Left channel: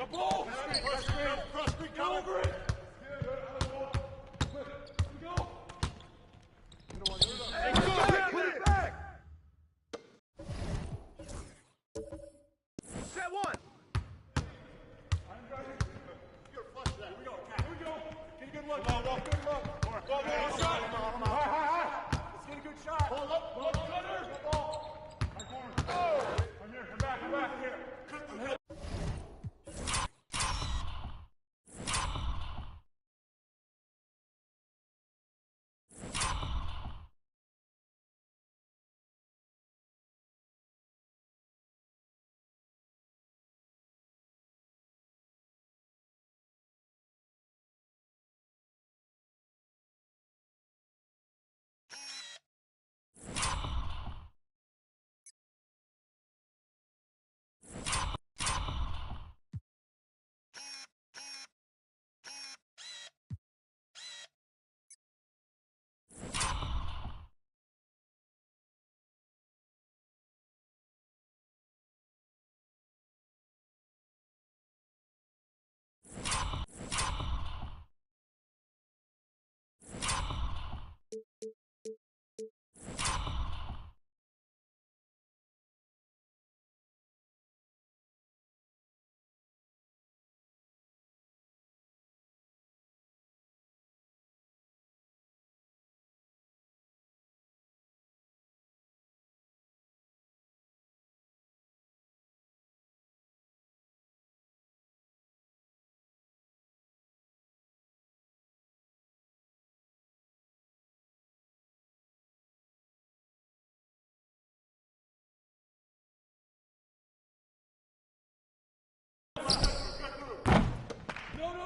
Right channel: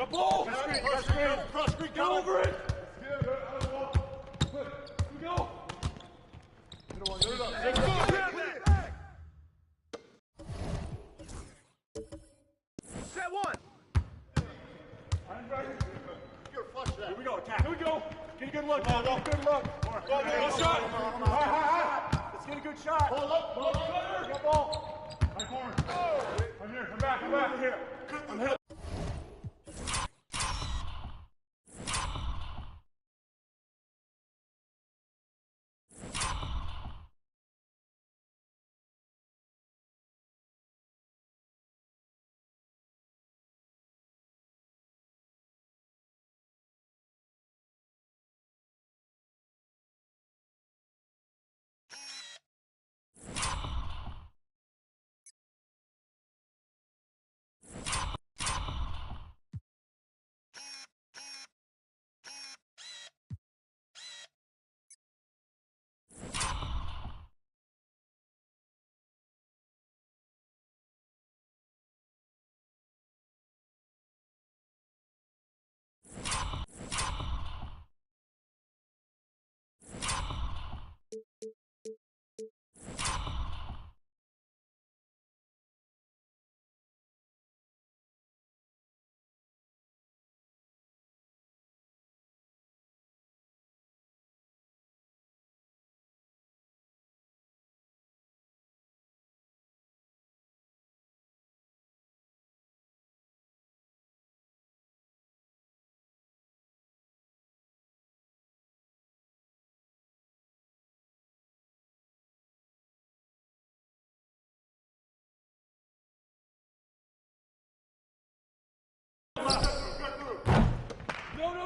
The ball! Cross screen, get over it! Here we go! Set one! You're flush that. Here we go, attack. Here we go. Get a good look. Get a good look. Good shot. Let's get a good shot. Hold up. Cutter. Get ball. Right corner. I'm here. I'm back. I'm here. I'm here.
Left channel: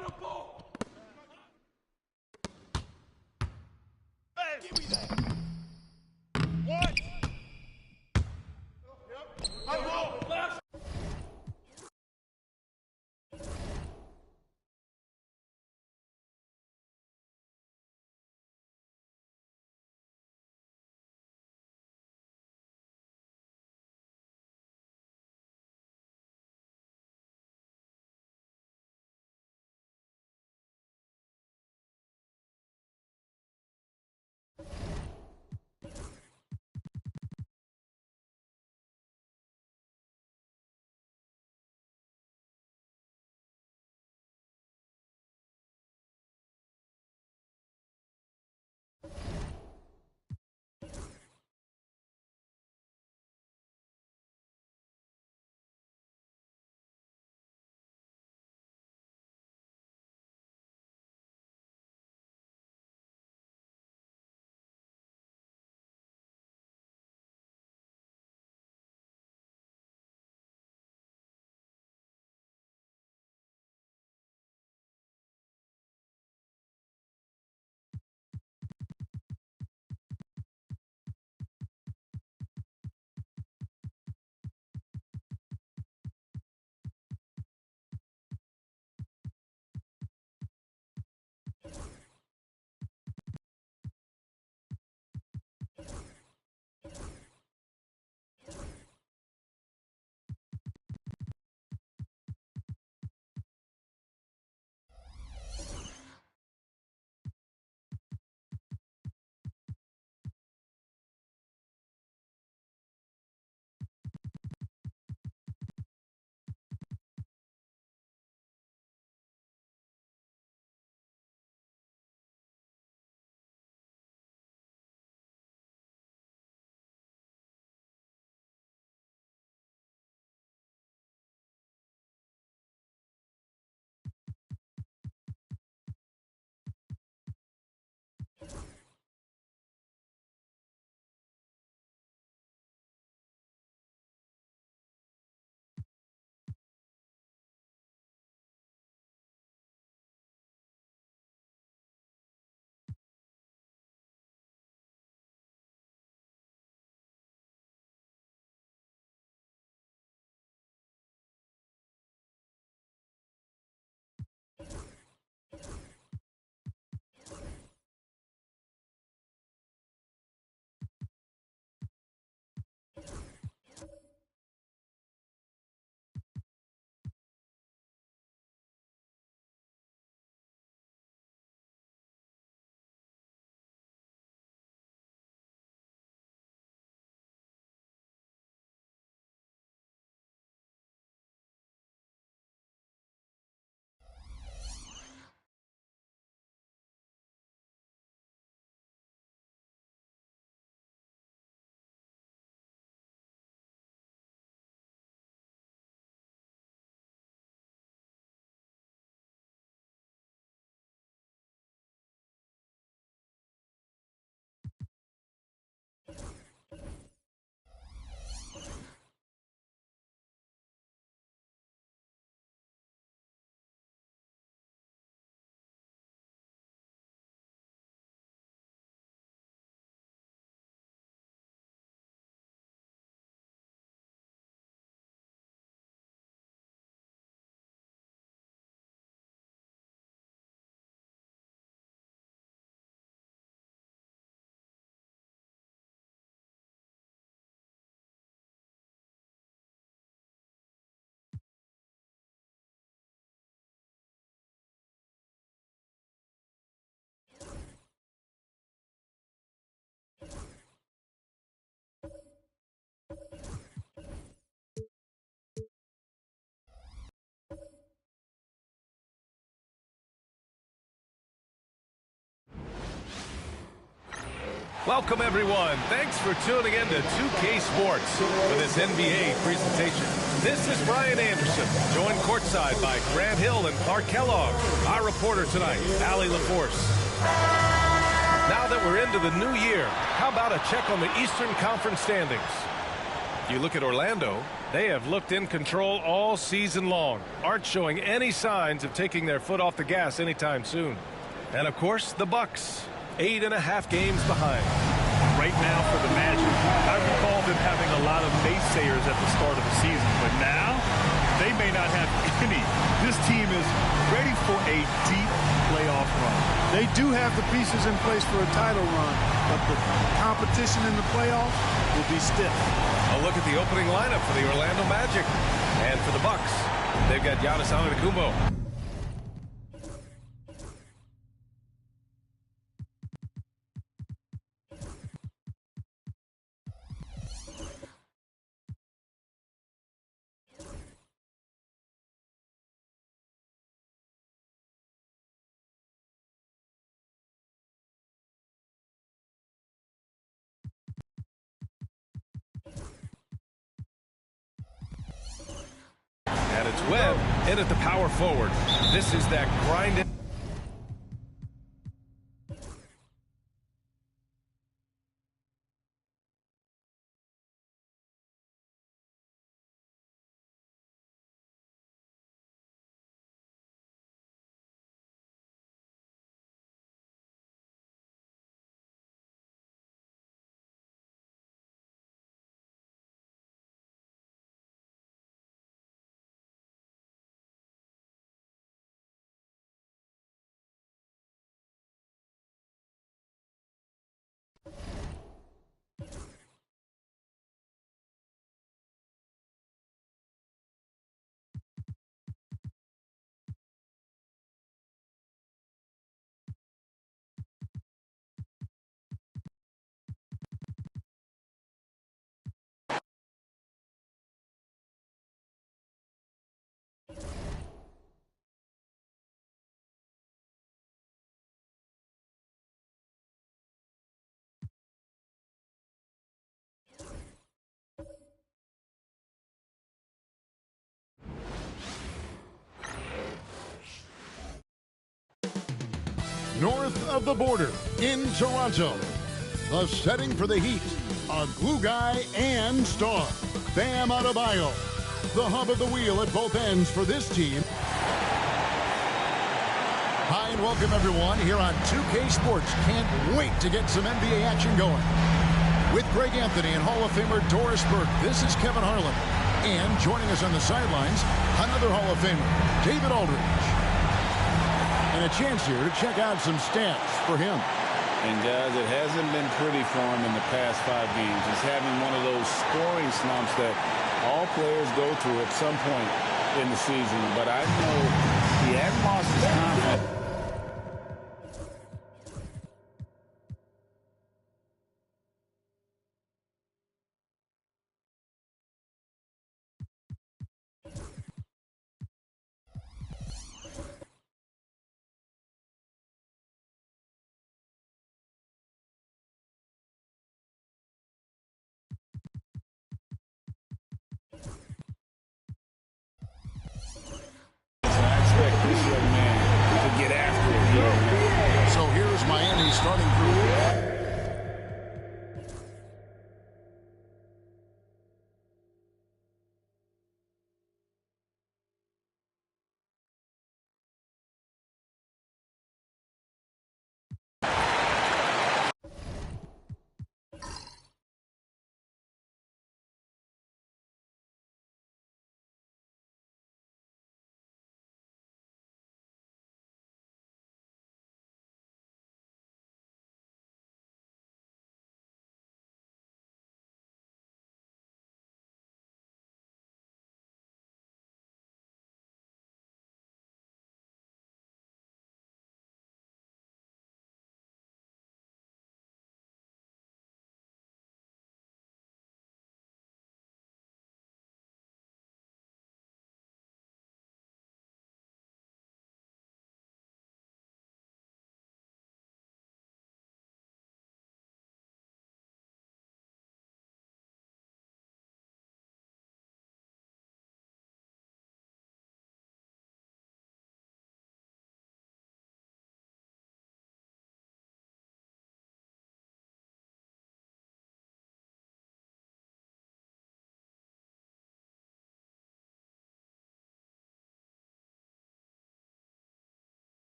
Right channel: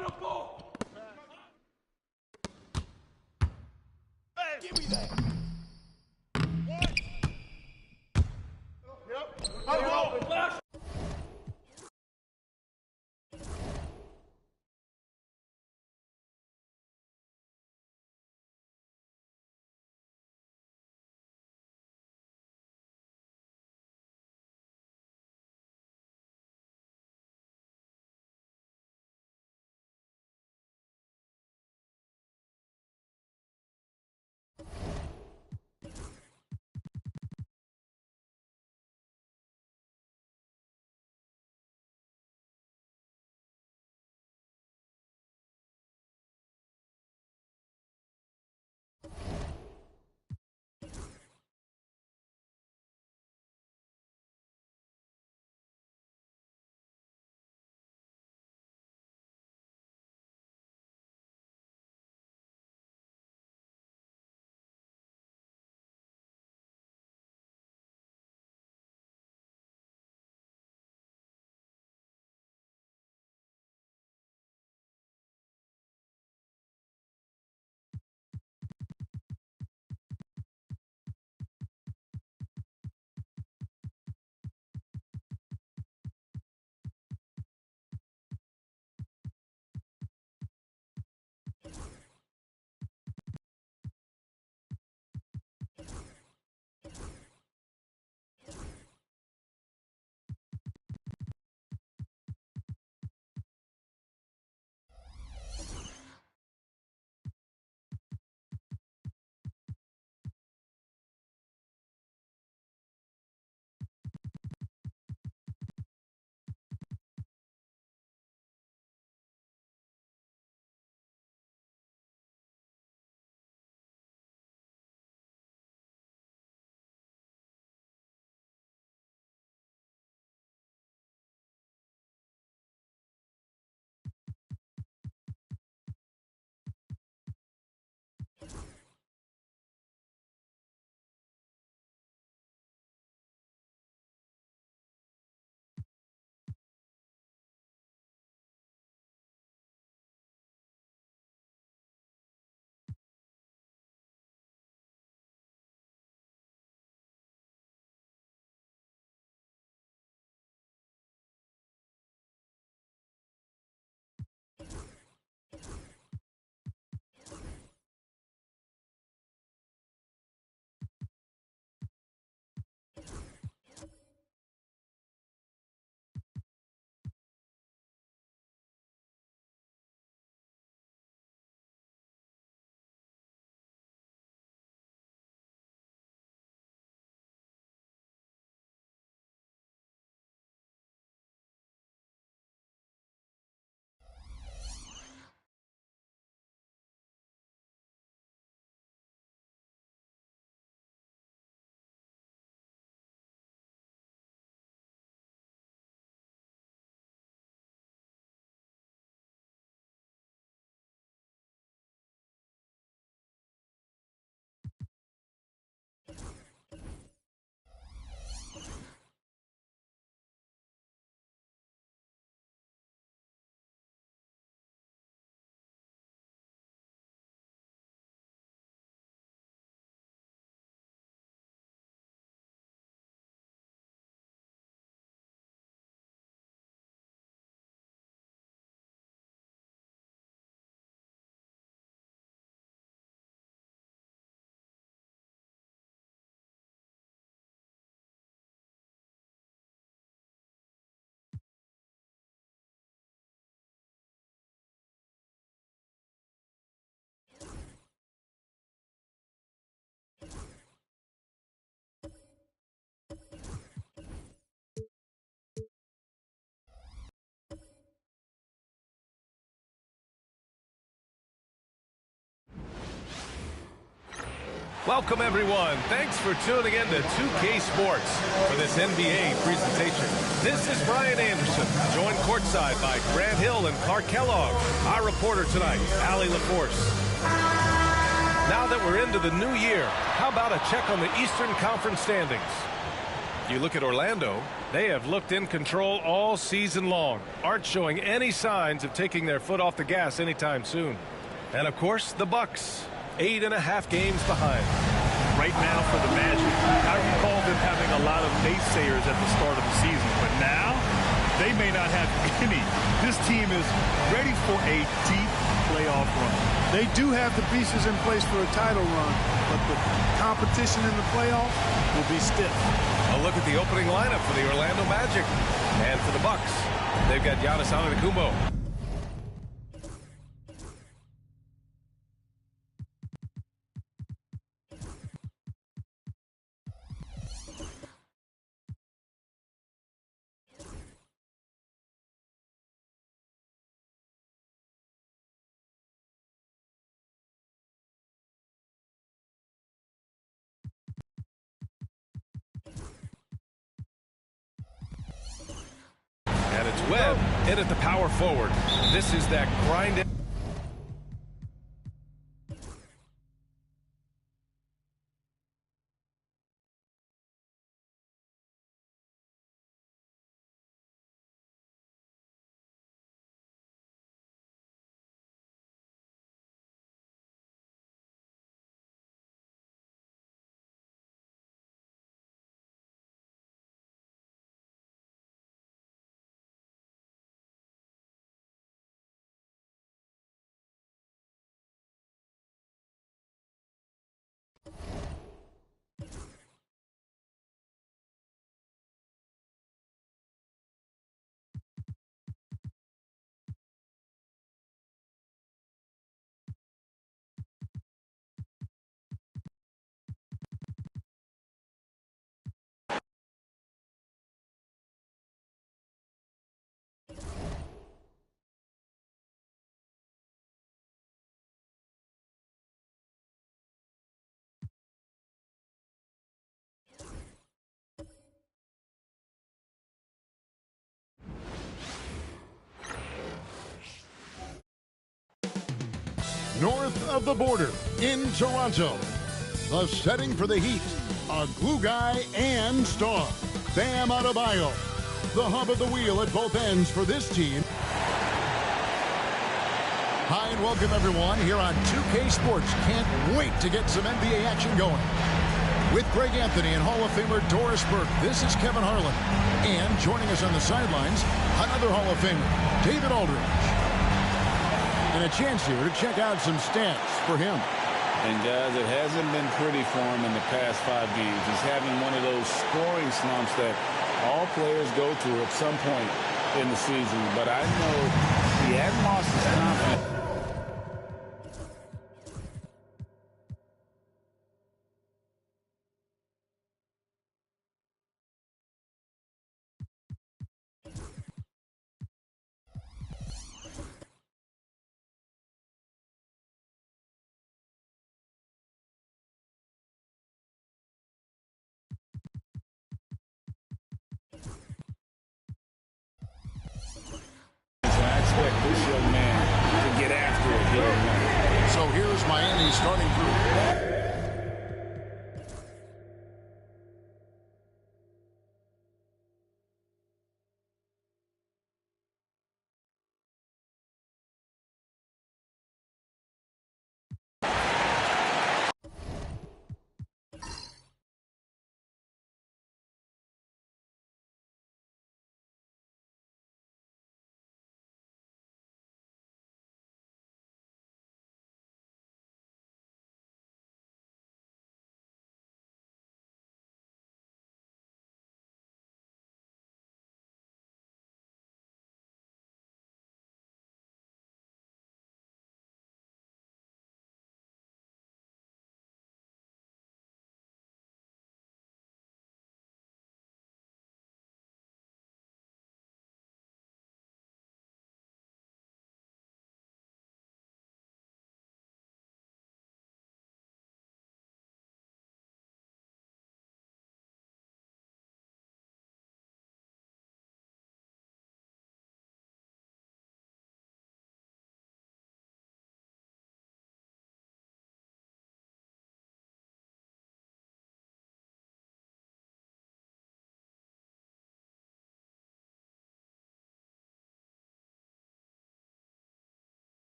No, ball! Hey, give me that! What? Yep. I will! Flash! Welcome, everyone. Thanks for tuning in to 2K Sports for this NBA presentation. This is Brian Anderson, joined courtside by Grant Hill and Clark Kellogg. Our reporter tonight, Allie LaForce. Now that we're into the new year, how about a check on the Eastern Conference standings? You look at Orlando, they have looked in control all season long, aren't showing any signs of taking their foot off the gas anytime soon. And of course, the Bucks, 8.5 games behind. Right now for the Magic, I recall them having a lot of naysayers at the start of the season, but now they may not have any. This team is ready for a deep playoff run. They do have the pieces in place for a title run, but the competition in the playoffs will be stiff. A look at the opening lineup for the Orlando Magic. And for the Bucks, they've got Giannis Antetokounmpo. And it's Webb in at the power forward. This is that grind. North of the border in Toronto, the setting for the Heat, a glue guy and star, Bam Adebayo, the hub of the wheel at both ends for this team. Hi and welcome everyone here on 2K Sports. Can't wait to get some NBA action going. With Greg Anthony and Hall of Famer Doris Burke, this is Kevin Harlan. And joining us on the sidelines, another Hall of Famer, David Aldridge. And a chance here to check out some stats for him. And guys, it hasn't been pretty for him in the past 5 games. He's having one of those scoring slumps that all players go through at some point in the season. But I know he hasn't lost his confidence. I expect this young man to get after it here tonight. So here's Miami's starting group.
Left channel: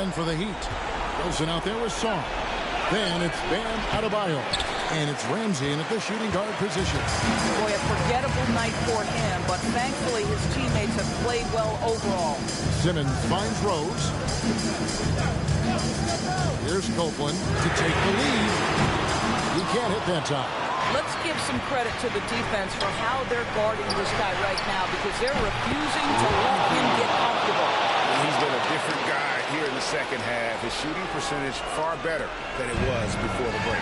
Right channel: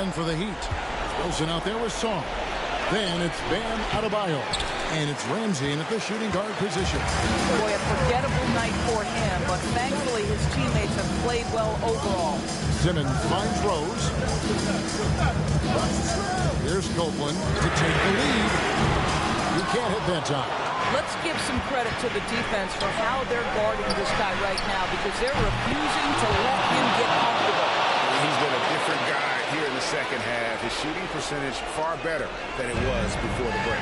And for the Heat, Wilson out there with Song. Then it's Bam Adebayo. And it's Ramsey in at the shooting guard position. Boy, a forgettable night for him, but thankfully his teammates have played well overall. Simmons finds Rose. Here's Copeland to take the lead. He can't hit that time. Let's give some credit to the defense for how they're guarding this guy right now, because they're refusing to let him get comfortable. He's been a different guy here in the second half. His shooting percentage far better than it was before the break.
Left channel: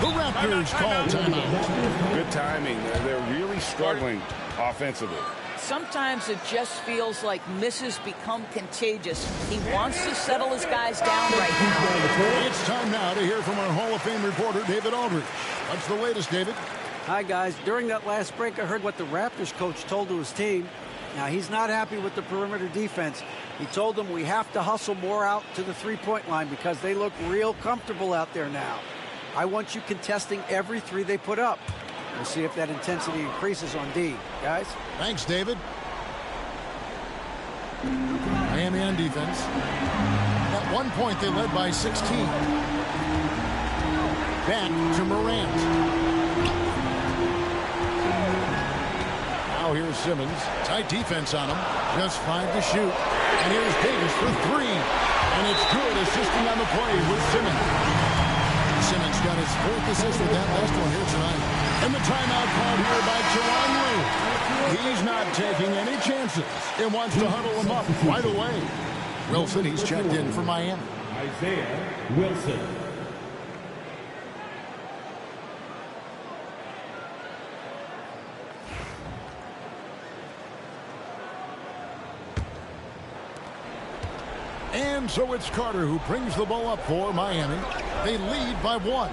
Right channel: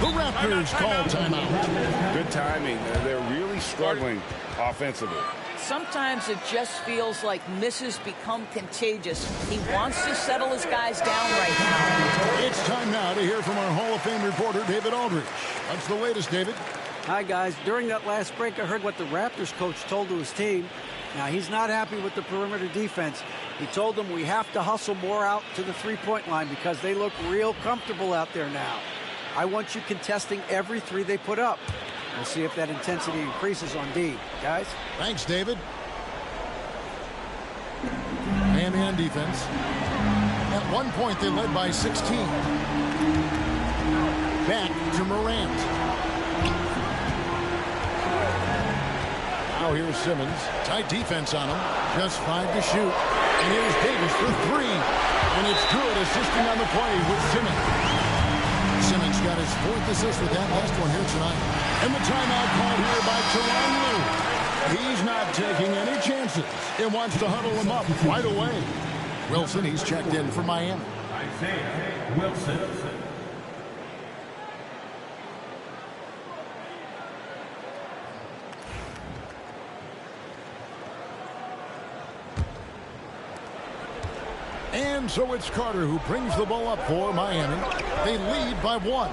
The Raptors call timeout. Good timing. They're really struggling offensively. Sometimes it just feels like misses become contagious. He wants to settle his guys down right now. It's time now to hear from our Hall of Fame reporter, David Aldridge. What's the latest, David? Hi, guys. During that last break, I heard what the Raptors coach told to his team. Now, he's not happy with the perimeter defense. He told them we have to hustle more out to the three-point line because they look real comfortable out there now. I want you contesting every three they put up. We'll see if that intensity increases on D. Guys? Thanks, David. Miami on defense. At one point, they led by 16. Back to Morant. Now here's Simmons. Tight defense on him. Just 5 to shoot. And here's Davis for 3. And it's good, assisting on the play with Simmons. Simmons got his 4th assist with that last one here tonight. And the timeout called here by Tyronn Lue. He's not taking any chances and wants to huddle him up right away. Wilson, he's checked in for Miami. Isaiah Wilson. And so it's Carter who brings the ball up for Miami. They lead by 1.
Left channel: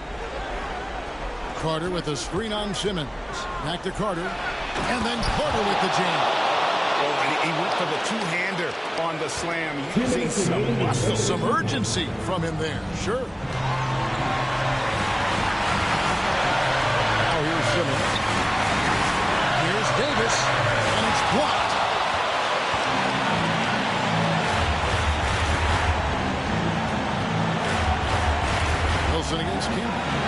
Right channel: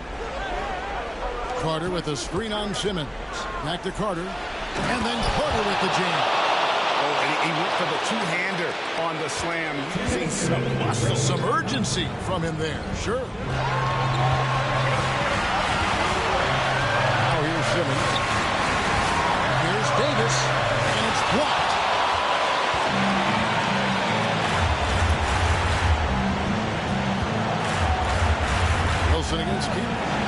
Carter with a screen on Simmons. Back to Carter. And then Carter with the jam. Oh, and he went for the two-hander on the slam, using some muscle. Some urgency from him there, sure. Now here's Simmons. Here's Davis. And it's blocked. Wilson against Campbell.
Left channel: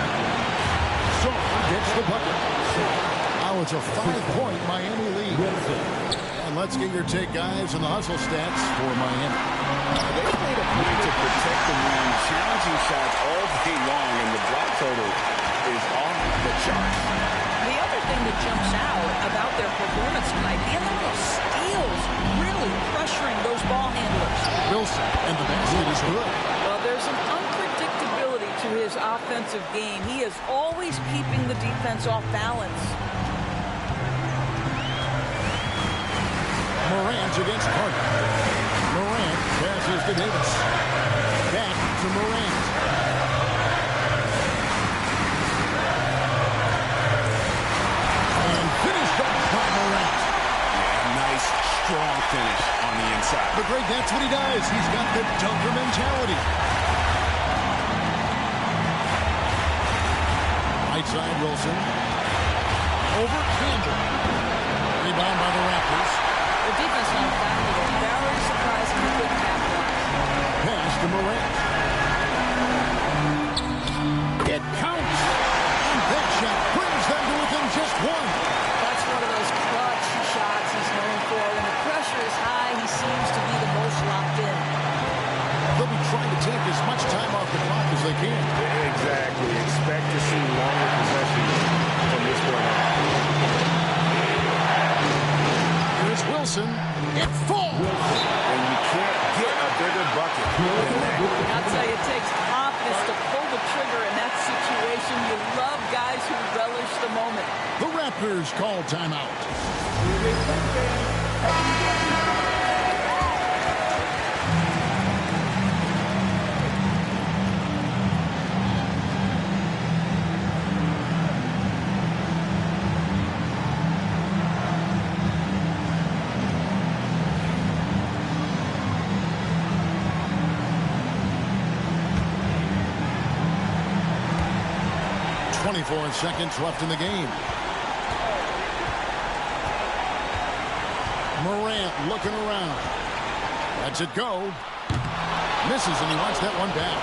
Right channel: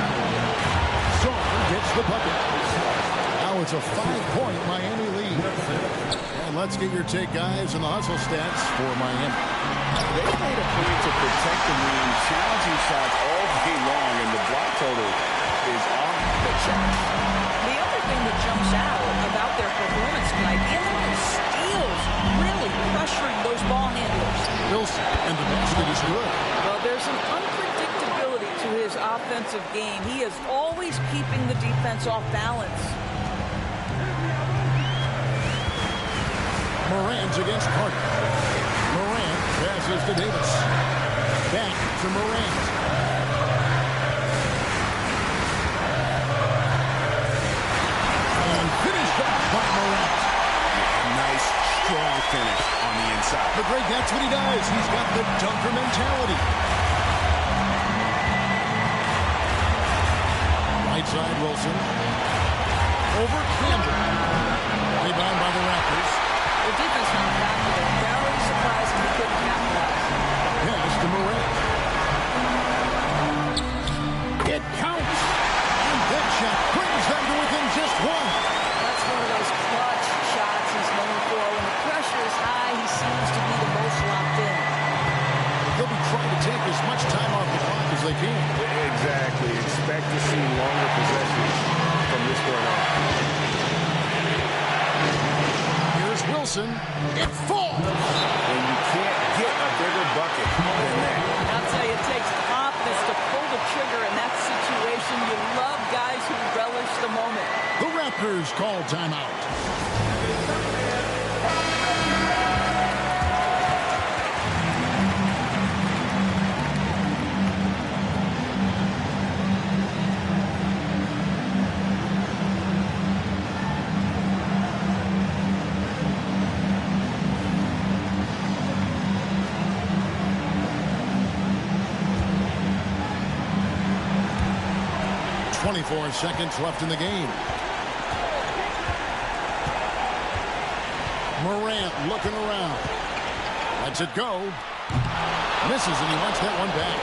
Song gets the bucket. Now it's a 5-point Miami lead. And let's get your take, guys, on the hustle stats for Miami. They made a point to protect the rim, challenging shots all day long, and the block total is off the charts. The other thing that jumps out about their performance tonight, the amount of steals, really pressuring those ball handlers. Wilson, and the basket is good. Well, there's an unpredictability to his offensive game. He is always keeping the defense off balance. Morant against Carter. Morant passes to Davis. Back to Morant. And finished off by Morant. Yeah, nice, strong finish on the inside. But Greg, that's what he does. He's got the dunker mentality. Right side, Wilson. Over Campbell. Rebound by the Raptors. The defense not a factor there. Very surprising he couldn't capitalize. Pass to Morant. It counts. And that shot brings them to within just 1. That's one of those clutch shots he's known for. When the pressure is high, he seems to be the most locked in. They'll be trying to take as much time off the clock as they can. Exactly. Expect to see longer possessions from this point on. Here's Wilson. It falls. And you can't get a bigger bucket than that. I'll tell you, it takes confidence to pull the trigger in that situation. You love guys who relish the moment. The Raptors call timeout. 24 seconds left in the game. Morant looking around. Lets it go. Misses, and he wants that one back.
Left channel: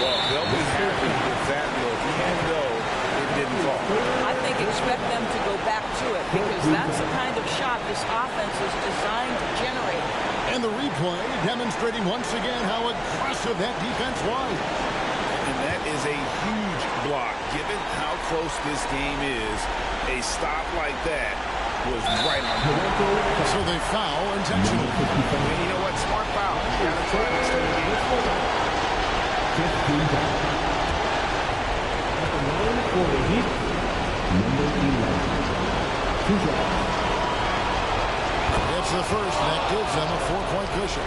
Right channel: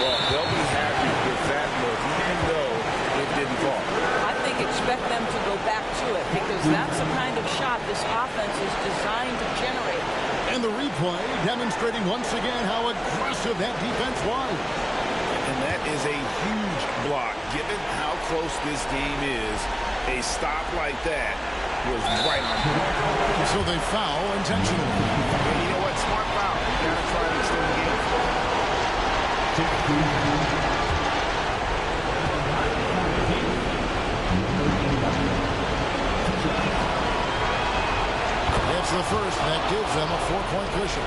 Well, they'll be happy with that look, even though it didn't fall. I think expect them to go back to it because that's the kind of shot this offense is designed to generate. And the replay demonstrating once again how aggressive that defense was. And that is a huge block. Given how close this game is, a stop like that was right on point. So they foul intentionally. And you know what? Smart foul. You got to try to extend the game. It's the first, and that gives them a 4-point cushion.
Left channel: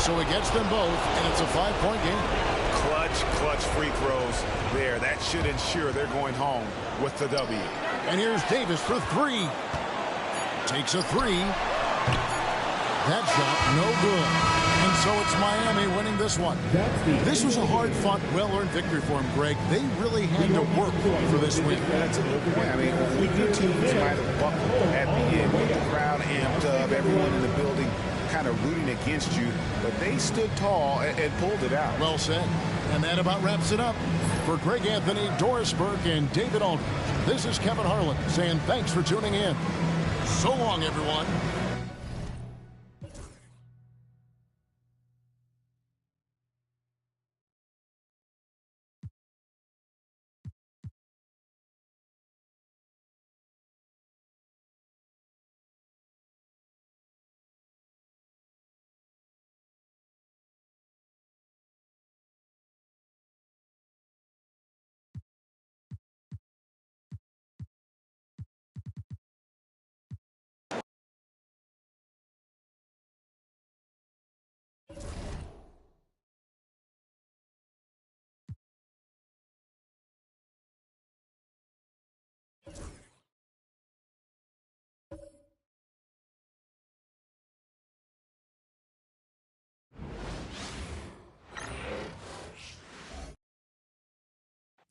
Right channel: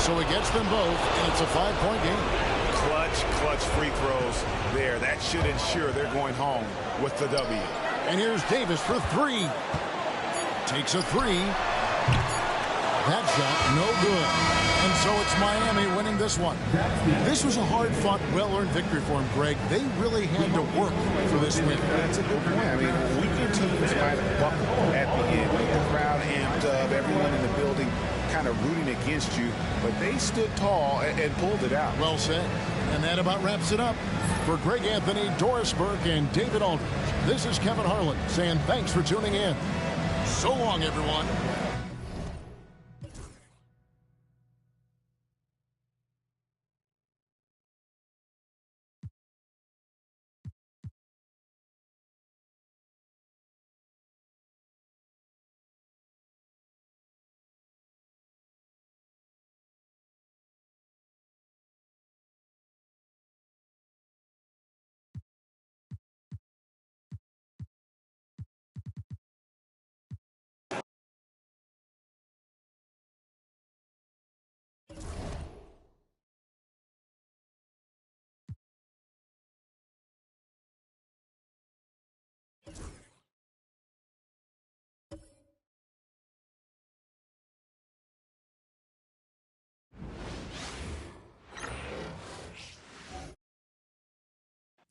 So he gets them both, and it's a 5-point game. Clutch free throws there. That should ensure they're going home with the W. And here's Davis for 3. Takes a 3. That shot, no good. And so it's Miami winning this one. This was a hard-fought, well-earned victory for them, Greg. They really had to work for this win. That's a good point. I mean, weaker teams might have buckled at the end with the crowd amped up, everyone in the building kind of rooting against you, but they stood tall and pulled it out. Well said. And that about wraps it up. For Greg Anthony, Doris Burke, and David Aldridge, this is Kevin Harlan saying thanks for tuning in. So long, everyone.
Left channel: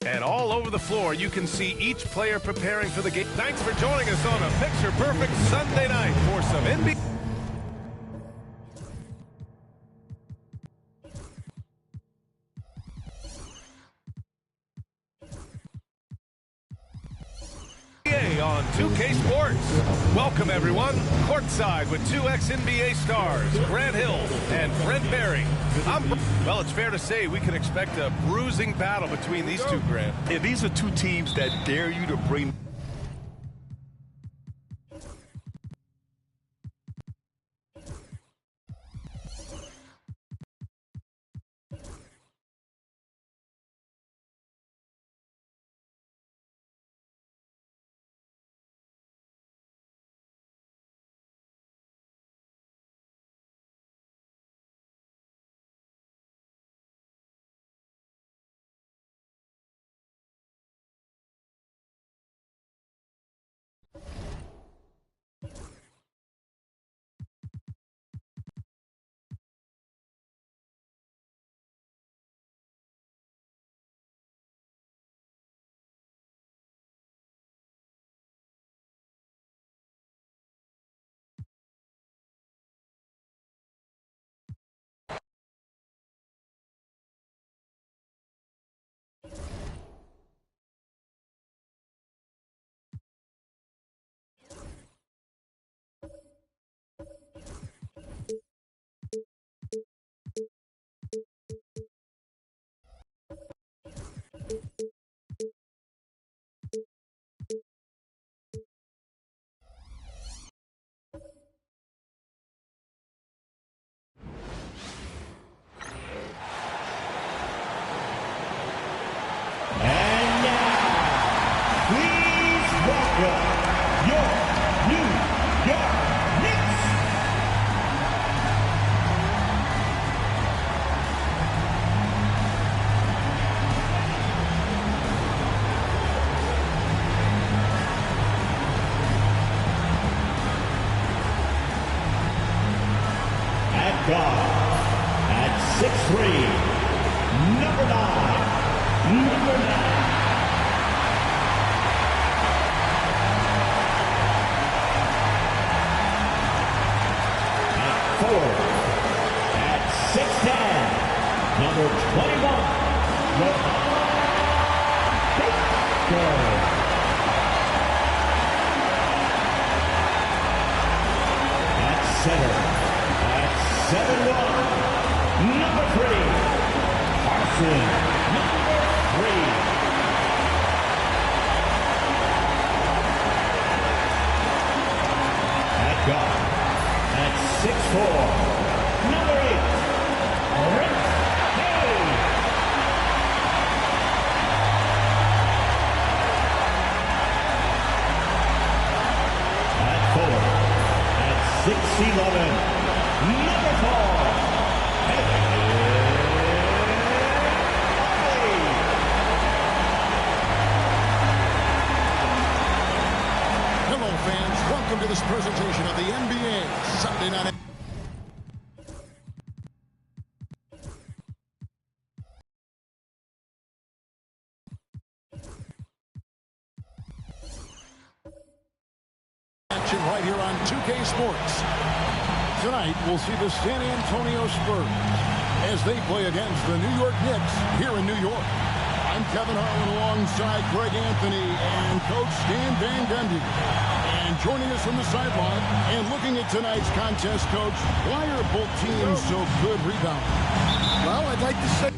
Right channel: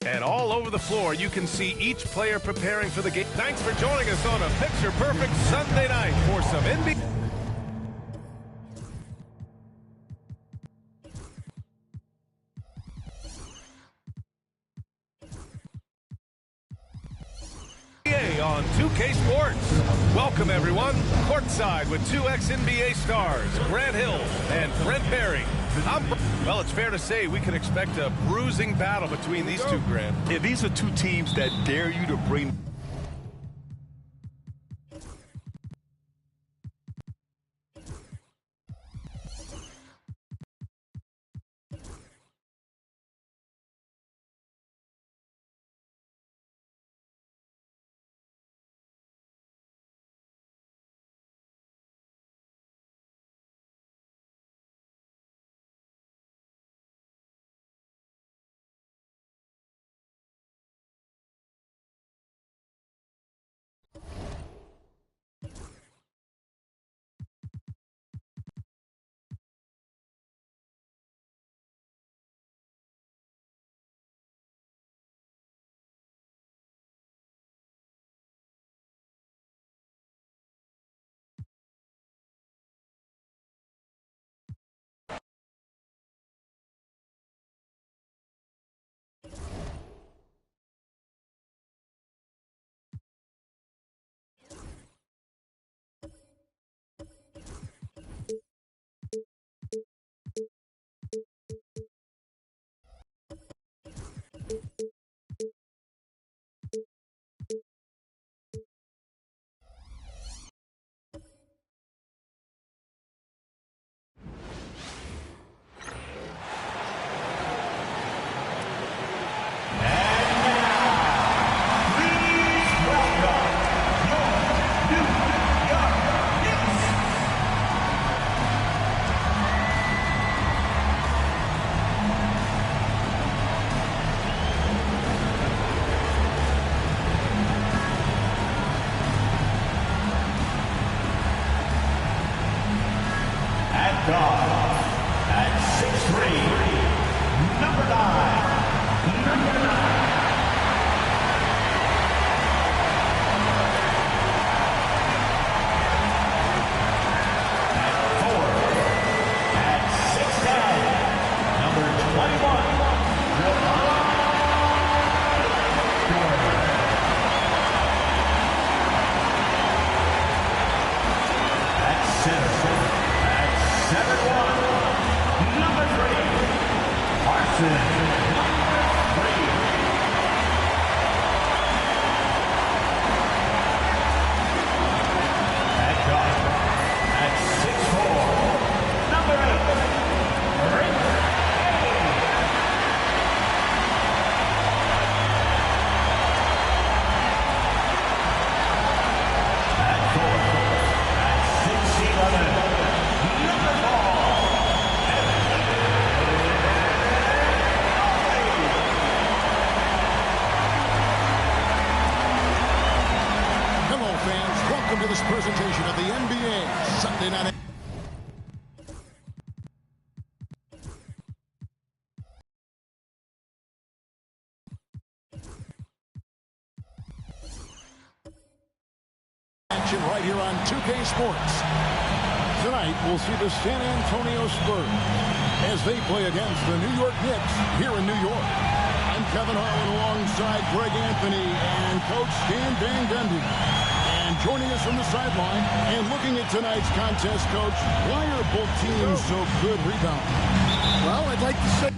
And all over the floor, you can see each player preparing for the game. Thanks for joining us on a picture-perfect Sunday night for some NBA. On 2K Sports. Welcome, everyone. Courtside with 2 ex-NBA stars, Grant Hill and Brent Barry. Well, it's fair to say we can expect a bruising battle between these two, Grant. Yeah, these are two teams that dare you to bring... At 6'3", number 9. 21, at center, at 7-1, number 3, Carson, number 3. At guard, at 6'4", number 8, Rick Haley. At forward, at 6'11", number 4, Evan Mobley. Hello, fans. Welcome to this presentation of the NBA Sunday Night. Action right here on 2K Sports. Tonight, we'll see the San Antonio Spurs as they play against the New York Knicks here in New York. I'm Kevin Harlan alongside Greg Anthony and Coach Stan Van Gundy. And joining us from the sideline and looking at tonight's contest, Coach, why are both teams so good rebounding? Well, I'd like to say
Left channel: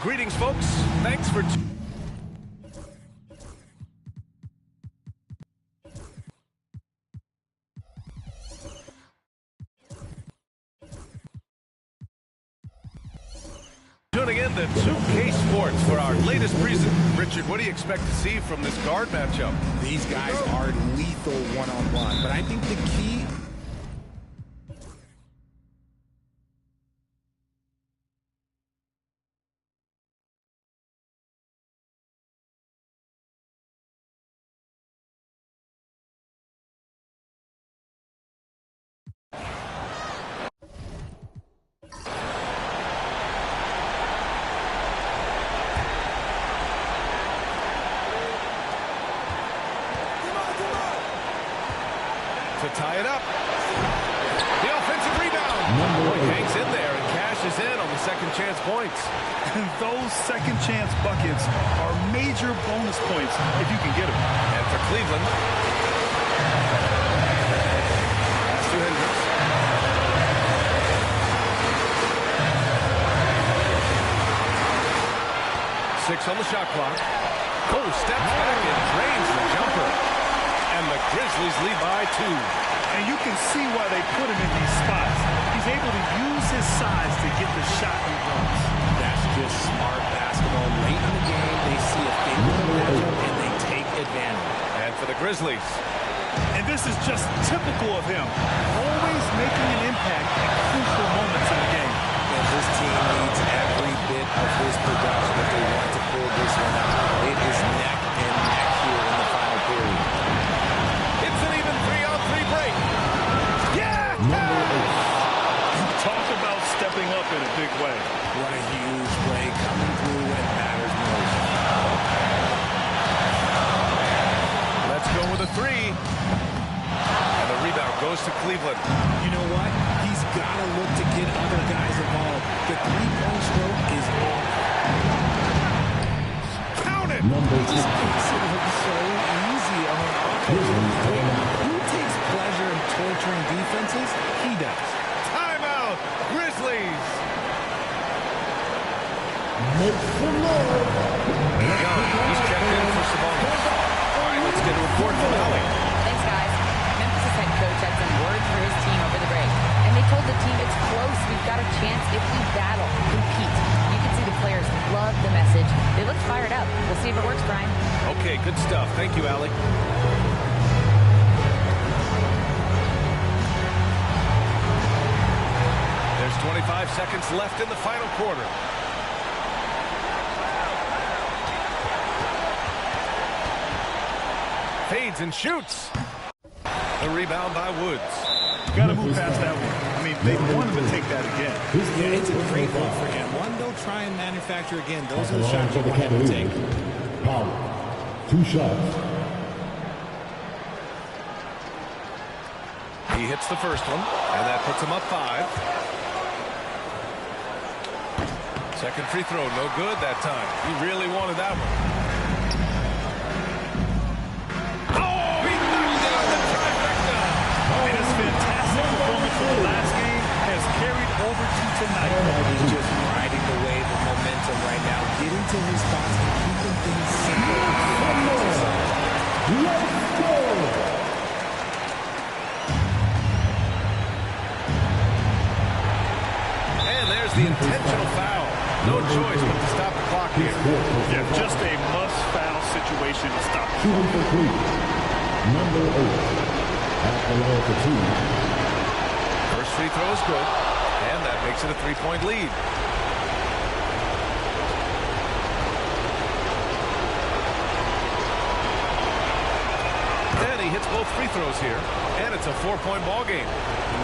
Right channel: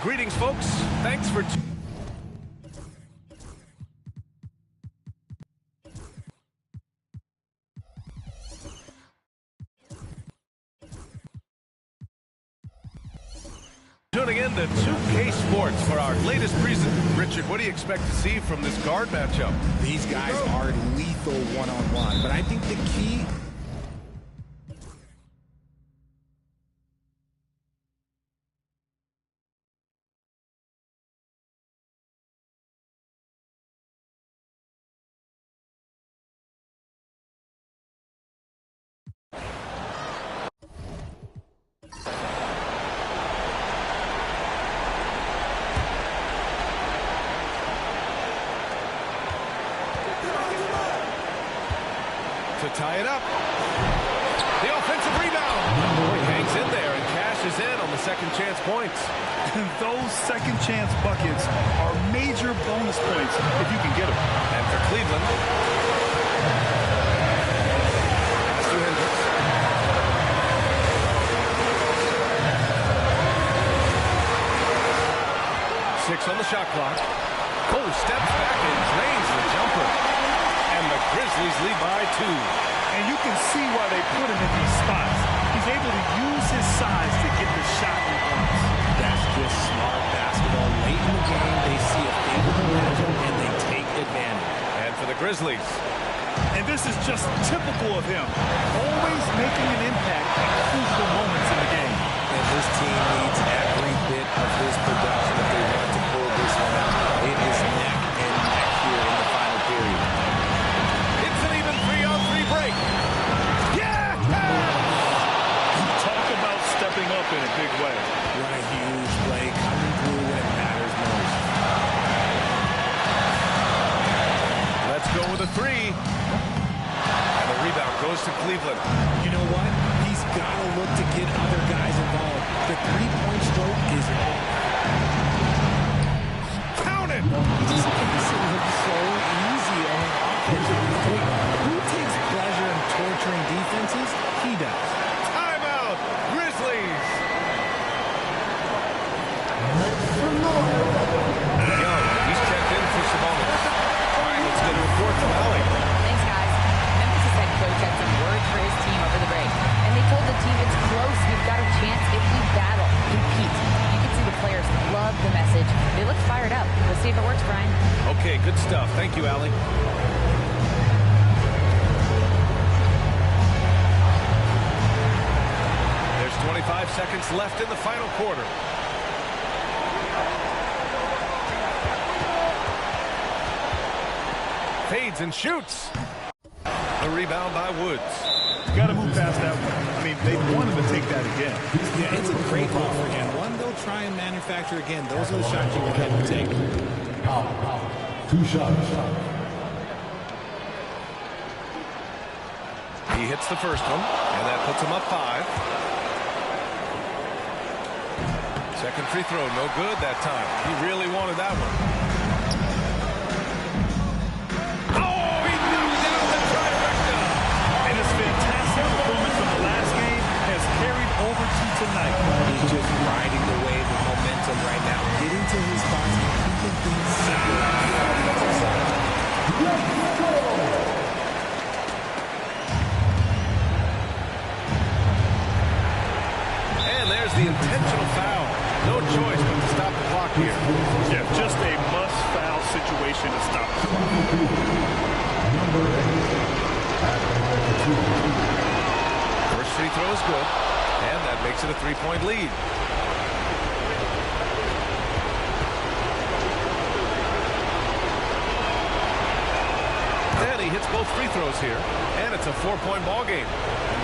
Greetings, folks. Thanks for tuning in to 2K Sports for our latest presentation. Richard, what do you expect to see from this guard matchup? These guys are lethal one-on-one, but I think the key... To tie it up. The offensive rebound. Boy, he hangs in there and cashes in on the second chance points. And those second chance buckets are major bonus points if you can get them. And for Cleveland, pass to Hendricks. Six on the shot clock. Cole steps back and drains the jumper. And the Grizzlies lead by 2. And you can see why they put him in these spots. He's able to use his size to get the shot he wants. That's just smart basketball. Late in the game, they see a favorable matchup, and they take advantage. And for the Grizzlies. And this is just typical of him. Always making an impact at crucial moments in the game. And this team needs every bit of his production if they want to pull this one out. It is neck and neck here in the final period. It's an even 3-on-3 break. Yeah! Talk about stepping big way. What a huge play coming through when it matters most. Let's go with a three. And the rebound goes to Cleveland. You know what? He's got to look to get other guys involved. The three-point stroke is off. Count it! He just makes it look so easy on offense. Wait, who takes pleasure in torturing defenses? He does. Timeout, Grizzlies. Young, he's checked in for Sabonis. All right, let's get a report from Allie. Thanks, guys. Memphis' head coach had some words for his team over the break. And they told the team it's close. We've got a chance if we battle, compete. You can see the players love the message. They look fired up. We'll see if it works, Brian. Okay, good stuff. Thank you, Allie. There's 25 seconds left in the final quarter. Fades and shoots. The rebound by Woods. You got to move past that one. I mean, they want him to take that again. Yeah, it's a great look for him. One they'll try and manufacture again. Those are the shots you want him to take. Power. 2 shots. He hits the first one, and that puts him up 5. Second free throw, no good that time. He really wanted that one. Oh, he knocked down the trifecta. And his fantastic performance from the last game has carried over to tonight. He's just riding the wave of momentum right now, getting to his spots and keeping things simple on the offensive side. Let's go! And there's the intentional foul. No choice but to stop the clock here. Yeah, just a must-foul situation to stop the clock. Number 8. At the line for 2. First free throw is good, and that makes it a 3-point lead. And he hits both free throws here, and it's a 4-point ball game.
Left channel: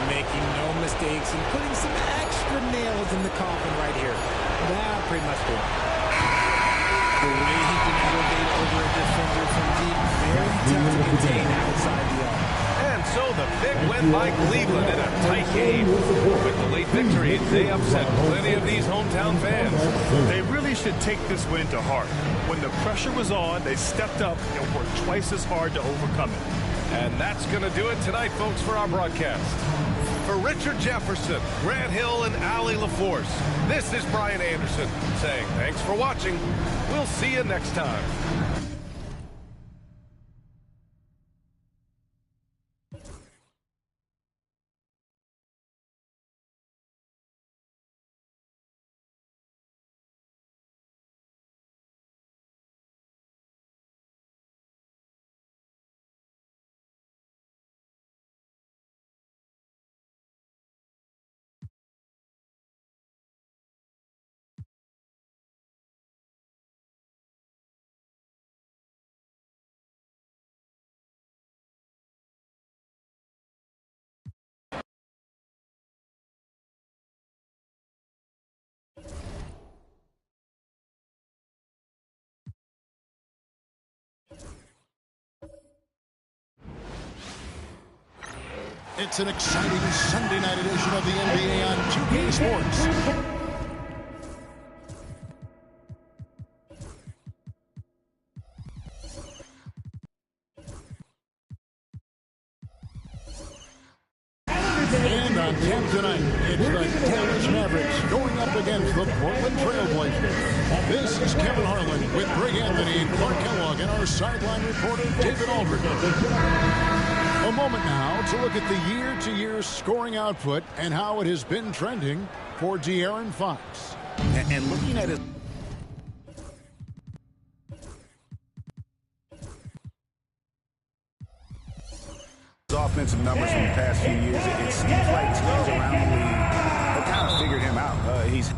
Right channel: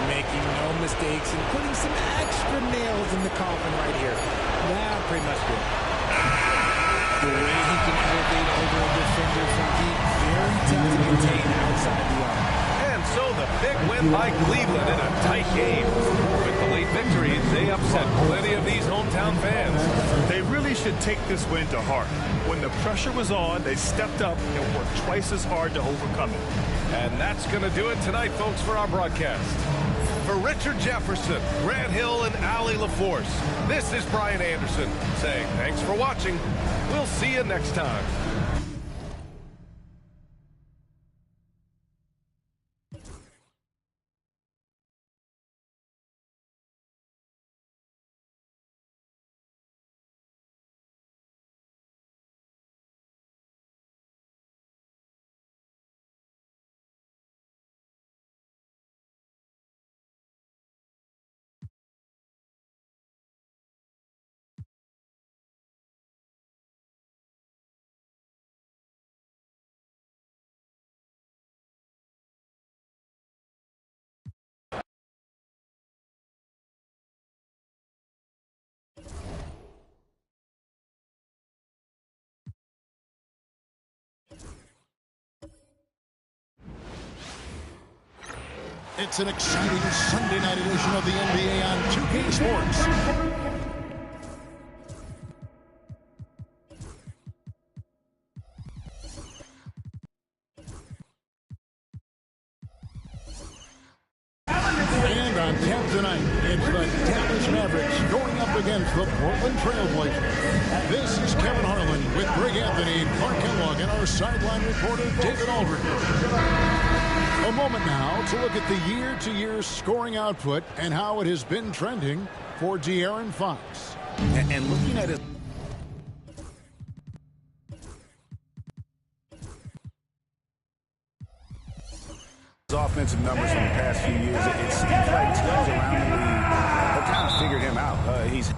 Making no mistakes and putting some extra nails in the coffin right here. That pretty much do it. The way he can elevate over a defender from deep, very tough to contain outside the arc. And so the big win by Cleveland in a tight game. With the late victory, they upset plenty of these hometown fans. They really should take this win to heart. When the pressure was on, they stepped up and worked twice as hard to overcome it. And that's going to do it tonight, folks, for our broadcast. For Richard Jefferson, Grant Hill, and Allie LaForce, this is Brian Anderson saying thanks for watching. We'll see you next time. It's an exciting Sunday night edition of the NBA on 2K Sports. And on tap tonight, it's the Dallas Mavericks going up against the Portland Trail Blazers. This is Kevin Harlan with Greg Anthony and Clark Kellogg and our sideline reporter, David Aldridge. A moment now to look at the year-to-year scoring output and how it has been trending for De'Aaron Fox. And looking at his offensive numbers from the past few years, it seems like teams around the league have kind of figured him out. He's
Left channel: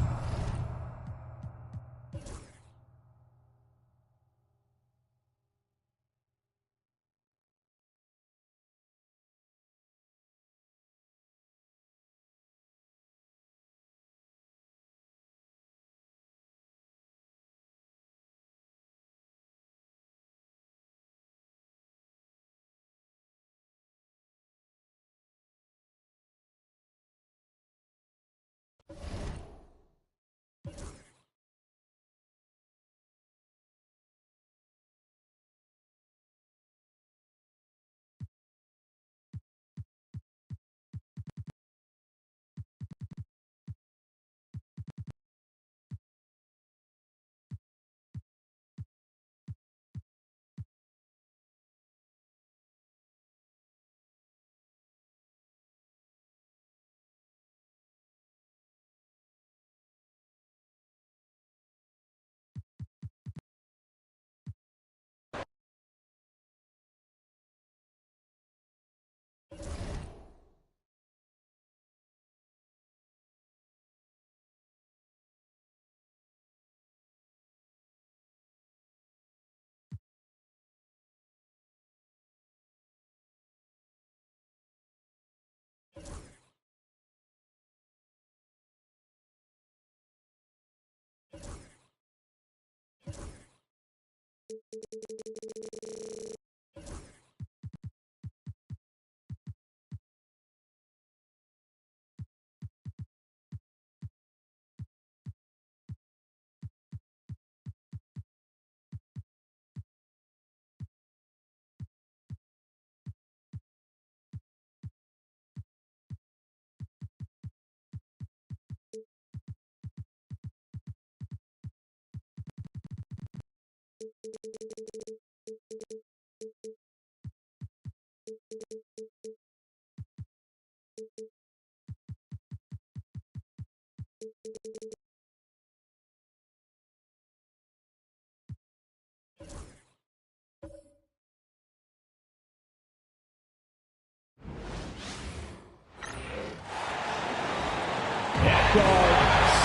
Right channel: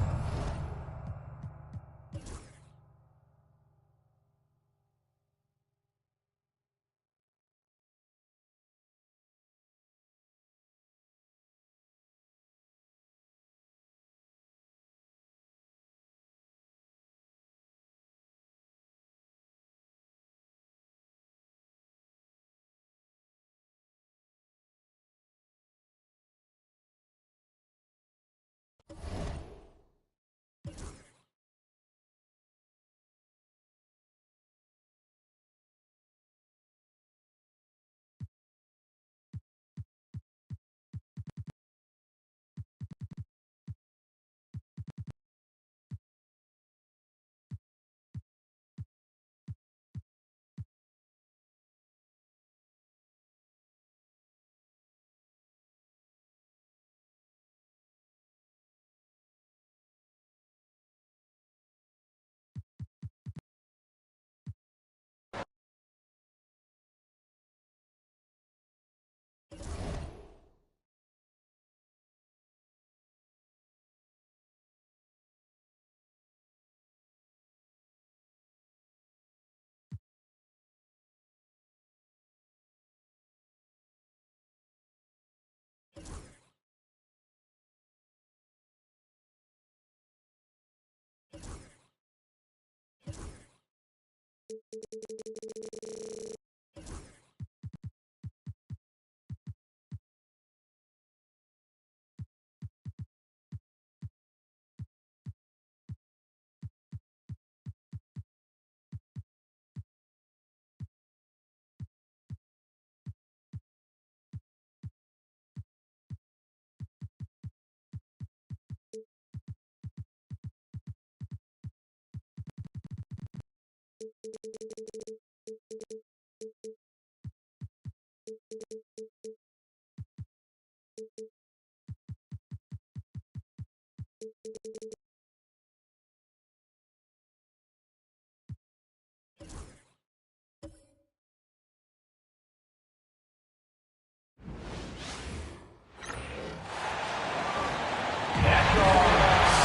At guard,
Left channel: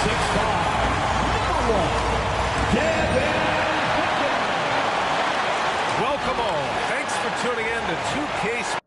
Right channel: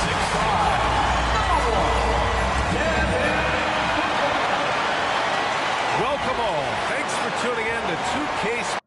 6'5", number 1, Devin Booker. Welcome all. Thanks for tuning in to 2K.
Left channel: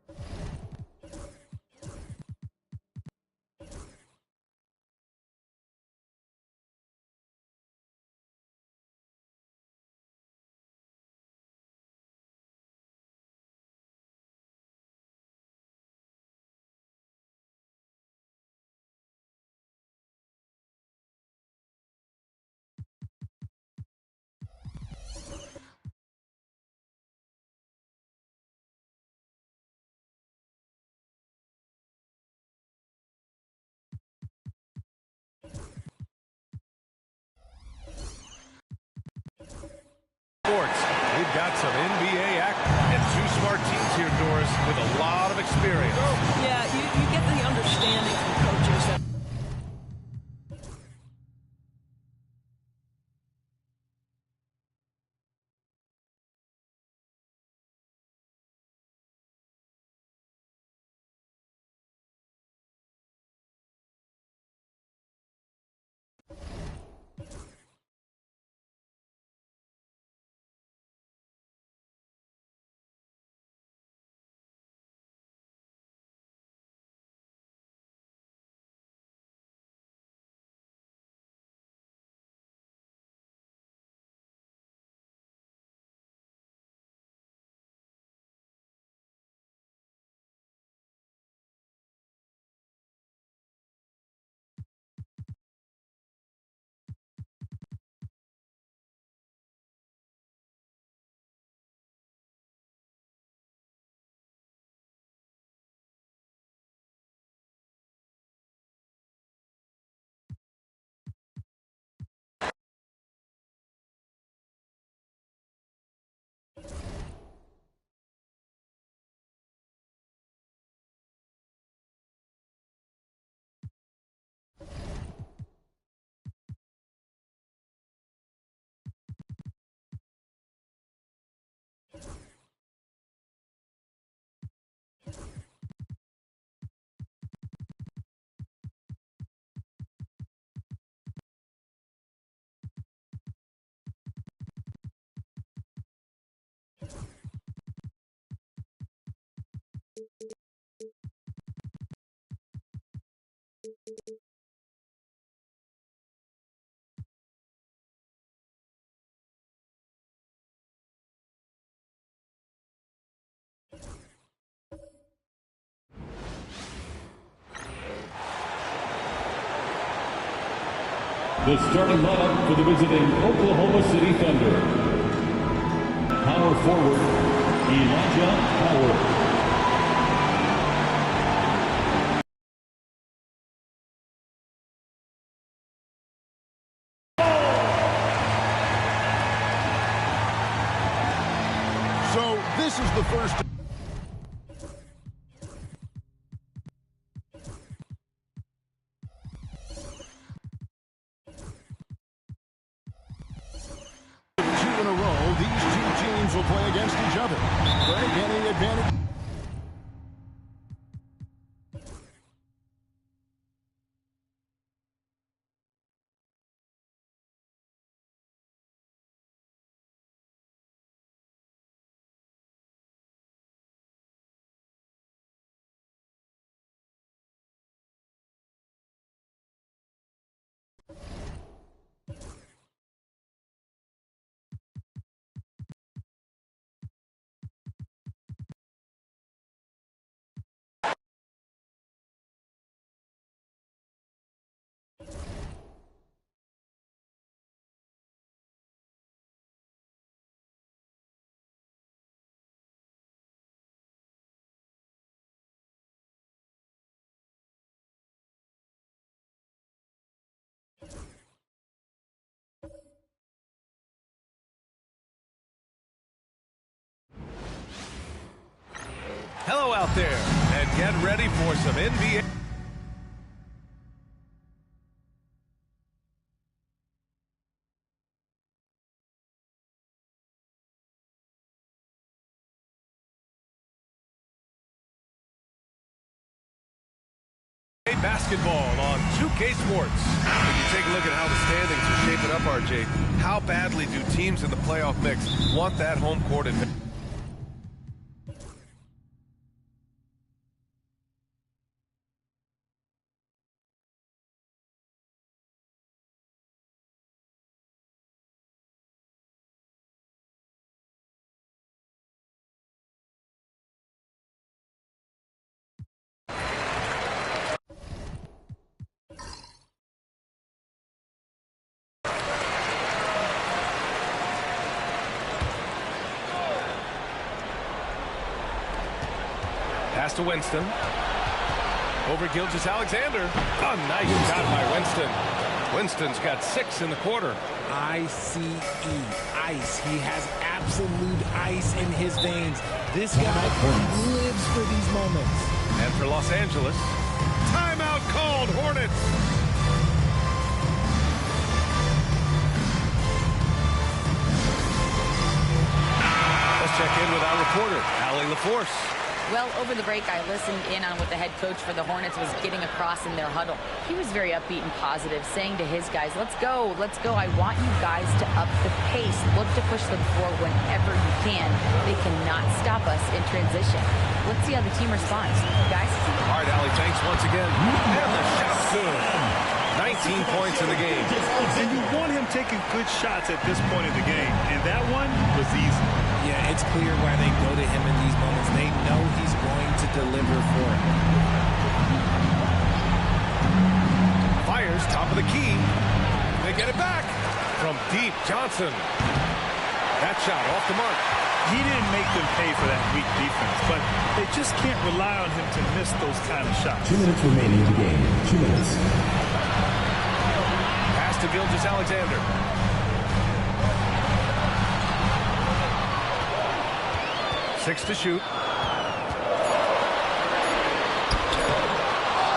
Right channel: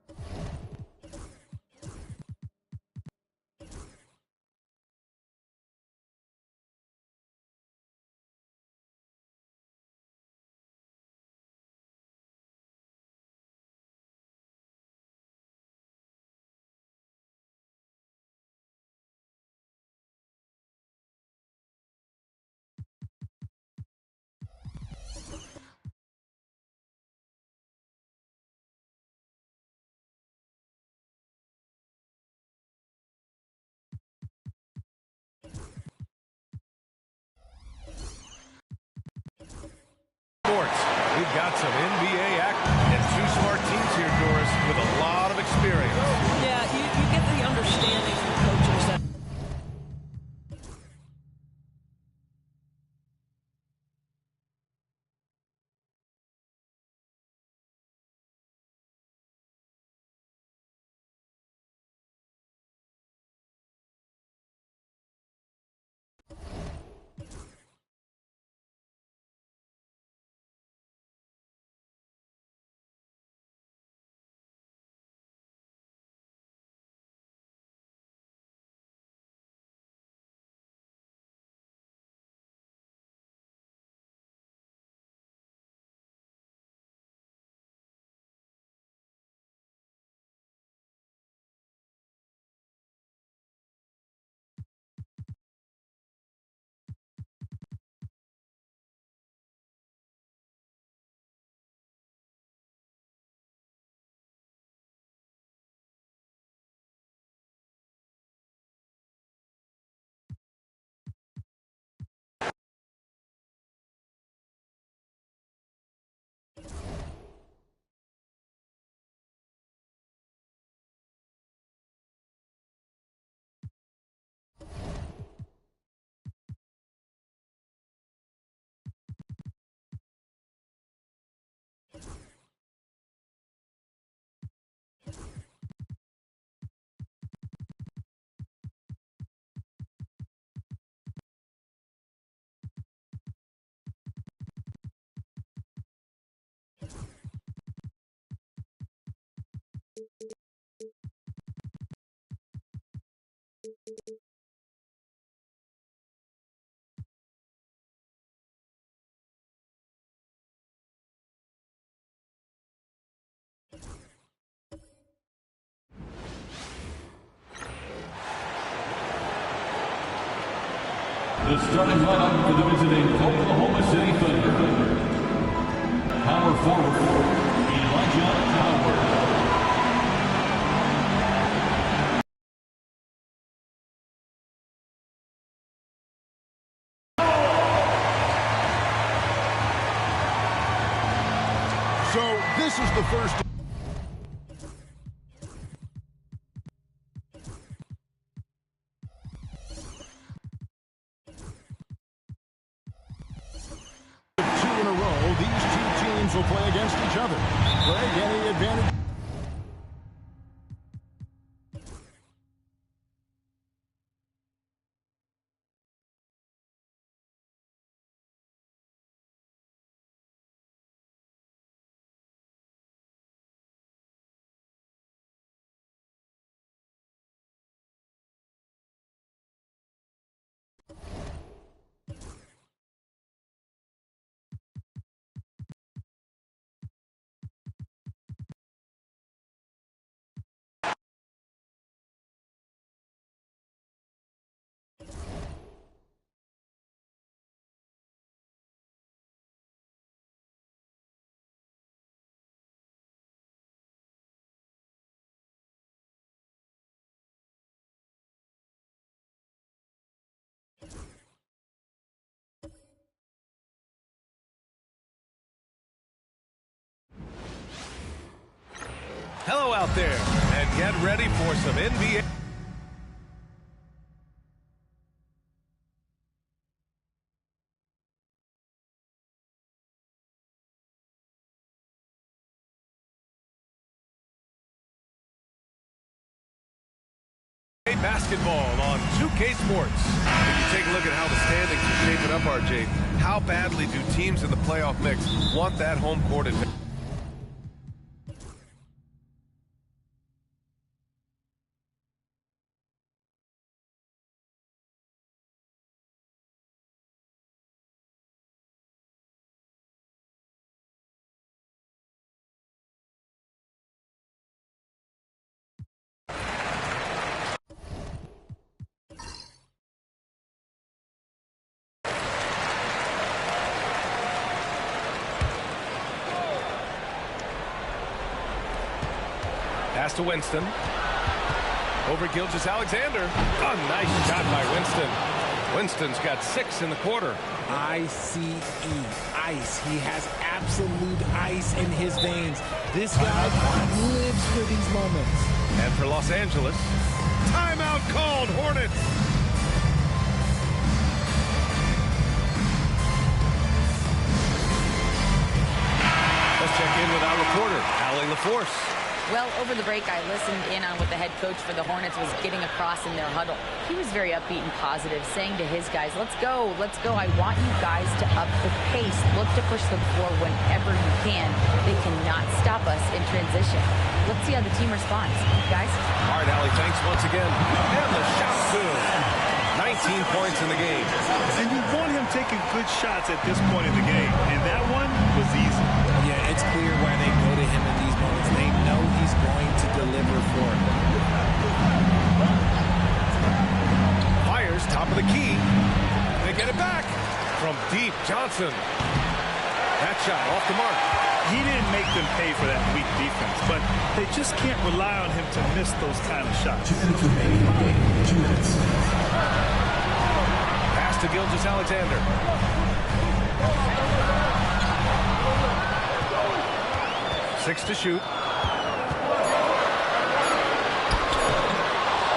Sports. We've got some NBA act and two smart teams here, Doris, with a lot of experience. Yeah, you get the understanding from coaches that the starting lineup for the visiting Oklahoma City Thunder. Power forward, Elijah Howard. So this is the first. Two in a row, these two teams will play against each other. Greg, any advantage? Hello out there, and get ready for some NBA. Basketball on 2K Sports. If you take a look at how the standings are shaping up, RJ, how badly do teams in the playoff mix want that home court advantage? Pass to Winston. Over Gilgeous-Alexander. A nice shot by Winston. Winston's got 6 in the quarter. ICE, ice. He has absolute ice in his veins. This guy lives for these moments. And for Los Angeles, timeout called, Hornets. Let's check in with our reporter, Allie LaForce. Well, over the break, I listened in on what the head coach for the Hornets was getting across in their huddle. He was very upbeat and positive, saying to his guys, let's go. I want you guys to up the pace. Look to push the floor whenever you can. They cannot stop us in transition. Let's see how the team responds. Guys? All right, Allie, thanks once again. And the shot's good. 19 points in the game. And you want him taking good shots at this point in the game. And that one was easy. Yeah, it's clear why they go to him in these moments. They know he's going to deliver for him. Fires, top of the key. They get it back. From deep, Johnson. That shot off the mark. He didn't make them pay for that weak defense, but they just can't rely on him to miss those kind of shots. 2 minutes remaining in the game. 2 minutes. Pass to Gilgeous-Alexander. Six to shoot.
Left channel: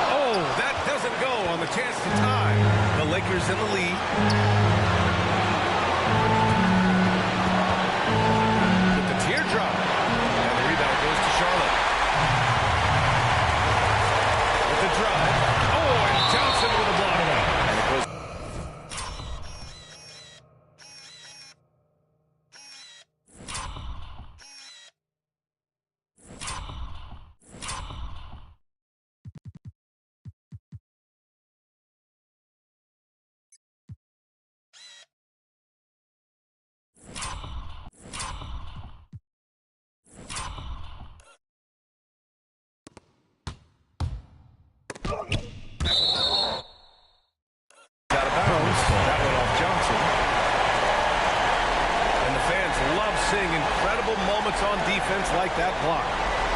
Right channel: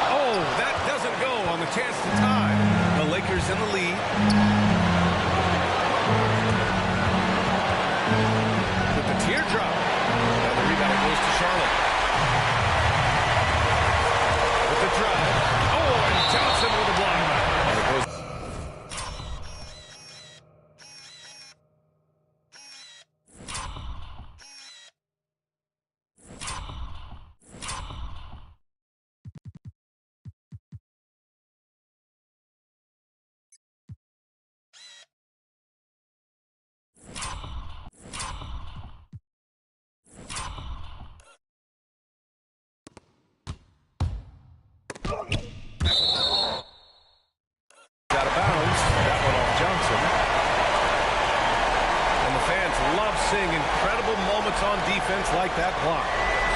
Oh, that doesn't go on the chance to tie. The Lakers in the lead. With the teardrop. And the rebound goes to Charlotte. With the drive. Oh, and Johnson with a block. And it goes. Out of bounds. That one off Johnson. And the fans love seeing incredible moments on defense like that block.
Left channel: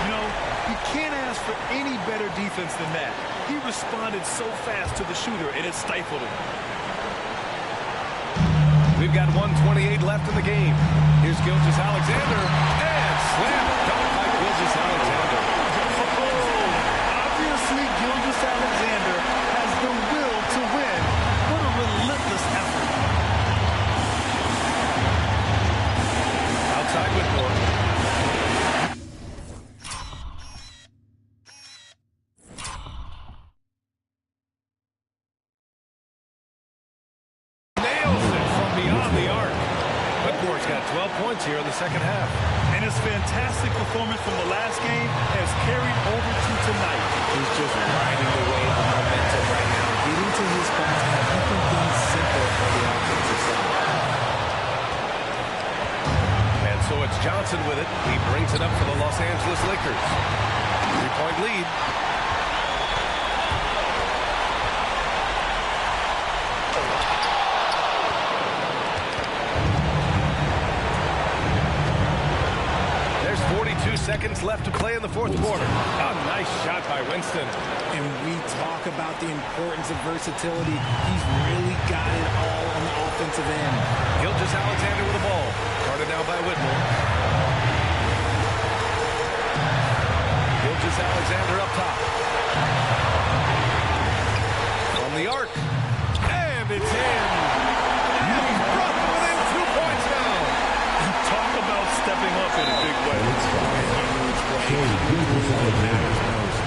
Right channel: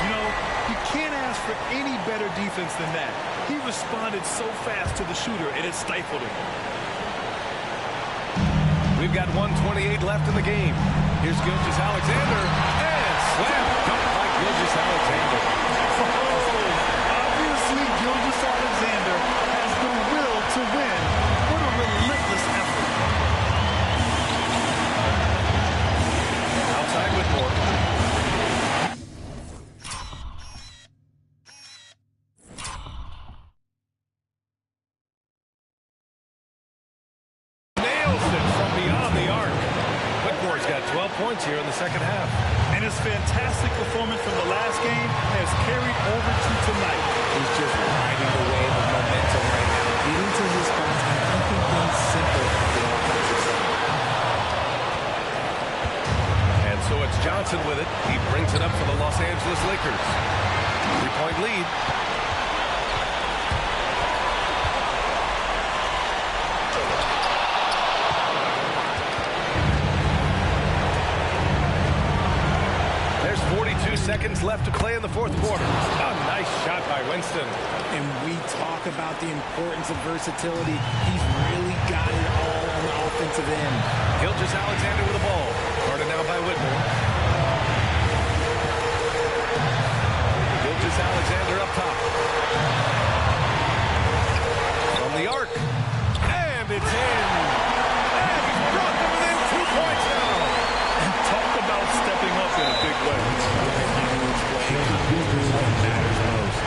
You know, you can't ask for any better defense than that. He responded so fast to the shooter, and it stifled him. We've got 1:28 left in the game. Here's Gilgeous-Alexander. And slam dunk by Gilgeous-Alexander. Oh, obviously Gilgeous-Alexander has the will to win. What a relentless effort. Outside Whitmore. Nails it from beyond the arc. Whitmore's got 12 points here in the second half. And his fantastic performance from the last game has carried over to tonight. He's just riding the wave of momentum right now, getting to his spots and keeping things simple on the offensive side. And so it's Johnson with it. He brings it up for the Los Angeles Lakers. 3-point lead. There's 42 seconds left to play in the fourth quarter. A nice shot by Winston. And we talk about the importance of versatility. He's really got it all on the offensive end. Gilgeous-Alexander with the ball. Guarded now by Whitmore. is Alexander up top. From the arc. And it's in. And he's brought them within 2 points now. Talk about stepping up in a big way. A huge play coming through what matters most.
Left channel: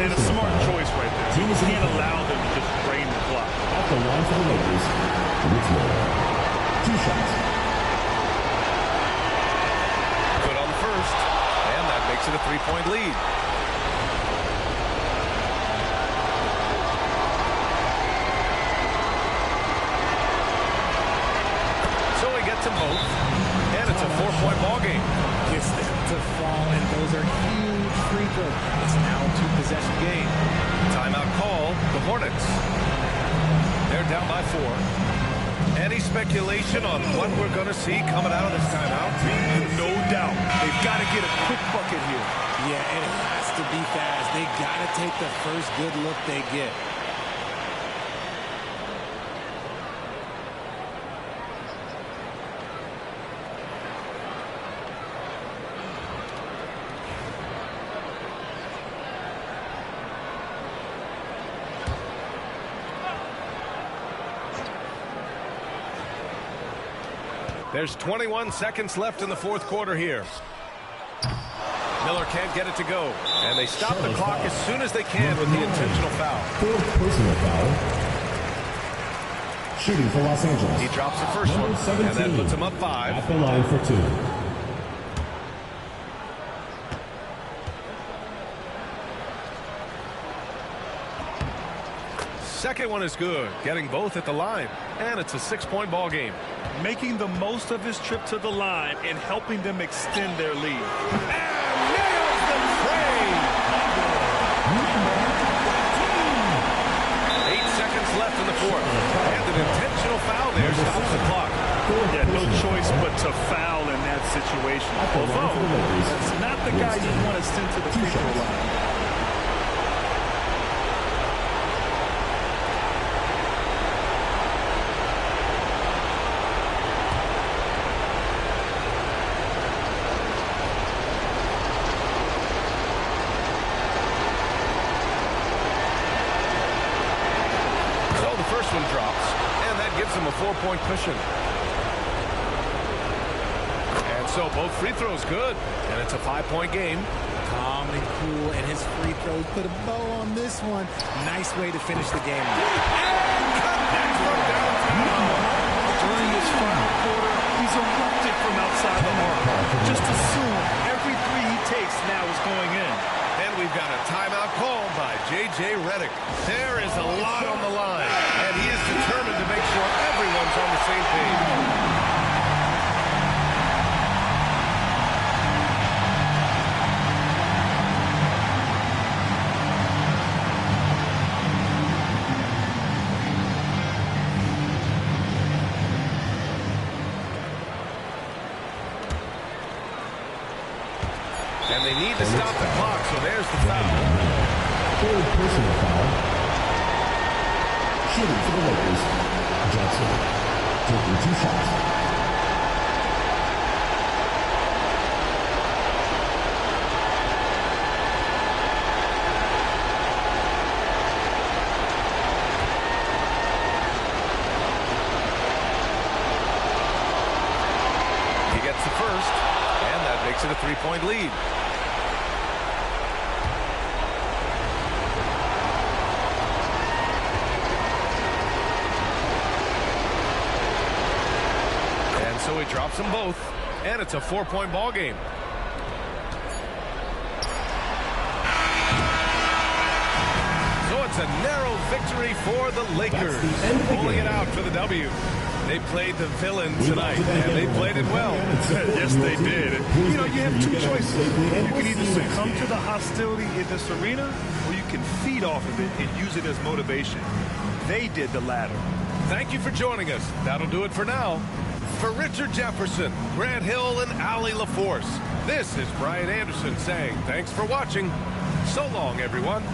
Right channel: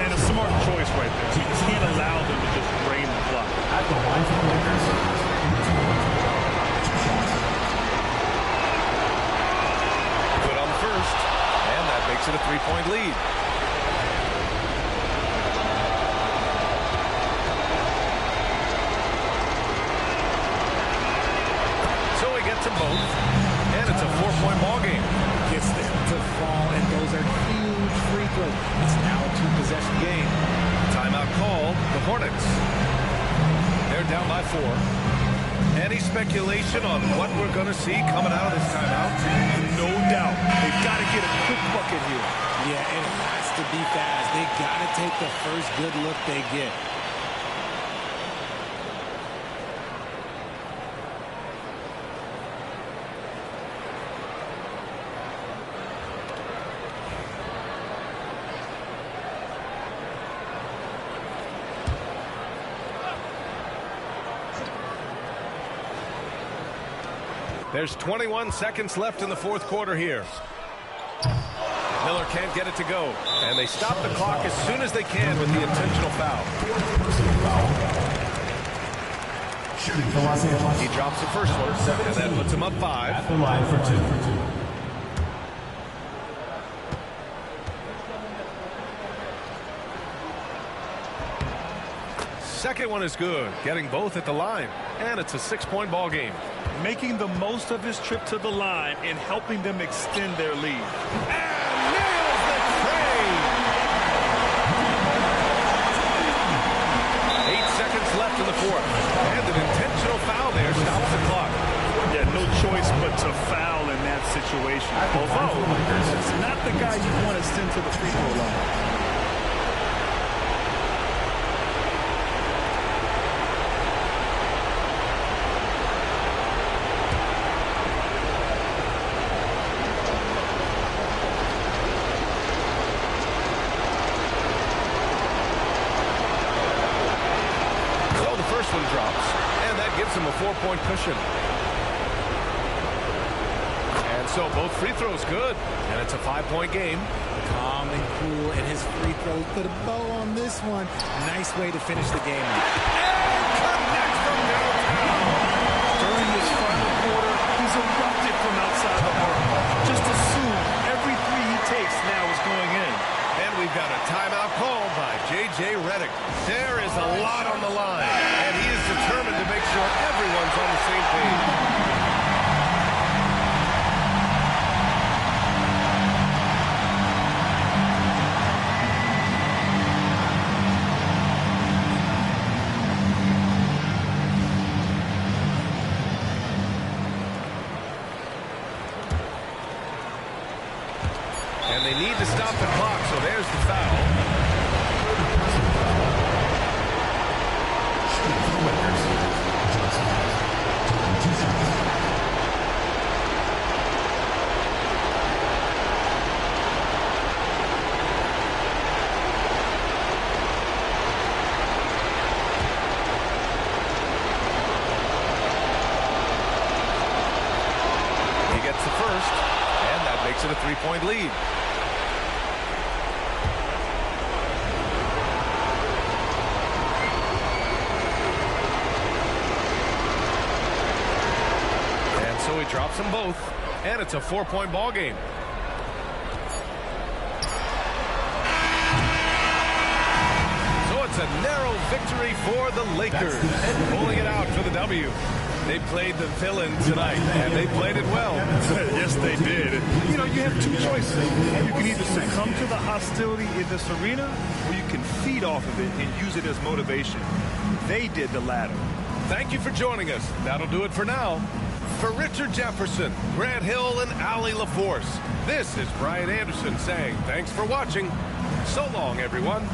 And a smart choice right there. You can't allow them to just drain the clock. At the line for the Lakers, Richmond. 2 shots. Good on the first. And that makes it a 3-point lead. So he gets them both. And it's a 4-point ball game. Gets them to fall, and those are huge free throws. It's now a 2-possession game. Timeout called. The Hornets. They're down by 4. Any speculation on what we're going to see coming out of this timeout? No doubt. They've got to get a quick bucket here. Yeah, it has to be fast. They got to take the first good look they get. There's 21 seconds left in the fourth quarter here. Miller can't get it to go. And they stop the clock as soon as they can with the intentional foul. 4th personal foul. Shooting for Los Angeles. He drops the first one, and that puts him up 5. At the line for 2. Second one is good, getting both at the line. And it's a 6-point ball game. Making the most of his trip to the line and helping them extend their lead. And nails the trade! 8 seconds left in the fourth. And an intentional foul there stops the clock. Yeah, no choice but to foul in that situation. Although, that's not the guy you want to send to the free throw line. First one drops, and that gives him a 4-point cushion. And so both free throws good, and it's a 5-point game. Calm and cool, and his free throws put a bow on this one. Nice way to finish the game. And connect from downtown. During this final quarter, he's erupted from outside the arc. Just assume every three he takes now is going in. And we've got a timeout called by J.J. Redick. There is a lot on the line, and he is determined to make sure everyone's on the same page. And they need to stop the clock, so there's the foul. 3rd personal foul. Shooting for the Lakers, Johnson. Taking 2 shots. He gets the first, and that makes it a 3-point lead. So he drops them both, and it's a 4-point ball game. So it's a narrow victory for the Lakers, pulling it out for the W. They played the villain tonight, and they played it well. Yes, they did. You know, you have 2 choices. You can either succumb to the hostility in this arena, or you can feed off of it and use it as motivation. They did the latter. Thank you for joining us. That'll do it for now. For Richard Jefferson, Grant Hill, and Allie LaForce, this is Brian Anderson saying thanks for watching. So long, everyone.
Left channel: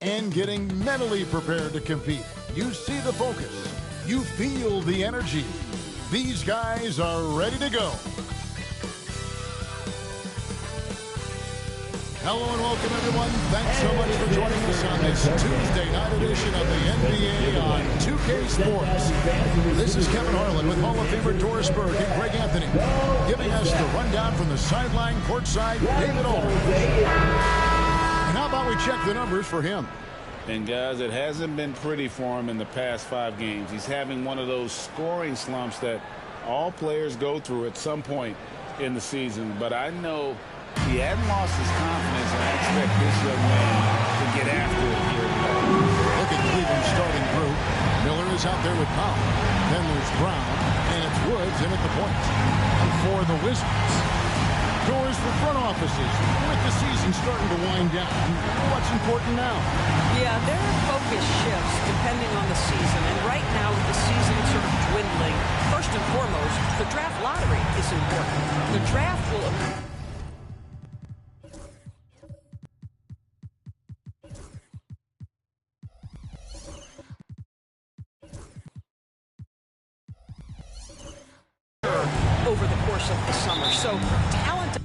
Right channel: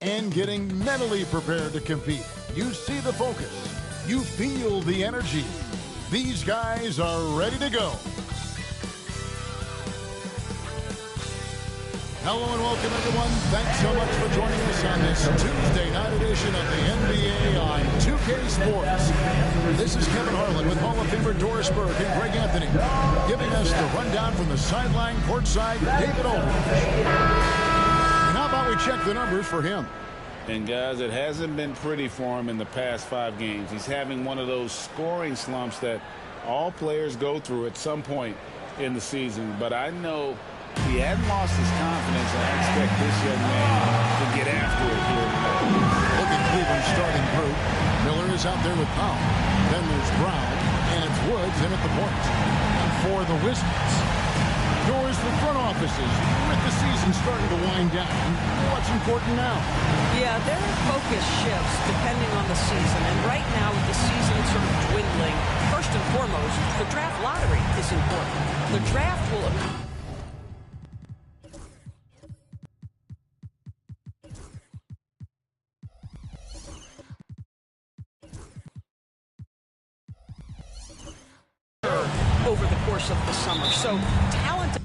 And getting mentally prepared to compete. You see the focus. You feel the energy. These guys are ready to go. Hello and welcome, everyone. Thanks so much for joining us on this Tuesday night edition of the NBA on 2K Sports. This is Kevin Harlan with Hall of Famer Doris Burke and Greg Anthony, giving us the rundown from the sideline, courtside, David Aldridge. And how about we check the numbers for him? And, guys, it hasn't been pretty for him in the past 5 games. He's having one of those scoring slumps that all players go through at some point in the season. But I know he hadn't lost his confidence, and I expect this young man to get after it here tonight. Look at Cleveland's starting group. Miller is out there with Powell. Then there's Brown, and it's Woods in at the point. And for the Wizards, doors for front offices. With the season starting to wind down, what's important now? Yeah, their focus shifts depending on the season. And right now, with the season sort of dwindling, first and foremost, the draft lottery is important. The draft will... over the course of the summer. So talent...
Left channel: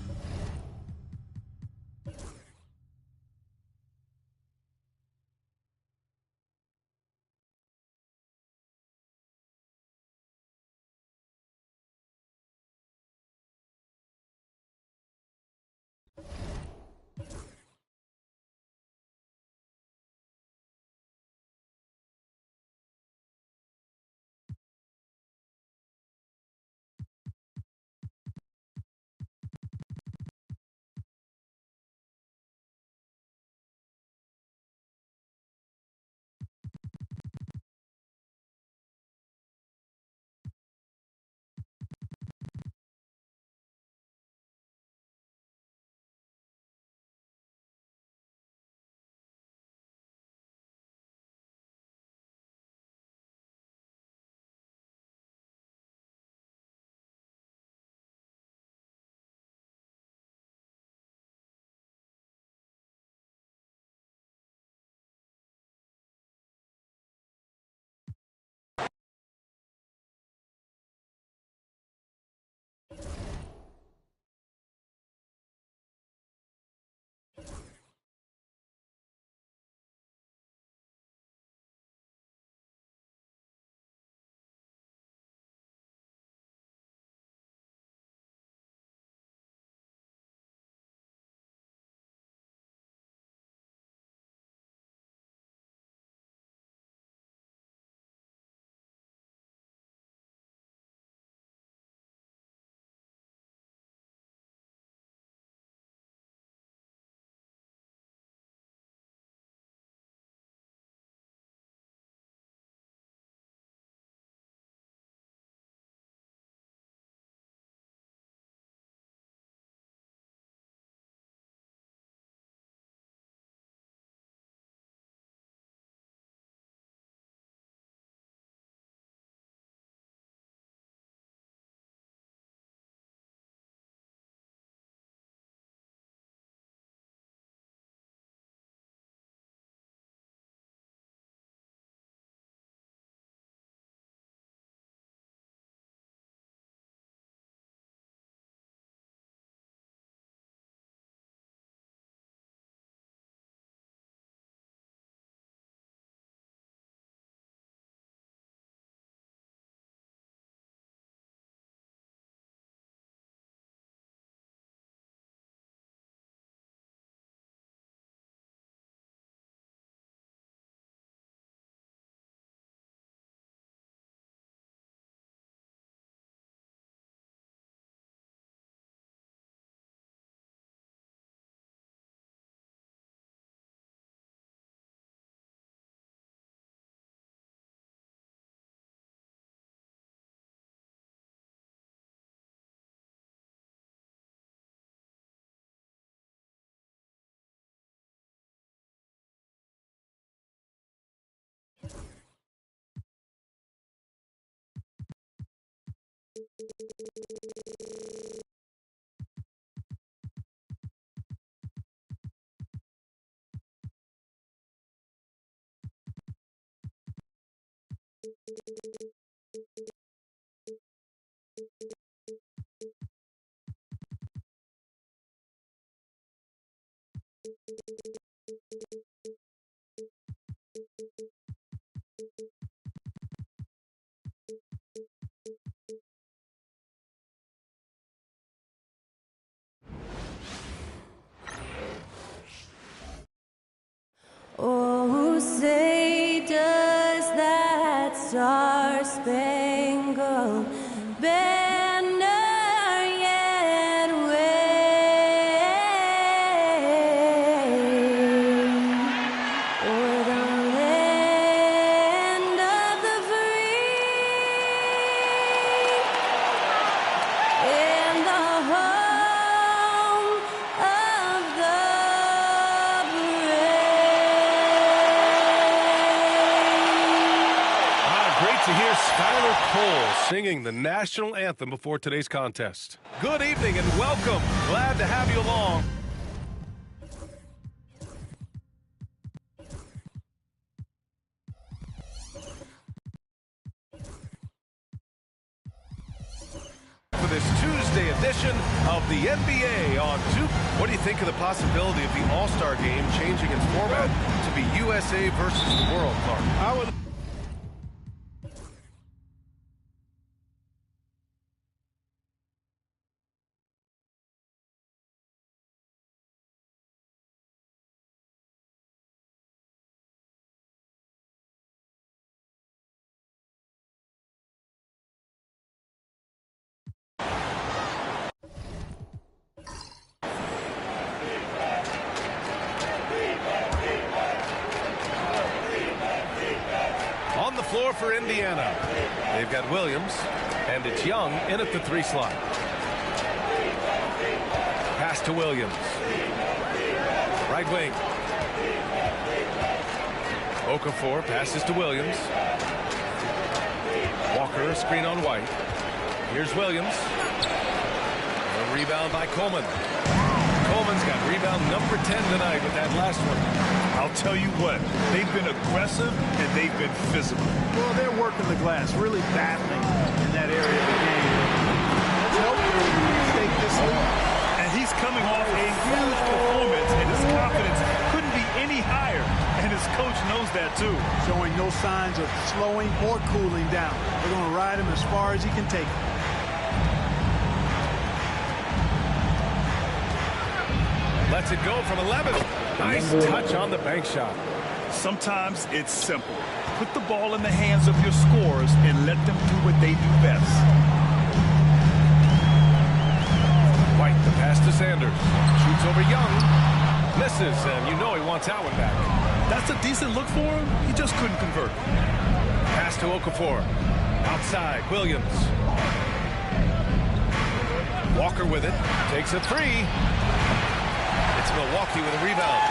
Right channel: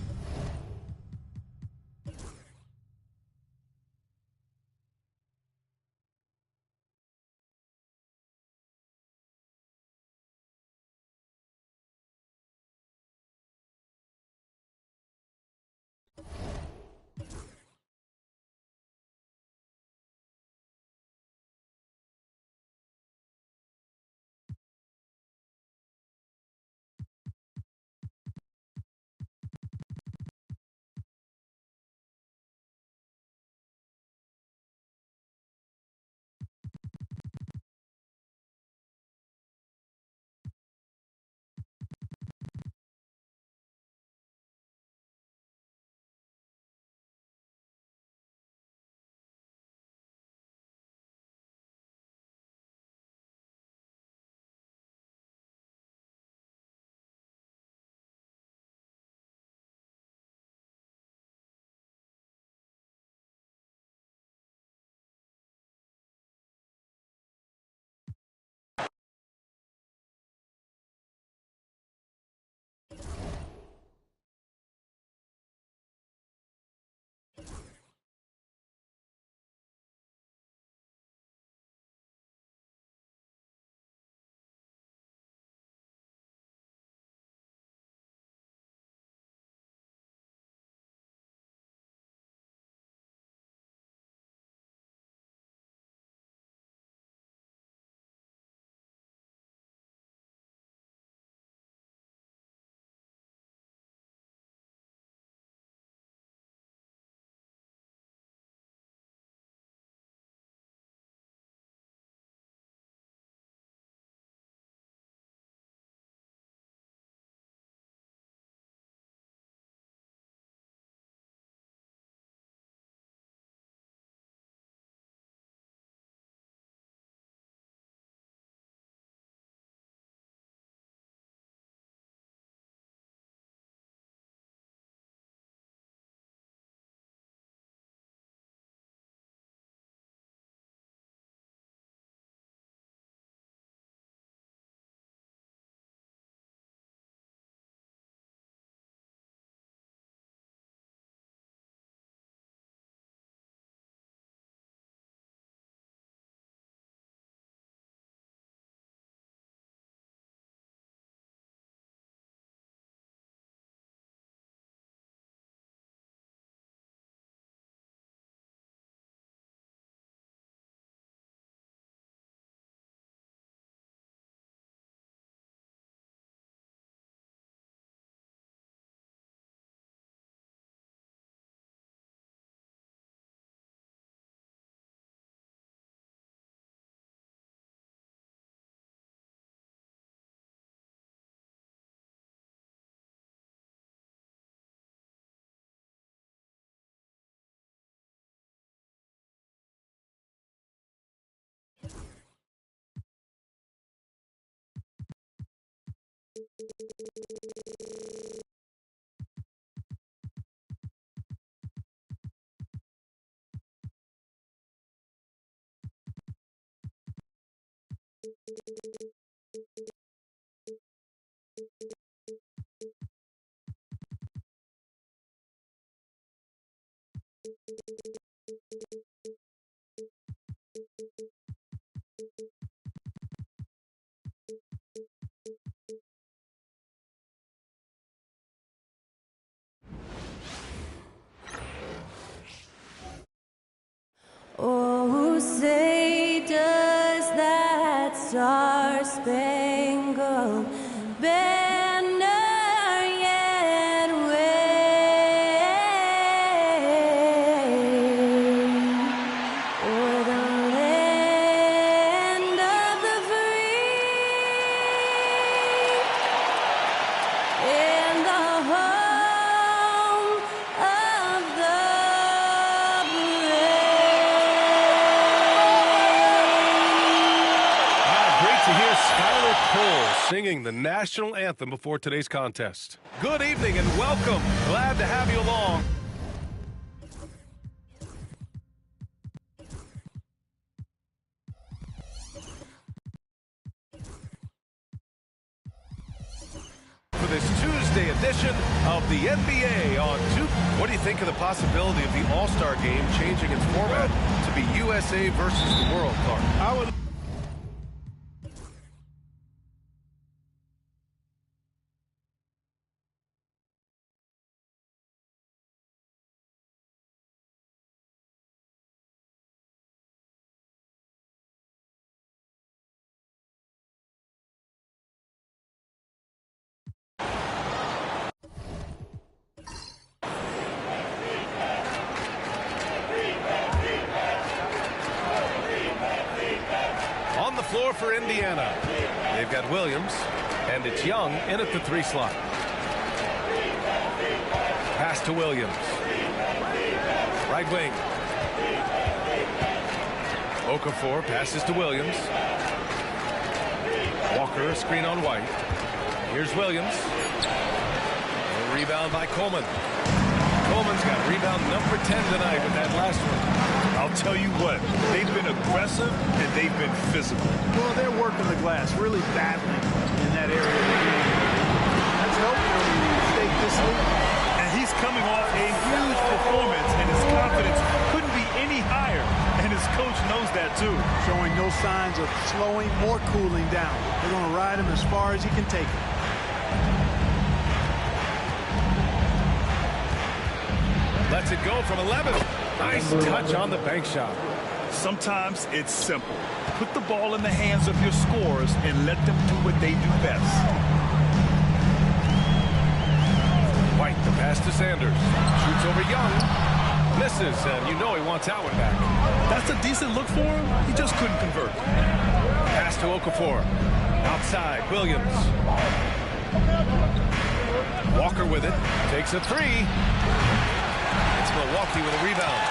Oh, say does that star-spangled banner yet wave o'er the land of the free and the home of the To hear Skylar Cole singing the national anthem before today's contest. Good evening and welcome. Glad to have you along. For this Tuesday edition of the NBA on 2. What do you think of the possibility of the All-Star game changing its format to be USA versus the world, Clark? I would. On the floor for Indiana, they've got Williams, and it's Young in at the 3 slot. Pass to Williams. Right wing. Okafor passes to Williams. Walker, a screen on White. Here's Williams. A rebound by Coleman. Coleman's got rebound number 10 tonight with that last one. I'll tell you what, they've been aggressive and they've been physical. Well, they're working the glass, really battling in that area of the game. That's helped them stake this lead. And he's coming off a huge performance, and his confidence couldn't be any higher. And his coach knows that, too. Showing no signs of slowing or cooling down. They're going to ride him as far as he can take him. Lets it go from 11. Nice touch on the bank shot. Sometimes it's simple. Put the ball in the hands of your scorers and let them do what they do best. White, the pass to Sanders. Shoots over Young. Misses, and you know he wants that one back. That's a decent look for him. He just couldn't convert. Pass to Okafor. Outside, Williams. Walker with it. Takes a 3. It's Milwaukee with a rebound.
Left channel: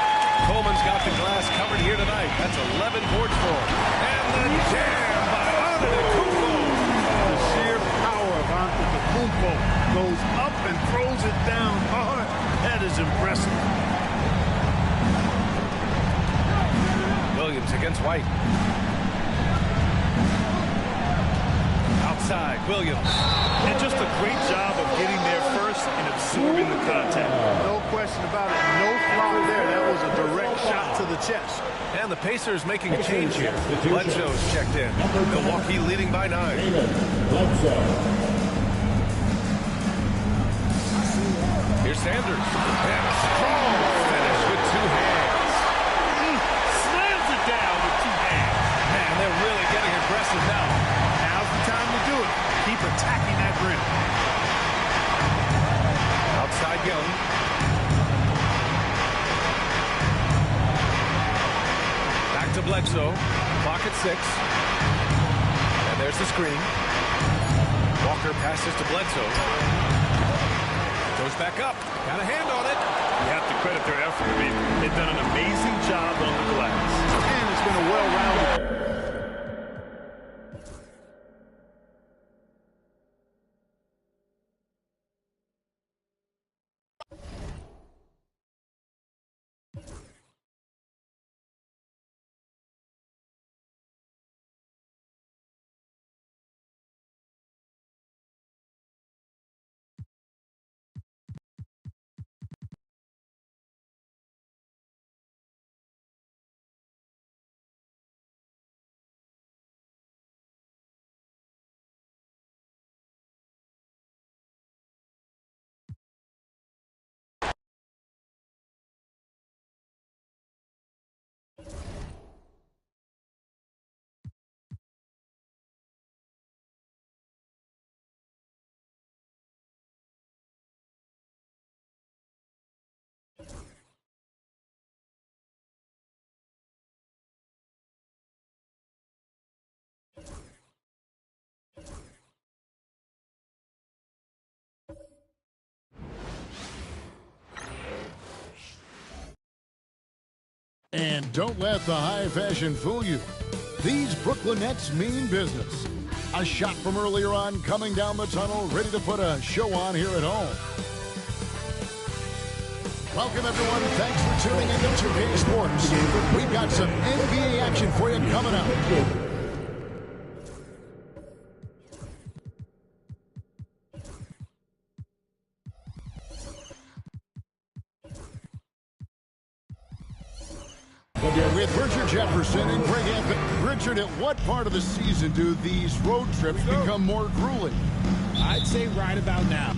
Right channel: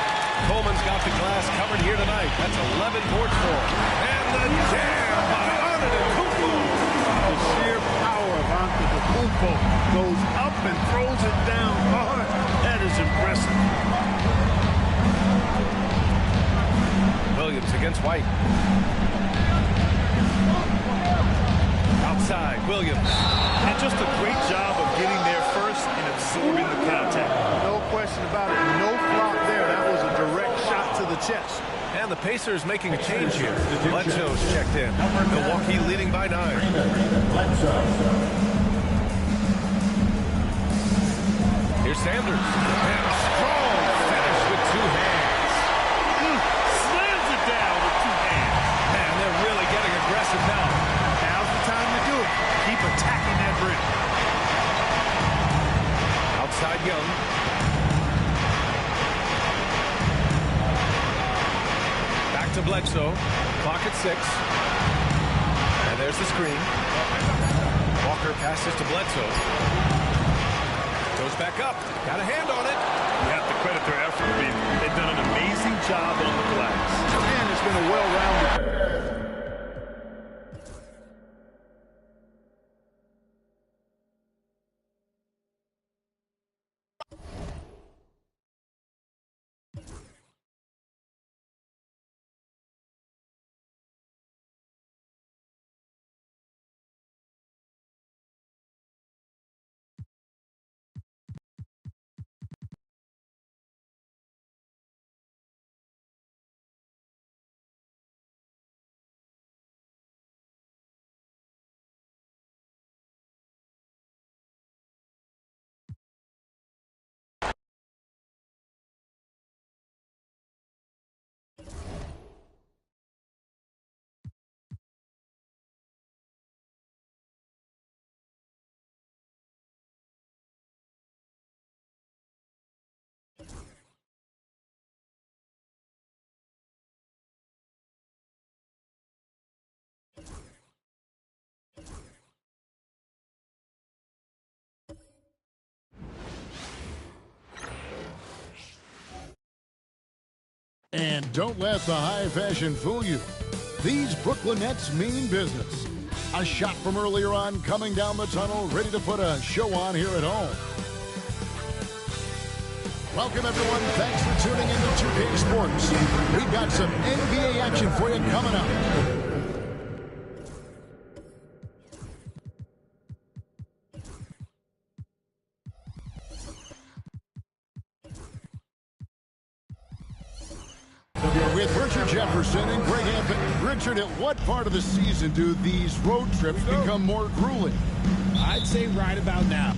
Coleman's got the glass covered here tonight. That's 11 boards for him. And the jam by Antetokounmpo. The sheer power of Antetokounmpo goes up and throws it down hard. That is impressive. Williams against White. Outside, Williams. And just a great job of getting there first and absorbing the contact. No question about it. No flop there. That was a direct shot to the chest. And the Pacers making a change here. Bledsoe's checked in. Milwaukee leading by 9. Here's Sanders. And a strong finish with 2 hands. Slams it down with 2 hands. Man, they're really getting aggressive now. Now's the time to do it. Keep attacking that rim. Outside Young. Back to Bledsoe. Clock at 6. And there's the screen. Walker passes to Bledsoe. Goes back up. Got a hand on it. You have to credit their effort. I mean, they've done an amazing job on the glass. And it's been a well-rounded. And don't let the high fashion fool you. These Brooklyn Nets mean business. A shot from earlier on coming down the tunnel, ready to put a show on here at home. Welcome, everyone. Thanks for tuning into 2K Sports. We've got some NBA action for you coming up. With Richard Jefferson and Greg Anthony. Richard, at what part of the season do these road trips become more grueling? I'd say right about now.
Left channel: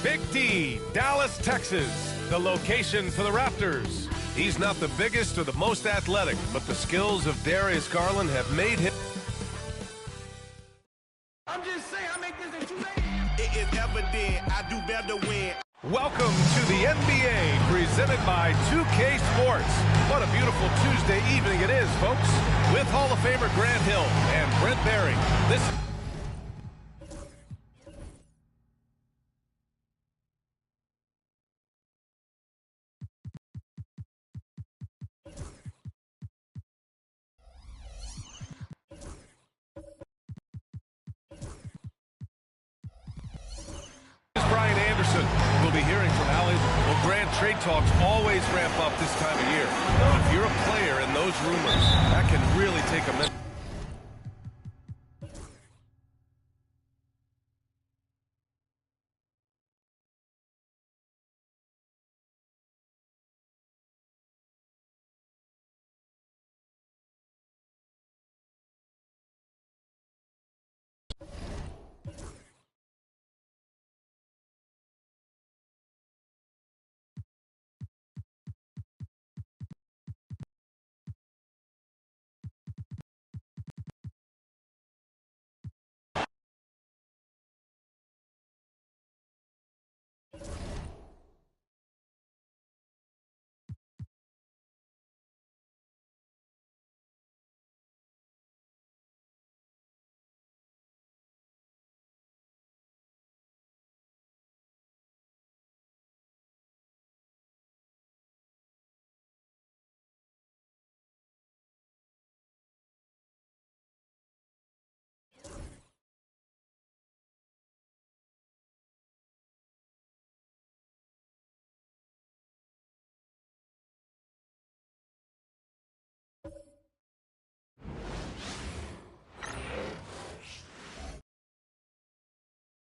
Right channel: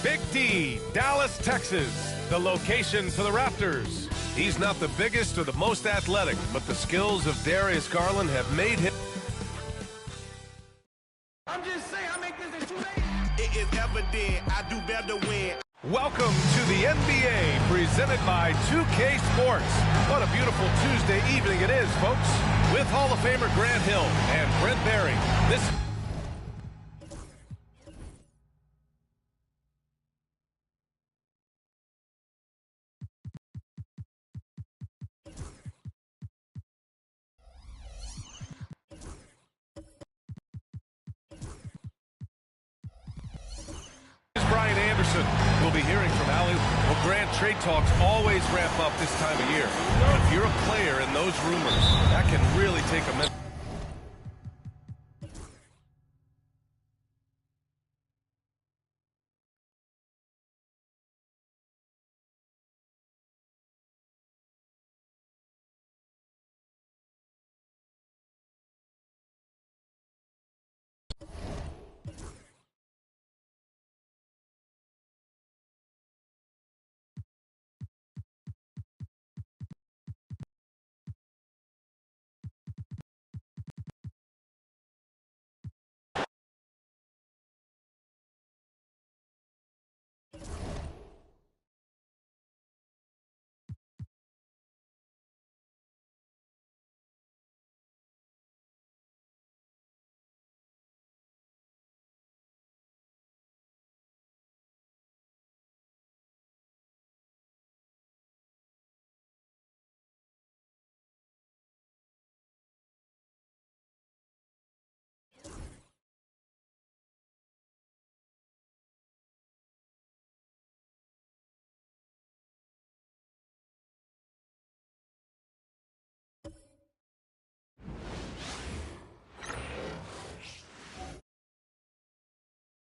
Big D, Dallas, Texas, the location for the Raptors. He's not the biggest or the most athletic, but the skills of Darius Garland have made him. I'm just saying, I make this in 2 days. It is evident I do better when. Welcome to the NBA, presented by 2K Sports. What a beautiful Tuesday evening it is, folks. With Hall of Famer Grant Hill and Brent Barry. This Brian Anderson. We'll be hearing from Allie. Well, Grant, trade talks always ramp up this time of year. But if you're a player in those rumors, that can really take a minute.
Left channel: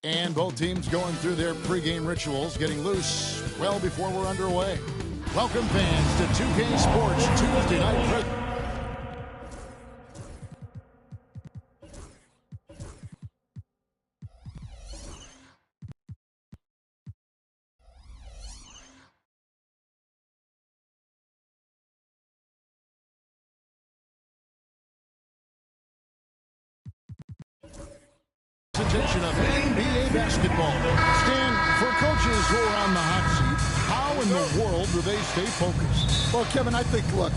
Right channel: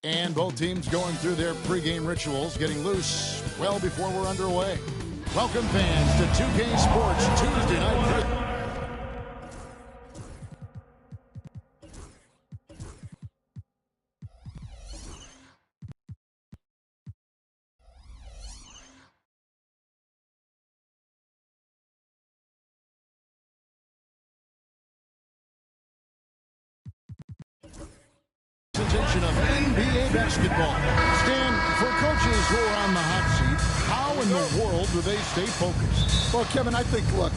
And both teams going through their pregame rituals, getting loose well before we're underway. Welcome, fans, to 2K Sports Tuesday night. Presentation of NBA basketball. Stan, for coaches who are on the hot seat, how in the world do they stay focused? Well, Kevin, I think, look,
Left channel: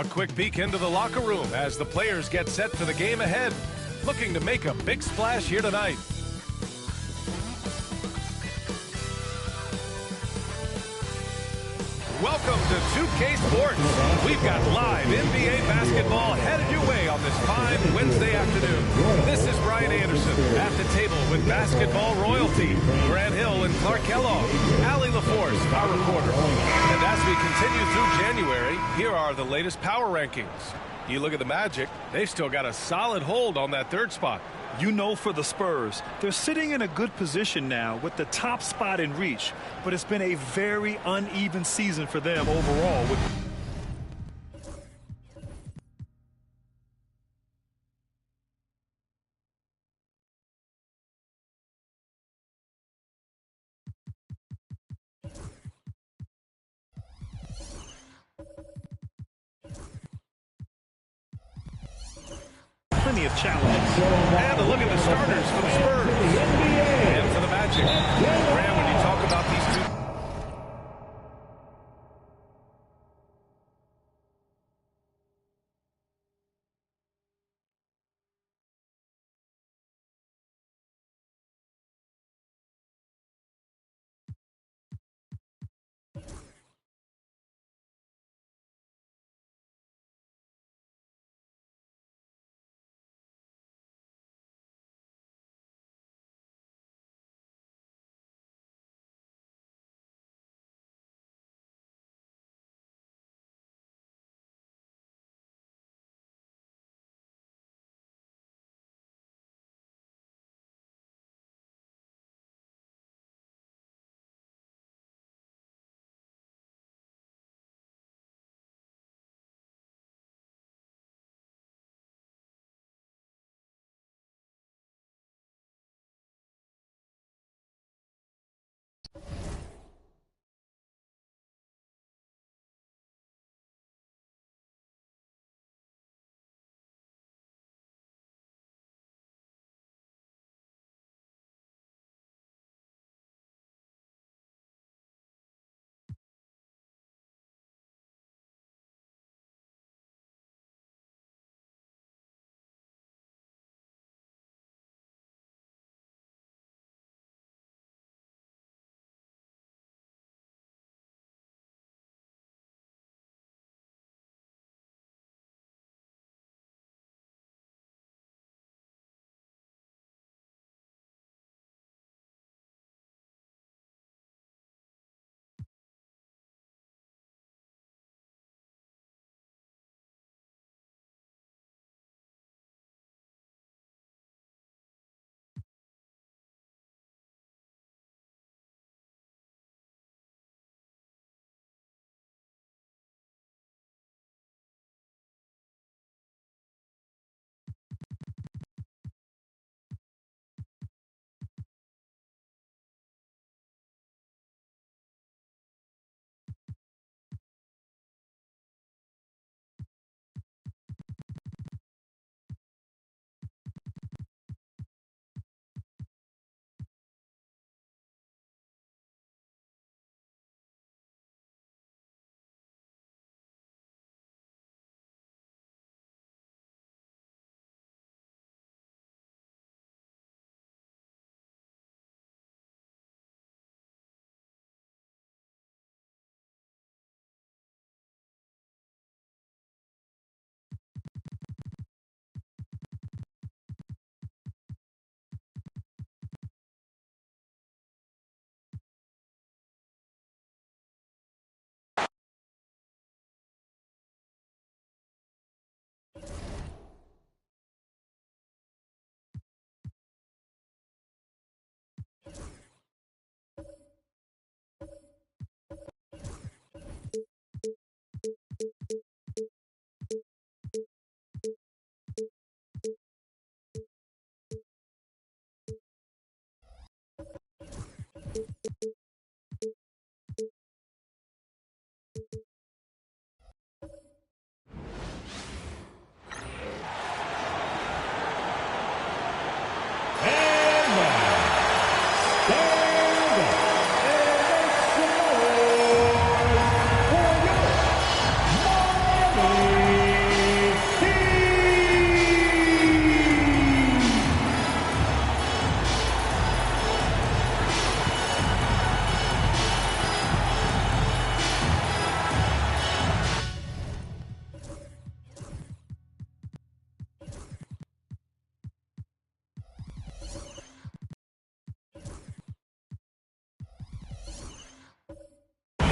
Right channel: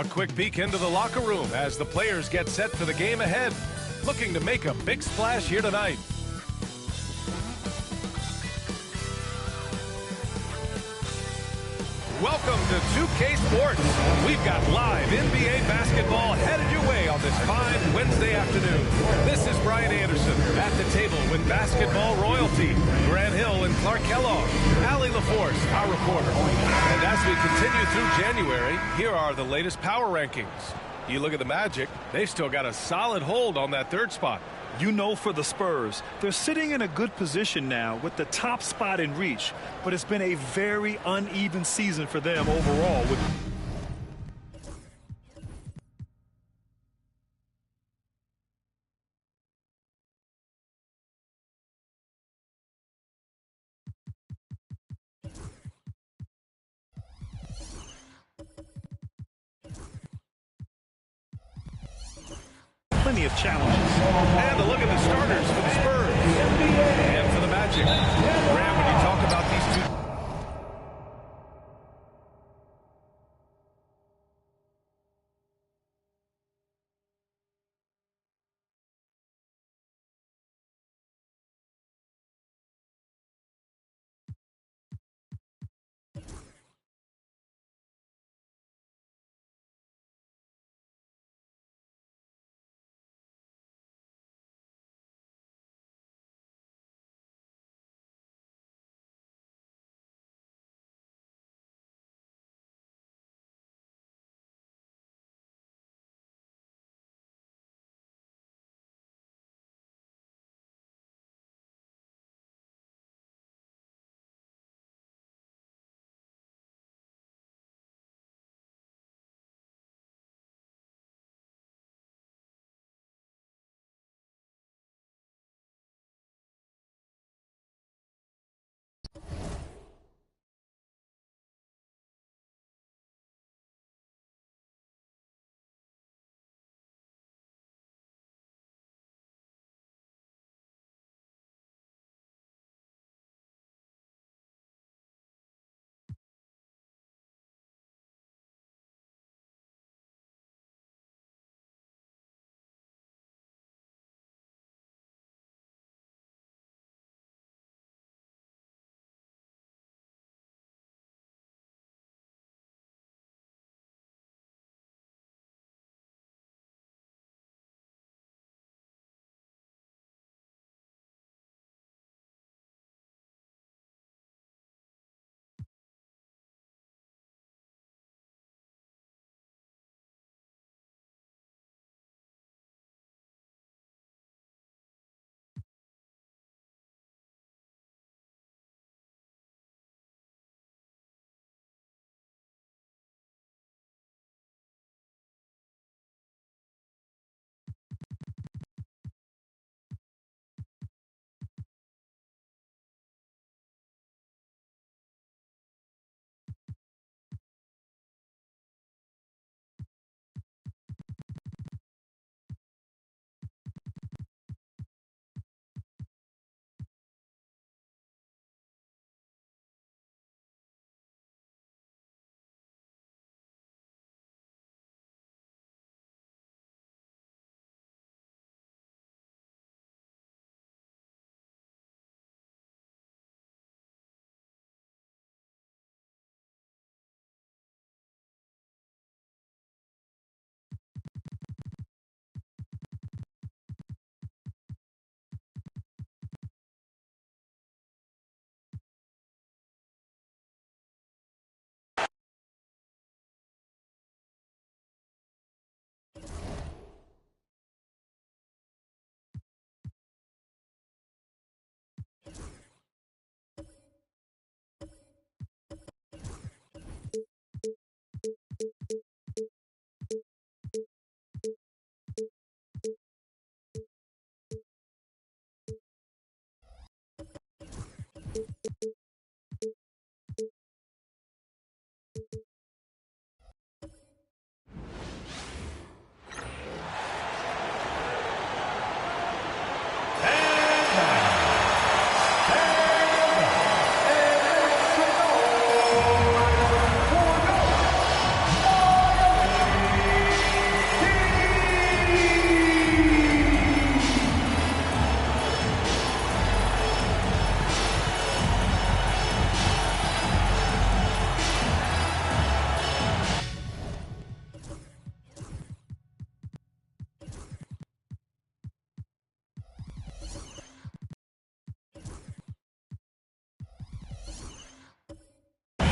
A quick peek into the locker room as the players get set for the game ahead. Looking to make a big splash here tonight. Welcome to 2K Sports. We've got live NBA basketball headed your way on this fine Wednesday afternoon. This is Brian Anderson at the table with basketball royalty. Grant Hill and Clark Kellogg. Allie LaForce, our reporter. And as we continue through January, here are the latest power rankings. You look at the Magic, they've still got a solid hold on that third spot. You know, for the Spurs, they're sitting in a good position now with the top spot in reach, but it's been a very uneven season for them overall. Plenty of challenges. And a look at the starters for the Spurs and for the Magic. Graham, when you talk about these two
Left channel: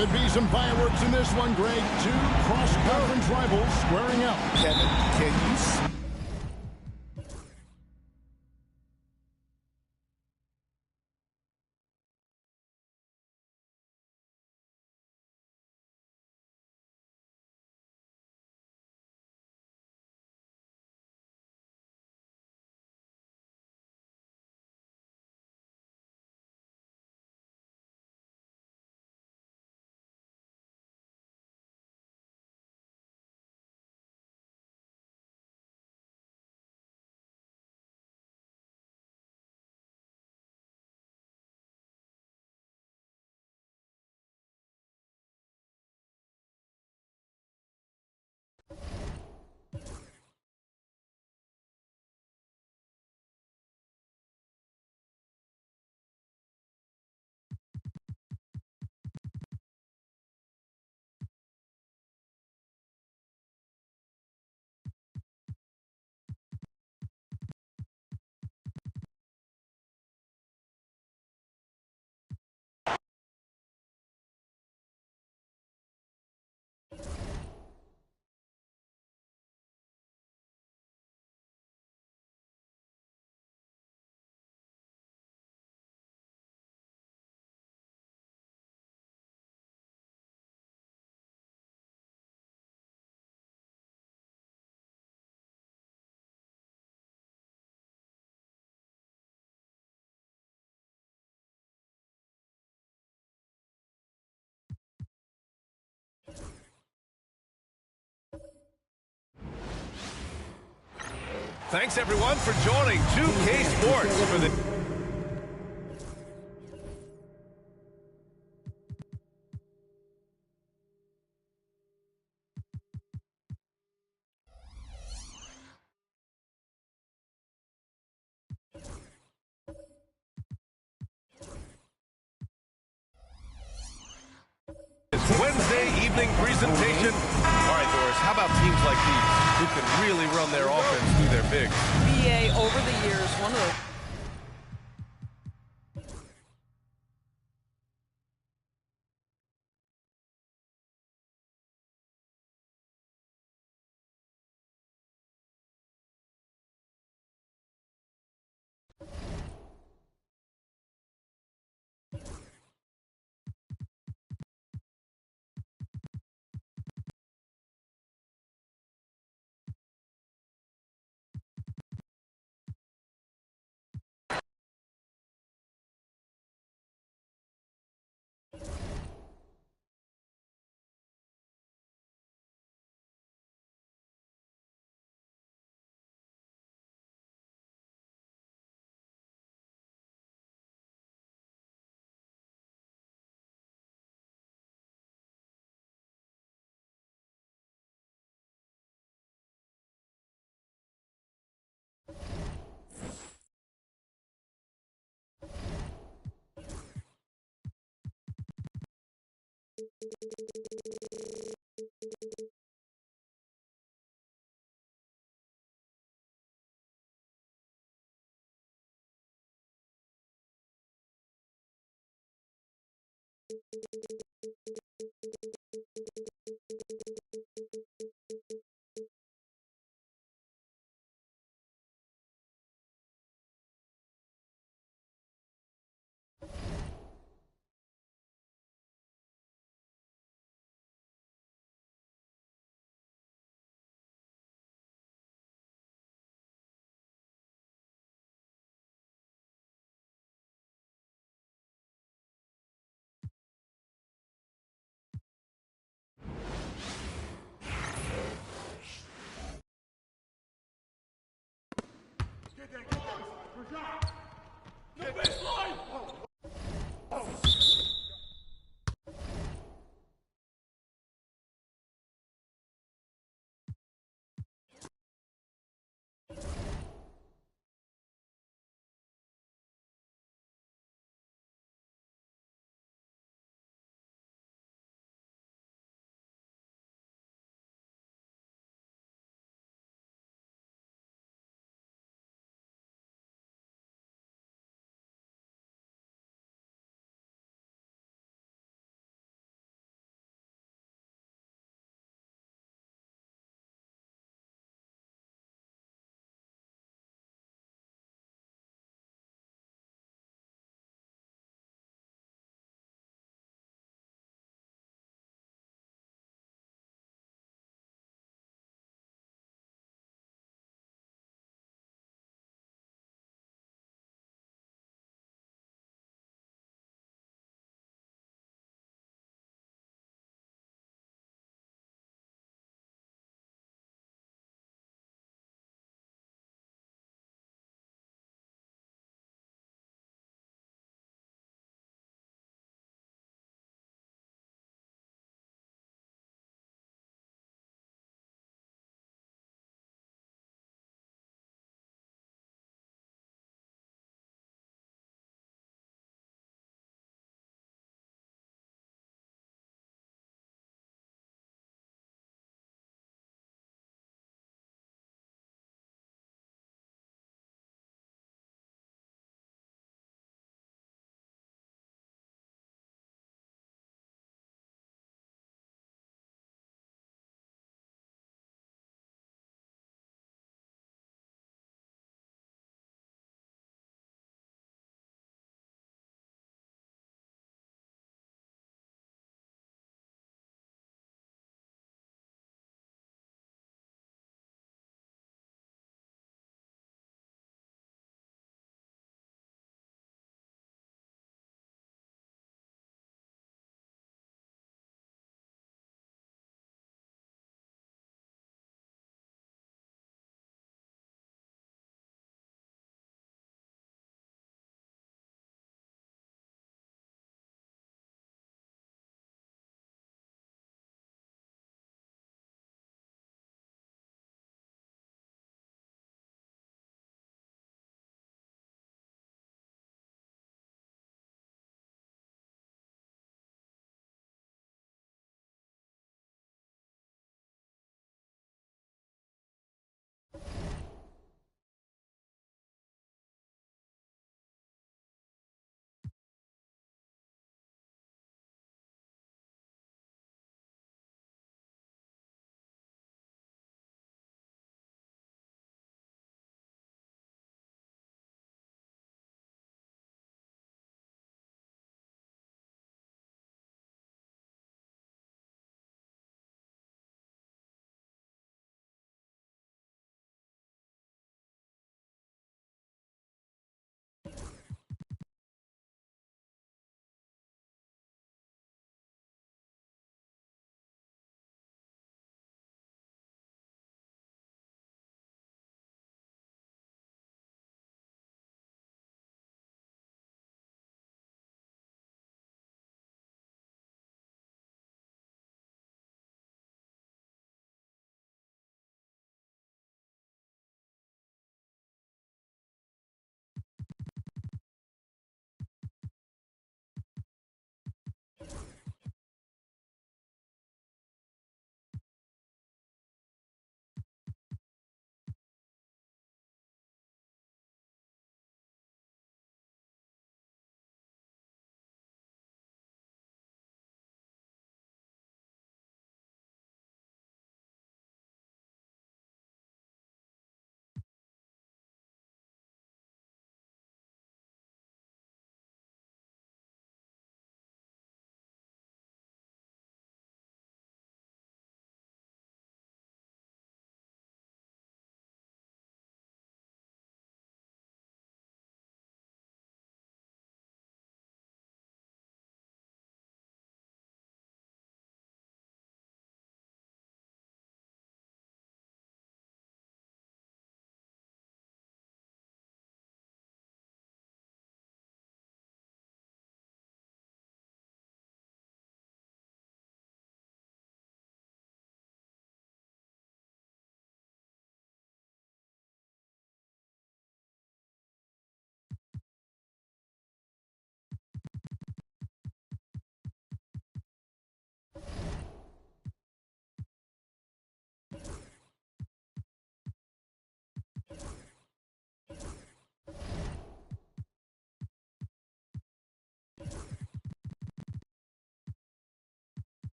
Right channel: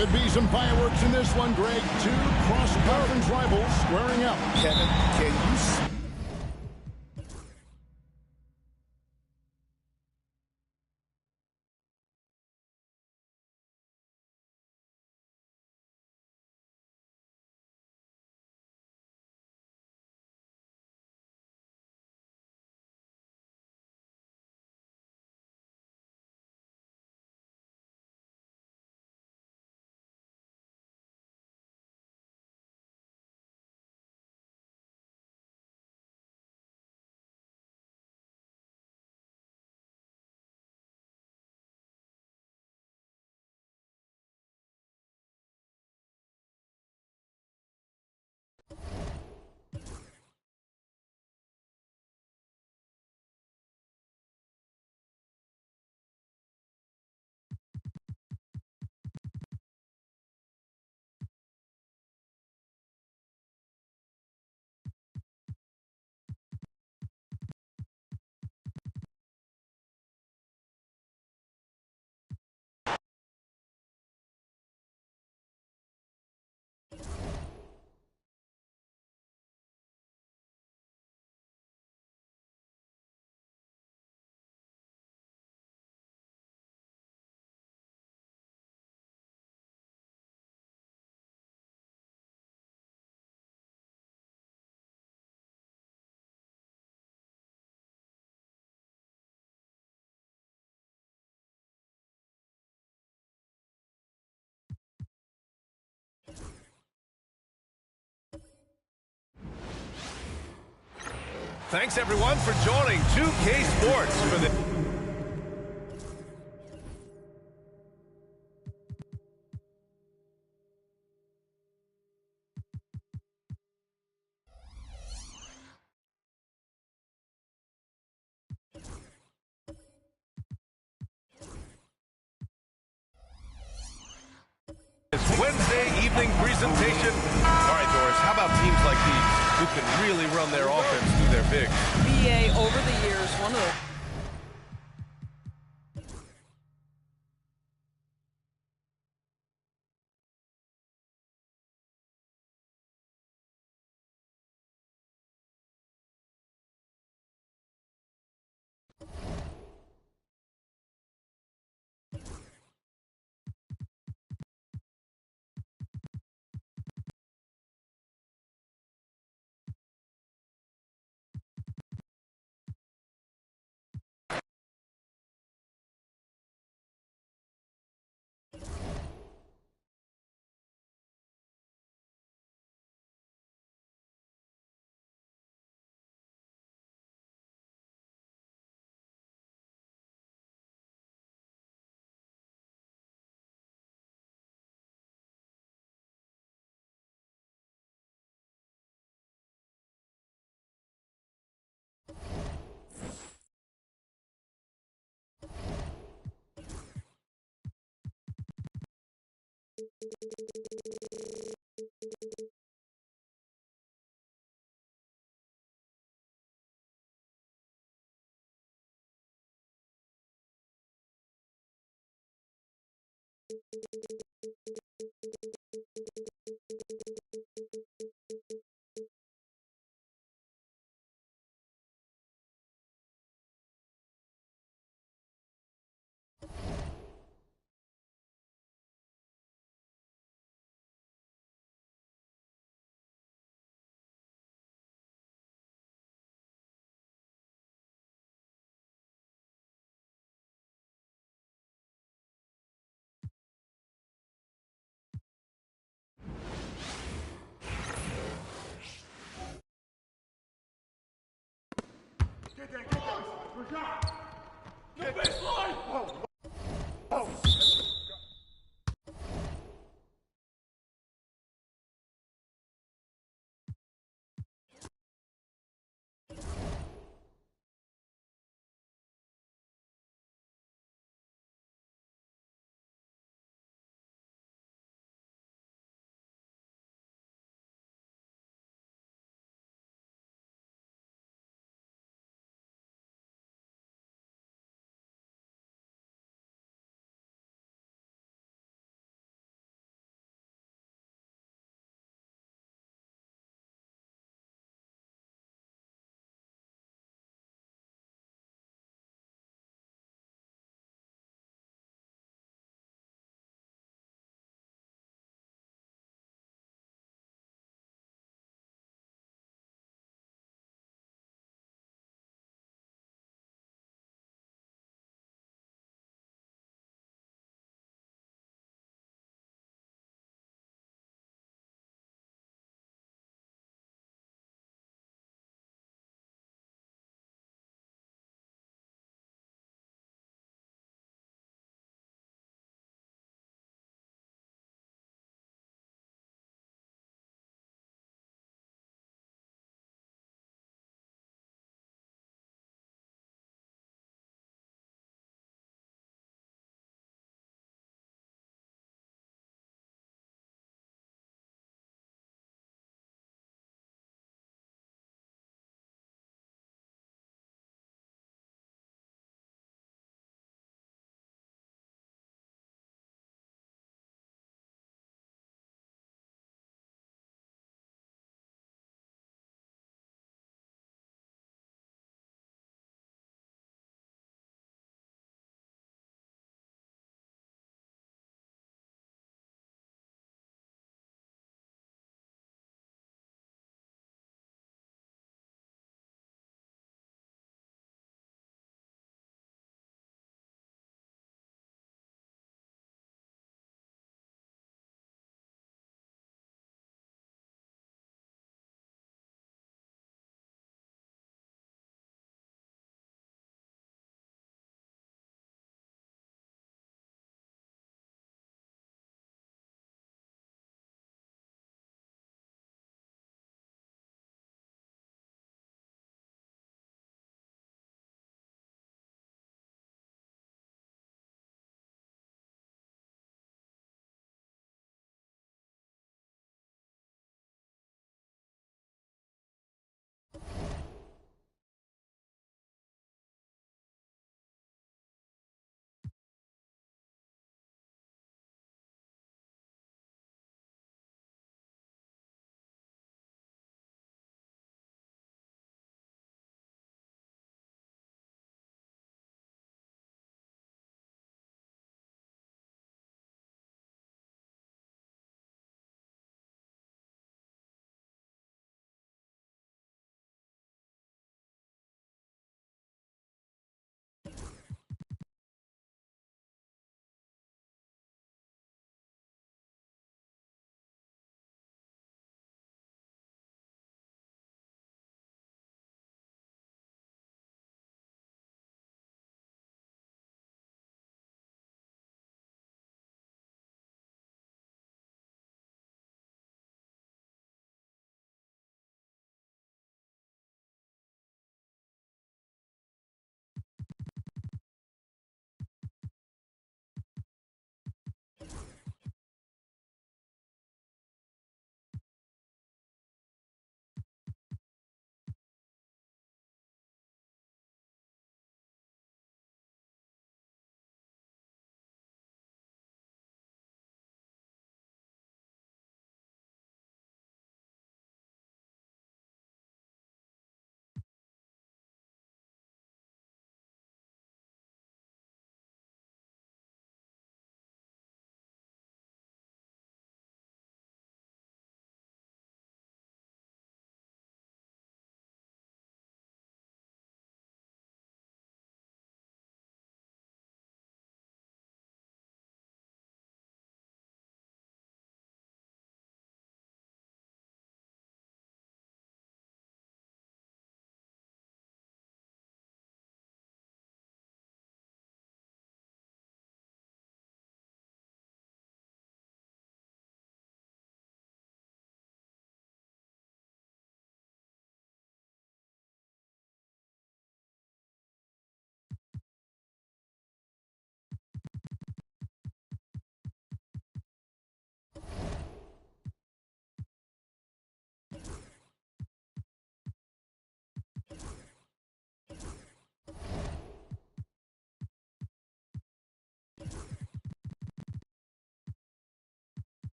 Could be some fireworks in this one, Greg. Two cross-conference rivals squaring up. Kevin, can you see? Thanks, everyone, for joining 2K Sports for the... Wednesday evening presentation. All right, Doris, how about teams like these who can really run their offense through their bigs? BA, over the years, one of the Get that. Good shot. No baseline.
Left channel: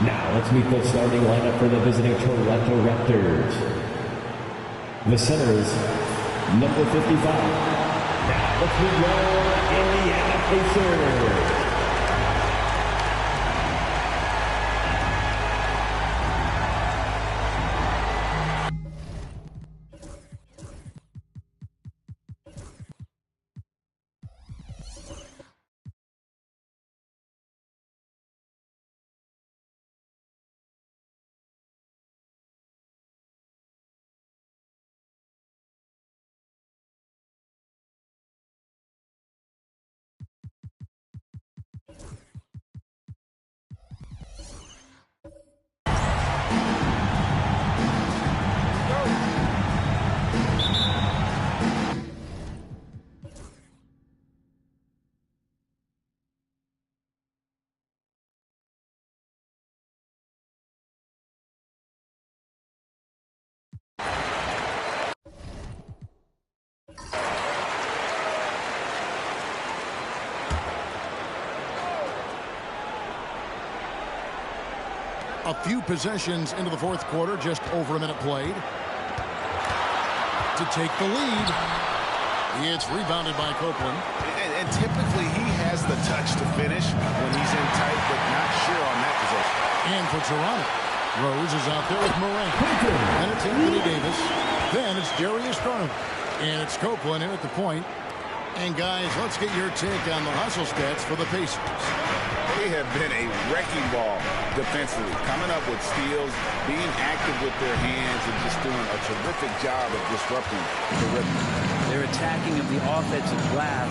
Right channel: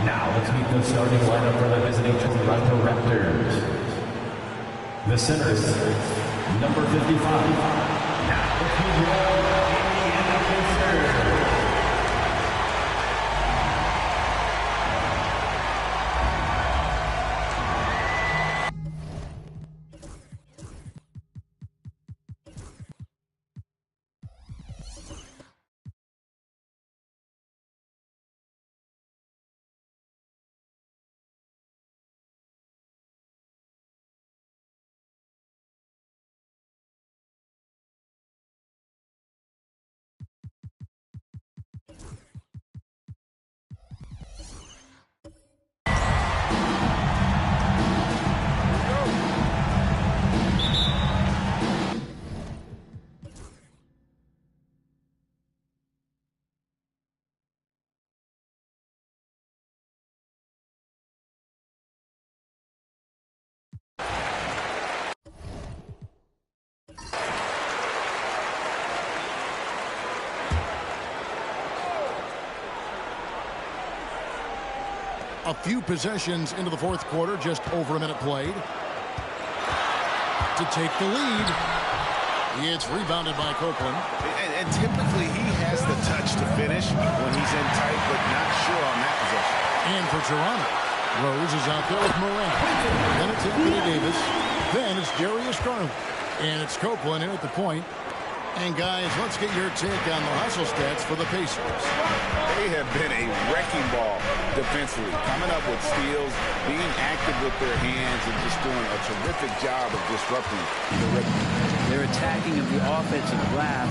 Now let's meet the starting lineup for the visiting Toronto Raptors. The centers, number 55. Now let's meet your Indiana Pacers. A few possessions into the fourth quarter, just over a minute played. To take the lead. It's rebounded by Copeland. And typically he has the touch to finish when he's in tight, but not sure on that possession. And for Toronto, Rose is out there with Morant. Then it's Anthony Davis. Then it's Darius Garland. And it's Copeland in at the point. And guys, let's get your take on the hustle stats for the Pacers. They have been a wrecking ball defensively, coming up with steals, being active with their hands, and just doing a terrific job of disrupting the rhythm. Their attacking of the offensive glass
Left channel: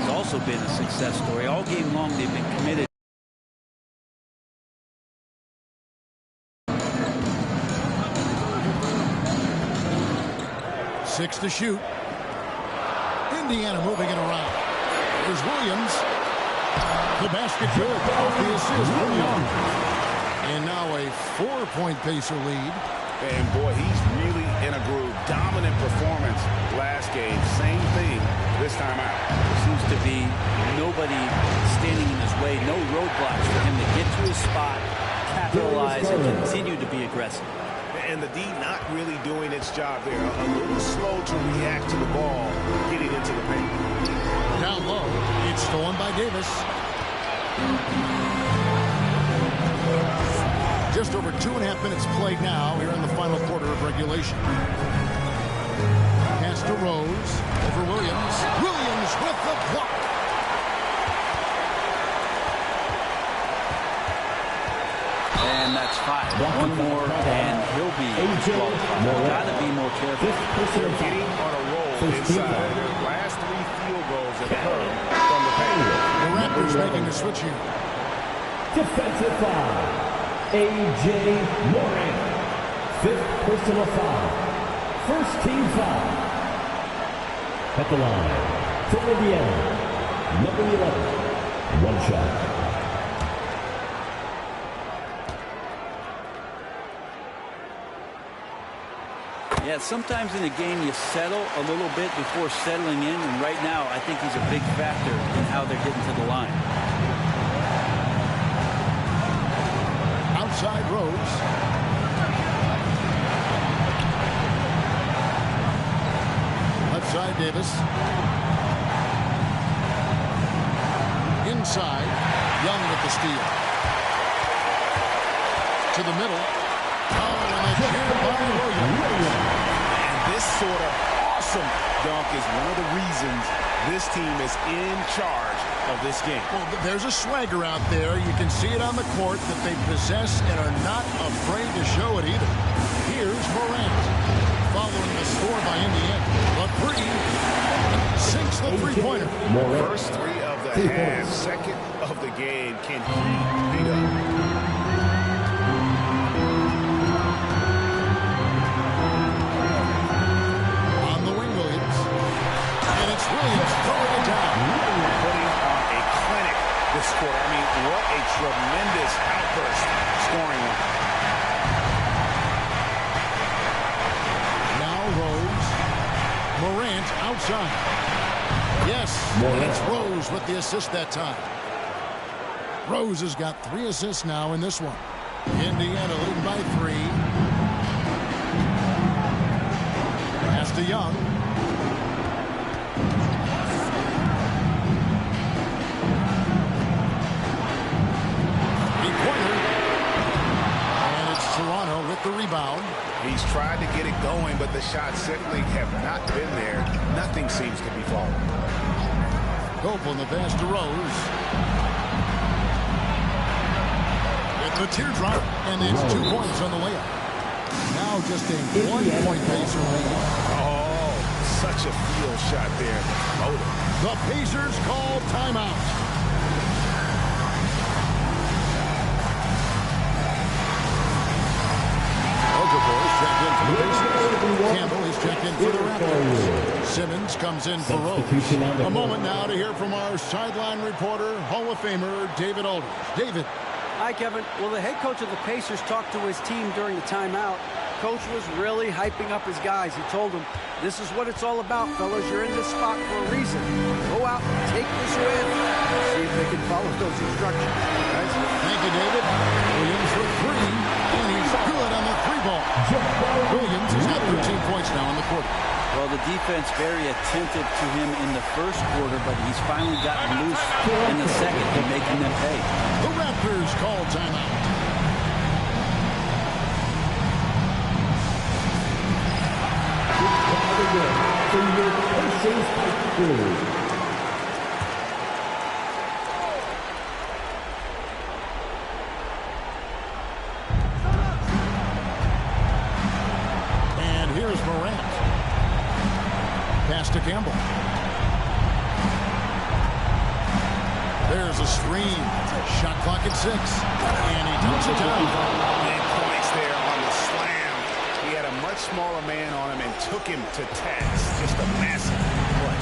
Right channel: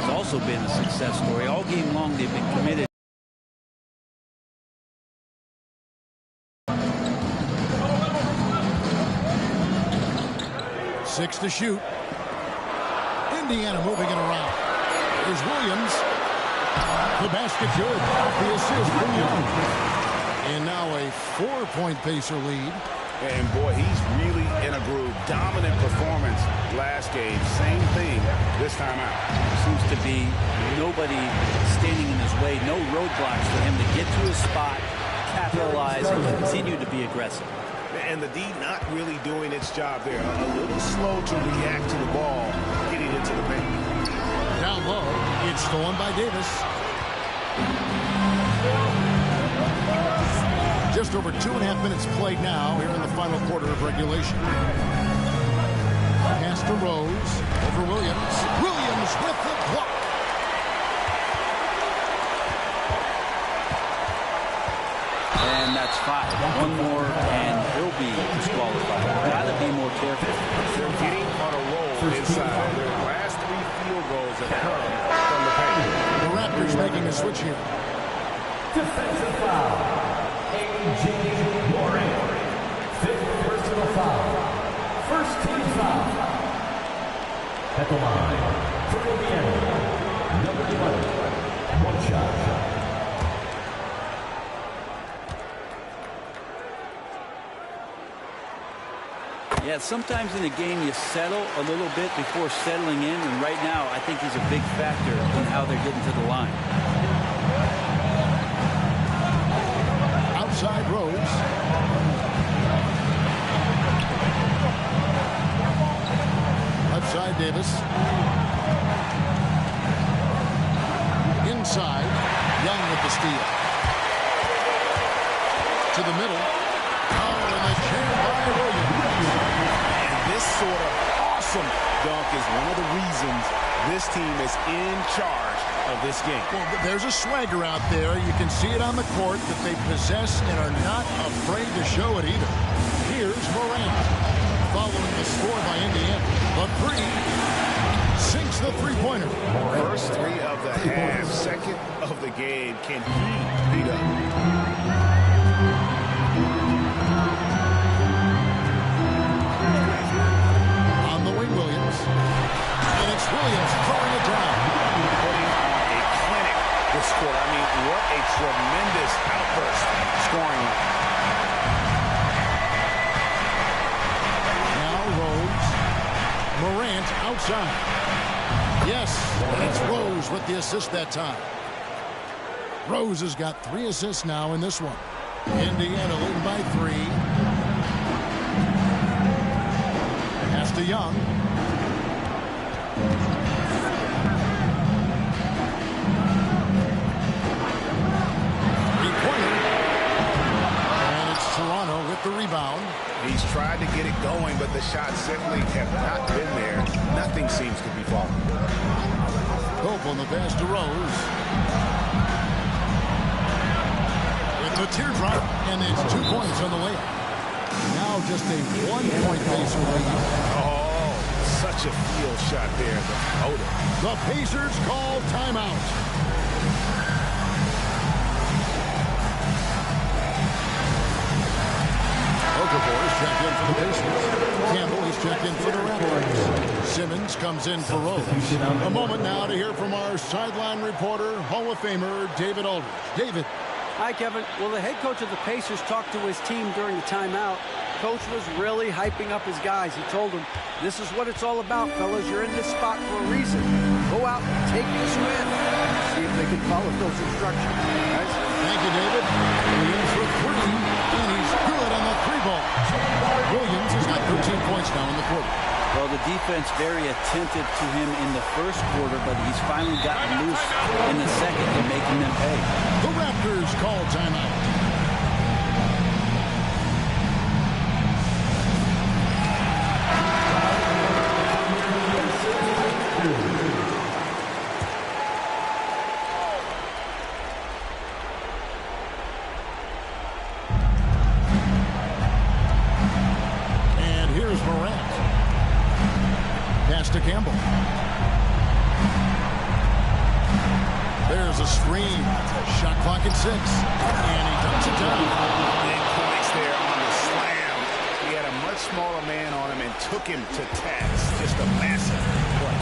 has also been a success story. All game long, they've been committed. Six to shoot. Indiana moving it around. Here's Williams. The basket good. Off the assist from Young. And now a 4-point Pacer lead. And boy, he's really in a groove. Dominant performance last game. Same thing this time out. There seems to be nobody standing in his way. No roadblocks for him to get to his spot, capitalize, and continue to be aggressive. And the D not really doing its job there. A little slow to react to the ball getting into the paint. Down low, it's stolen by Davis. Just over 2.5 minutes played now here in the final quarter of regulation. Pass to Rose over Williams. Williams with the block. And that's 5. One more, and he'll be disqualified. Got to be more careful. They're getting on a roll inside. Their last 3 field goals have come from the paint. The Raptors making a switch here. Defensive foul. A.J. Morant. 5th personal foul. First team foul. At the line, for Indiana, number 11. One shot. Yeah, sometimes in a game you settle a little bit before settling in, and right now I think he's a big factor in how they're getting to the line. Outside Rose. Left side Davis. Inside, Young with the steal. To the middle. Oh, and the jam by Williams. And this sort of awesome dunk is one of the reasons this team is in charge of this game. Well, there's a swagger out there. You can see it on the court that they possess and are not afraid to show it either. Here's Morant. Following the score by Indiana. The 3 sinks the three-pointer. First 3 of the half. Second of the game. Can he beat up? Williams throwing it down. Putting on a clinic this quarter. I mean, what a tremendous outburst scoring one. Now Rose. Morant outside. Yes, and it's Rose with the assist that time. Rose has got 3 assists now in this one. Indiana leading by 3. Pass to Young. Three-pointer. And it's Toronto with the rebound. He's tried to get it going, but the shots simply have not been there. Nothing seems to be falling. Hope on the pass to Rose. With the teardrop, and it's 2 points on the layup. Now just a 1-point Pacer lead. Oh, such a field shot there, the floater. The Pacers call timeout. Okafor is checked in for the Pacers. Campbell is checked in for the Raptors. Simmons comes in for Rose. A moment now to hear from our sideline reporter, Hall of Famer David Aldridge. David. Hi, Kevin. Well, the head coach of the Pacers talked to his team during the timeout. Coach was really hyping up his guys. He told them, this is what it's all about, fellas. You're in this spot for a reason. Go out and take this win. See if they can follow those instructions. Guys. Thank you, David. Williams for 3, and he's good on the 3 ball. Williams has got 13 points now in the quarter. Well, the defense very attentive to him in the first quarter, but he's finally gotten loose in the second and making them pay. The Raptors call timeout. And here's Morant. Pass to Campbell. There's a screen. Shot clock at 6. And he dumps it down. Big points there on the slam. He had a much smaller man on him and took him to task. Just a massive play.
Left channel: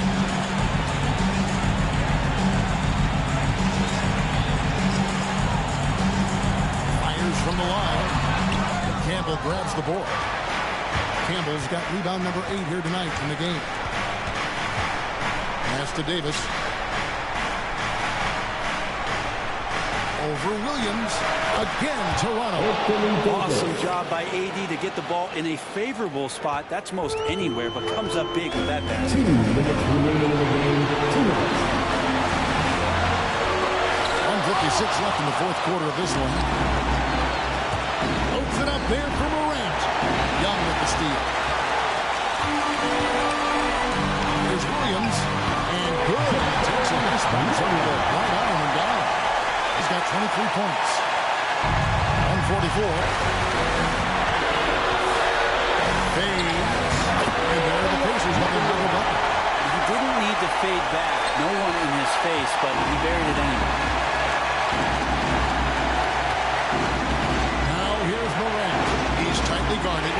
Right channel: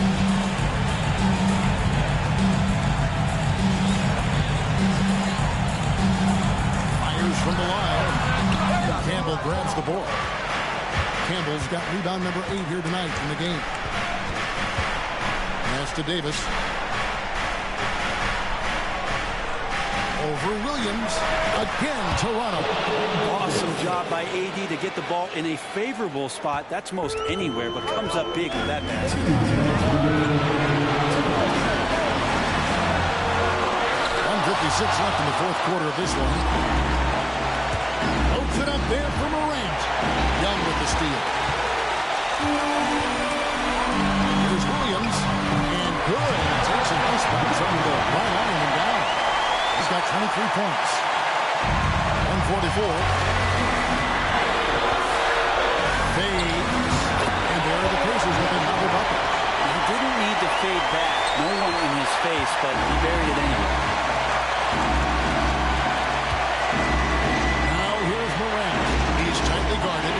Fires from the line. Campbell grabs the board. Campbell's got rebound number 8 here tonight in the game. Pass to Davis. Over Williams. Again, Toronto. Awesome job by AD to get the ball in a favorable spot. That's most anywhere, but comes up big with that basket. 1:56 left in the fourth quarter of this one. Loads it up there for Morant. Young with the steal. Here's Williams. And good. It takes a nice bounce on the right arm and down. He's got 23 points. 144. Fades. And there are the Pacers with another bucket. He didn't need to fade back. No one in his face, but he buried it anyway. Now here's Morant. He's tightly guarded.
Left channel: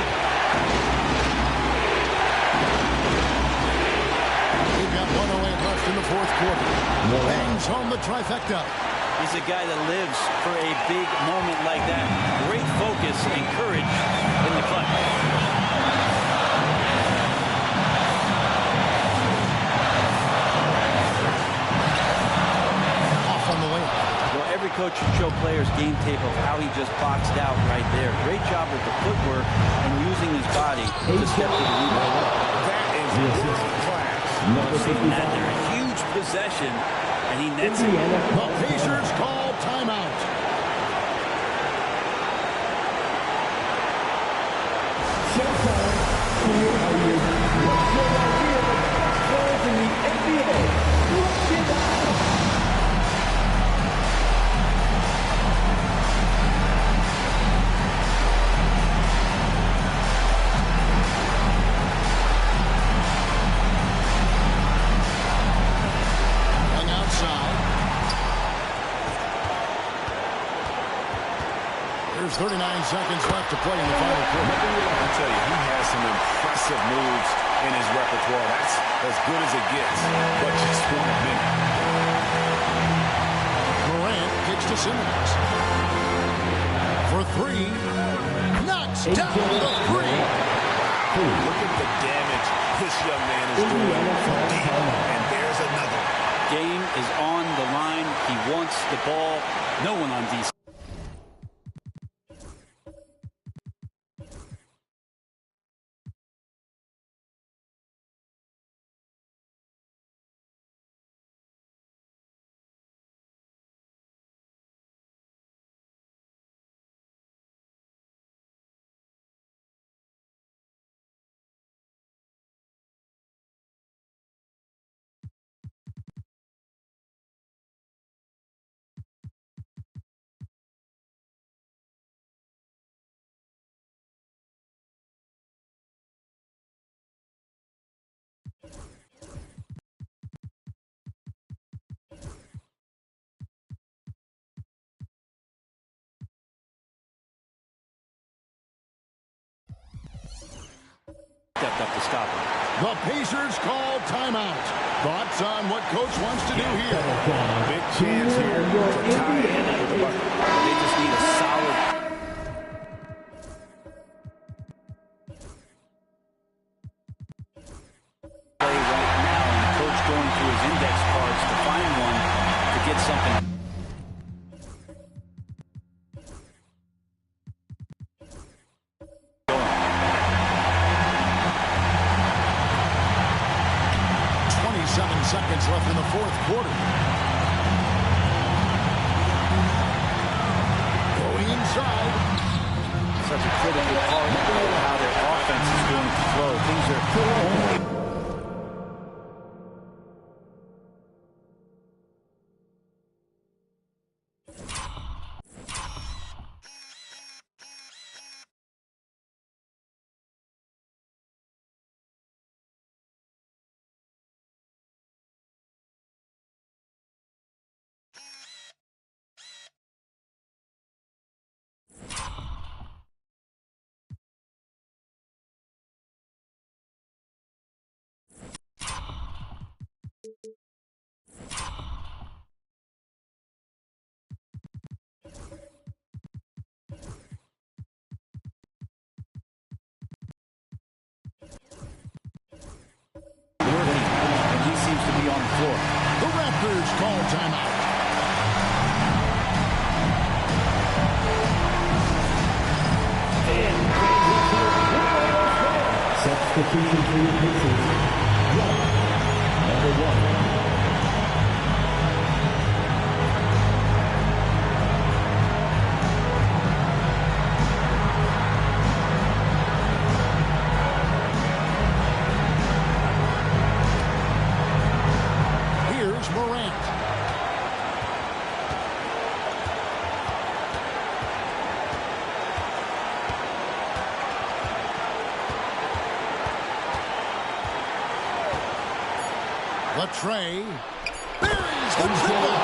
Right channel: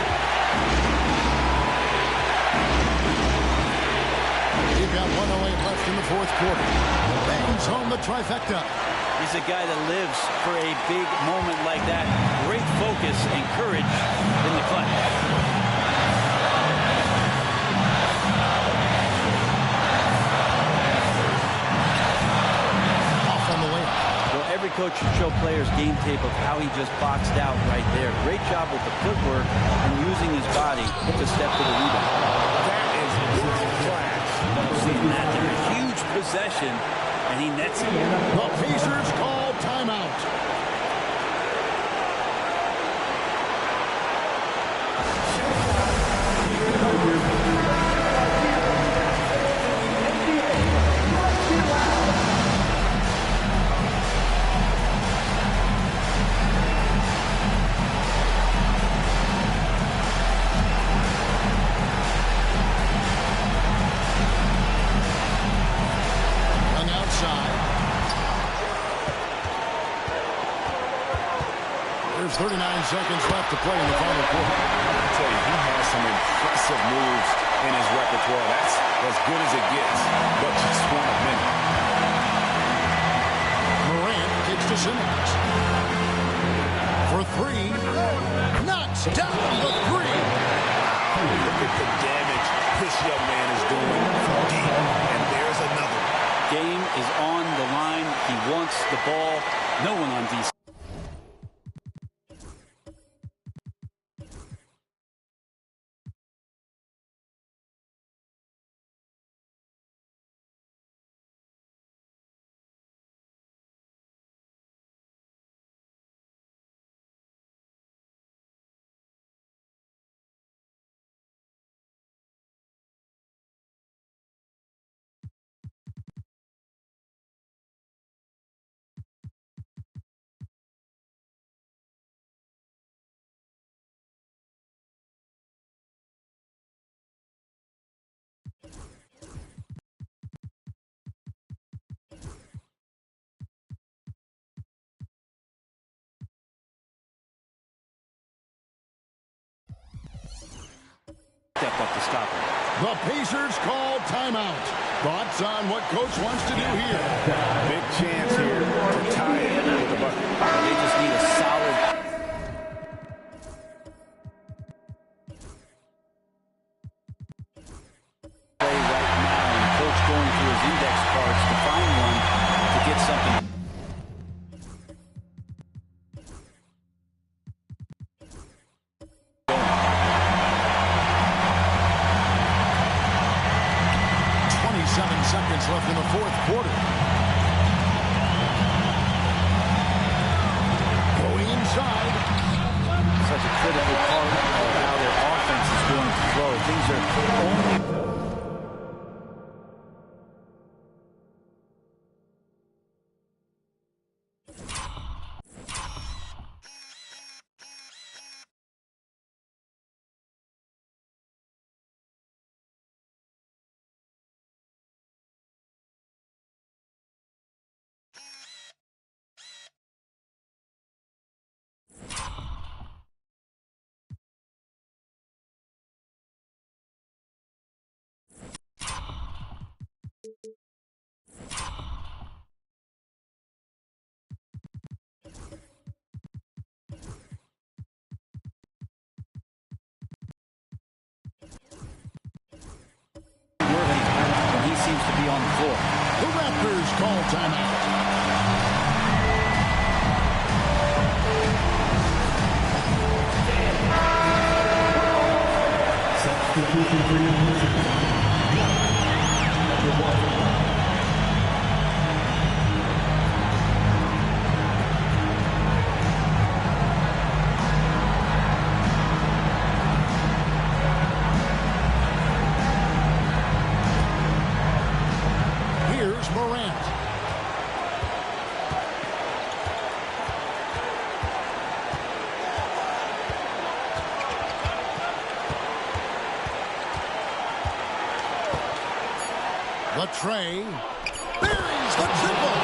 We've got 1:08 left in the fourth quarter. Bangs home the trifecta. He's a guy that lives for a big moment like that. Great focus and courage in the clutch. Off on the layup. Well, every coach should show players game tape of how he just boxed out right there. Great job with the footwork and using his body to step to the rebound. That is world class. Seeing that there, a huge possession, and he nets it. The Pacers call timeout. There's 39 seconds left to play in the final quarter. I tell you, he has some impressive moves in his repertoire. That's as good as it gets, but just one of many. Morant kicks to Simmons. For 3. Knocks down the 3. Wow, look at the damage this young man is doing from deep. And there's another one. Game is on the line. He wants the ball. No one on DC. Stepped up to stop him. The Pacers call timeout. Thoughts on what coach wants to do here? Big chance here to tie it with a bucket. Well, they just need a solid play right now, and coach going through his index cards to find one to get something. 27 seconds left in the fourth quarter. Going inside. Such a critical part of how their offense is going to flow. Things are only... working, and he seems to be on the floor. The Raptors call timeout. Substitution for your Pacers. Number 1. Here's Morant. Latrey buries the triple.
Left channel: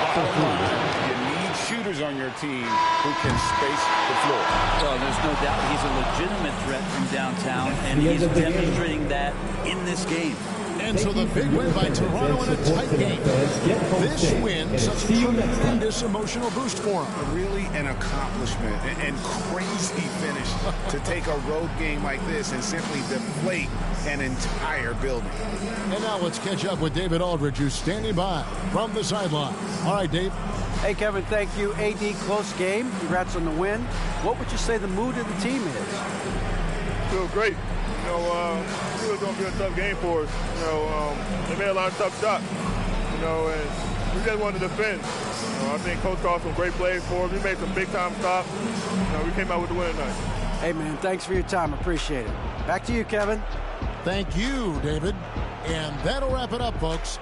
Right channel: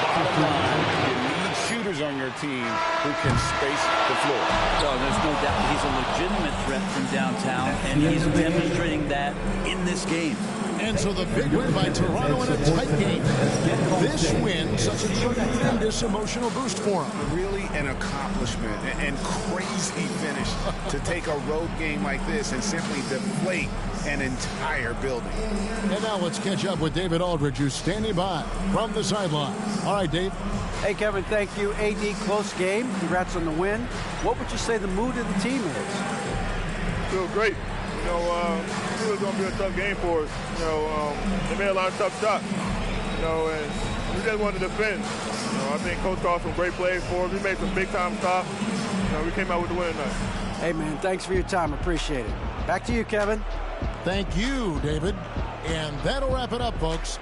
Bottom line, you need shooters on your team who can space the floor. No, there's no doubt he's a legitimate threat from downtown, and he's demonstrating that in this game. And so the big win by Toronto in a tight game. This win, such a tremendous emotional boost for them. Really an accomplishment and crazy finish to take a road game like this and simply deflate an entire building. And now let's catch up with David Aldridge, who's standing by from the sideline. All right, Dave. Hey, Kevin, thank you. AD, close game. Congrats on the win. What would you say the mood of the team is? Feel great. You know, it was going to be a tough game for us. You know, they made a lot of tough shots. You know, and we just wanted to defend. You know, I think Coach called some great plays for us. We made some big-time stops. You know, we came out with the win tonight. Hey, man, thanks for your time. Appreciate it. Back to you, Kevin. Thank you, David. And that'll wrap it up, folks.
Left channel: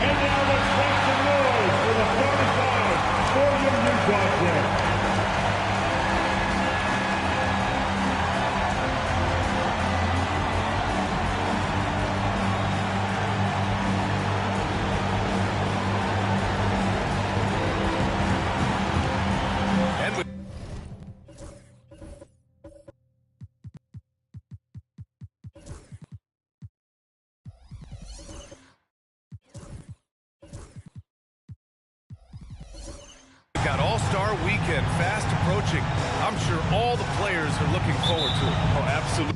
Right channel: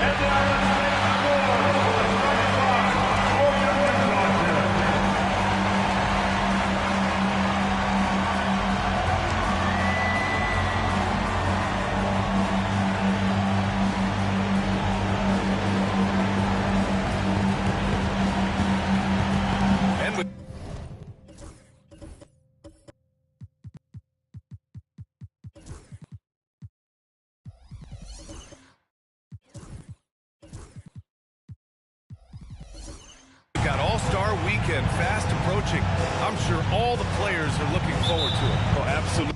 And now let's make some noise for the 25 William Utah Center. Got All-Star Weekend fast approaching. I'm sure all the players are looking forward to it. Oh, absolutely.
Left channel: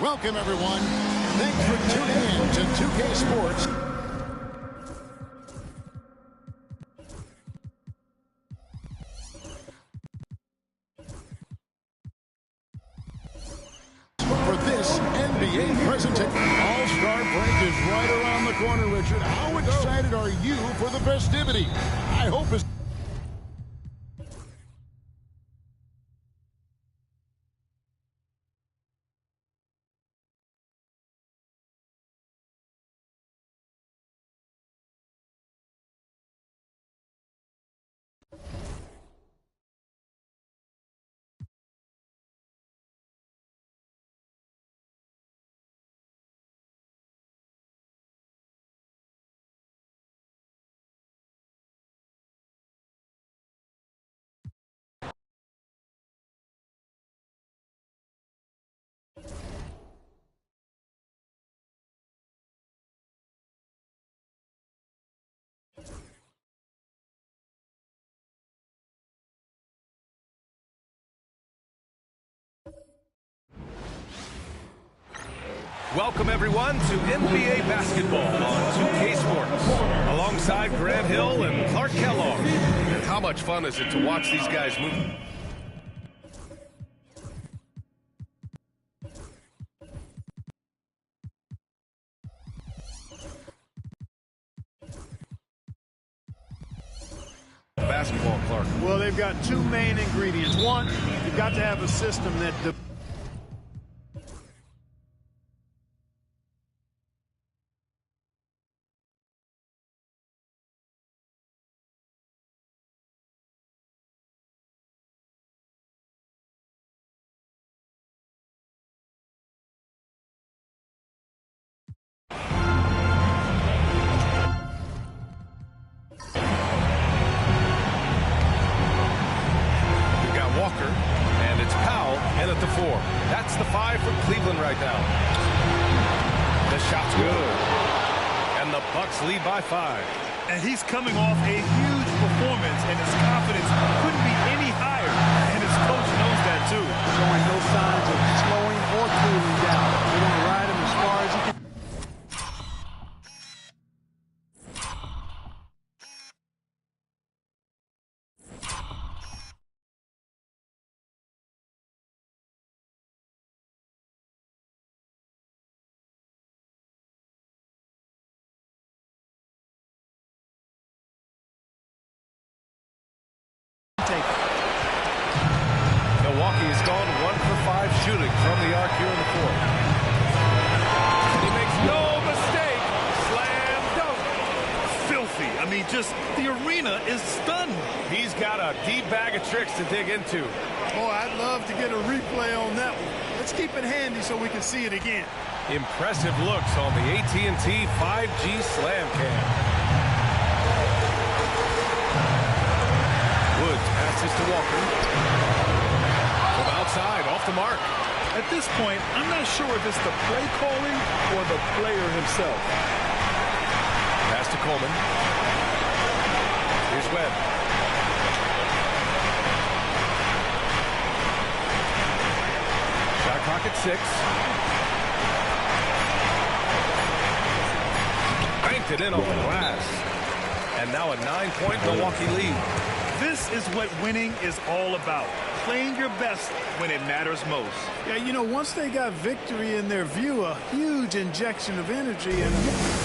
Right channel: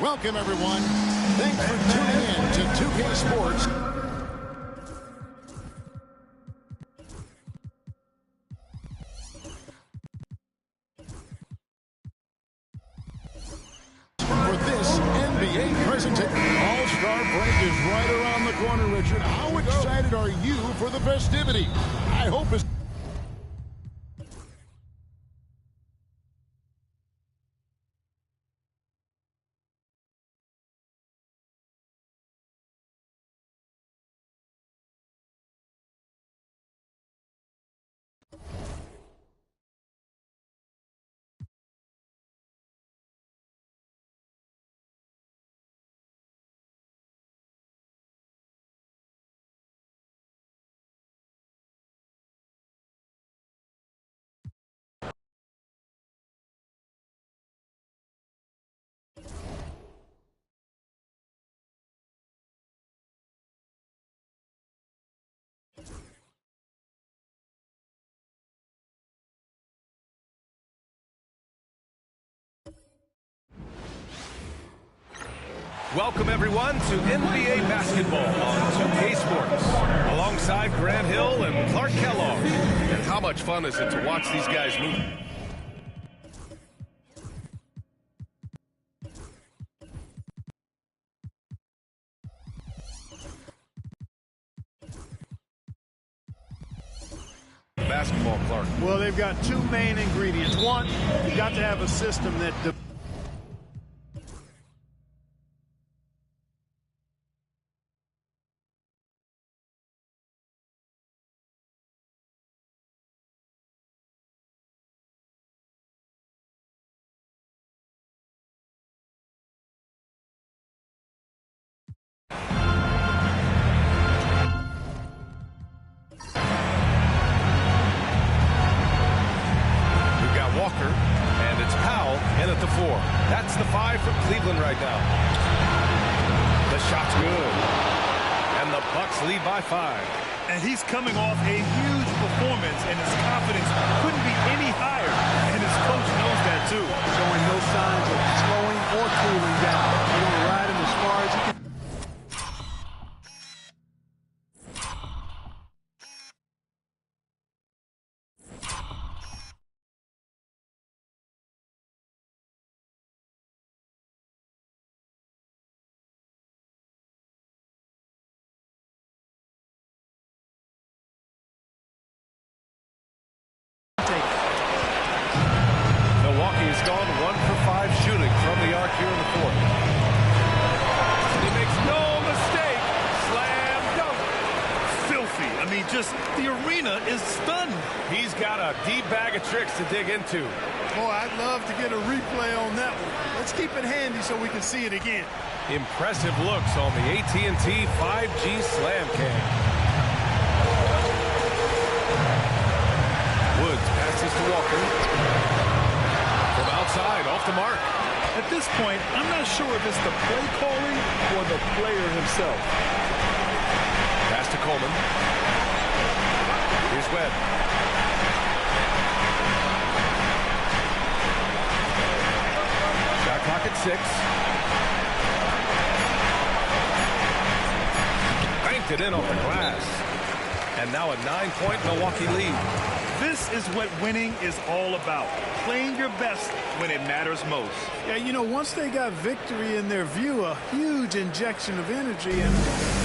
Welcome, everyone. Thanks for tuning in to 2K Sports. For this NBA presentation. All-Star break is right around the corner, Richard. How excited are you for the festivity? I hope it's... Welcome, everyone, to NBA basketball on 2K Sports. Alongside Grant Hill and Clark Kellogg. And how much fun is it to watch these guys move? Basketball, Clark. Well, they've got two main ingredients. One, you've got to have a system that... Walker, and it's Powell in at the 4. That's the 5 for Cleveland right now. The shot's good. And the Bucks lead by 5. And he's coming off a huge performance, and his confidence couldn't be any higher. And his coach knows that, too. Showing no signs of slowing or cooling down. They're going to ride him as far as he can. Milwaukee has gone 1 for 5 shooting from the arc here in the 4th. And he makes no mistake. Slam dunk. the arena is stunned. He's got a deep bag of tricks to dig into. Boy, I'd love to get a replay on that one. Let's keep it handy so we can see it again. Impressive looks on the AT&T 5G Slam Cam. Woods passes to Walker. From outside, off the mark. At this point, I'm not sure if it's the play calling or the player himself. Pass to Coleman. Here's Webb. Shot clock at 6. Banked it in off the glass. And now a 9-point Milwaukee lead. This is what winning is all about. Playing your best when it matters most. Yeah, you know, once they got victory in their view, a huge injection of energy and a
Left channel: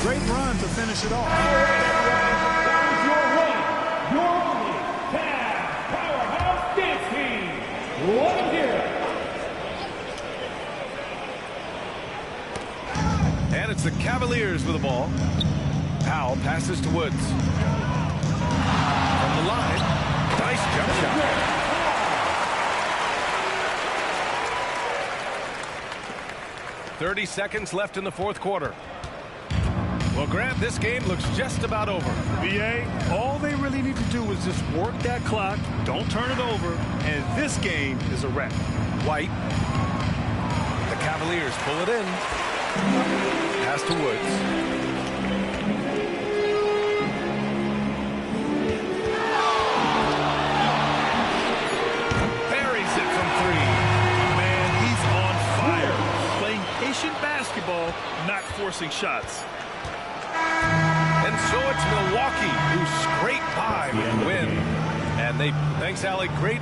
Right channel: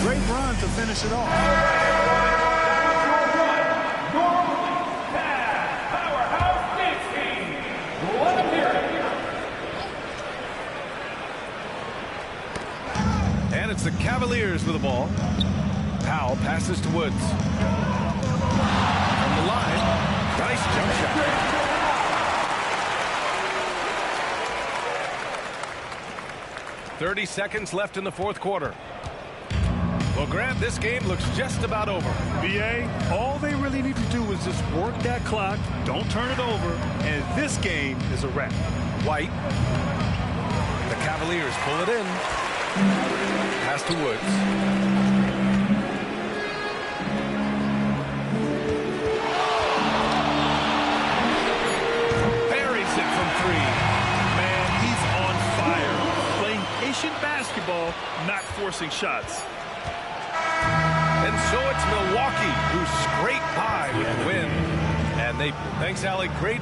great run to finish it off. Your powerhouse dance team. Let them hear it. And it's the Cavaliers with the ball. Powell passes to Woods. From the line, nice jump shot. .30 seconds left in the fourth quarter. Well, Grant, this game looks just about over. BA, all they really need to do is just work that clock, don't turn it over, and this game is a wrap. White. The Cavaliers pull it in. Pass to Woods. Buries it from 3. Man, he's on fire. Playing patient basketball, not forcing shots. And so it's Milwaukee who scrape by with the win. And thanks, Allie, great.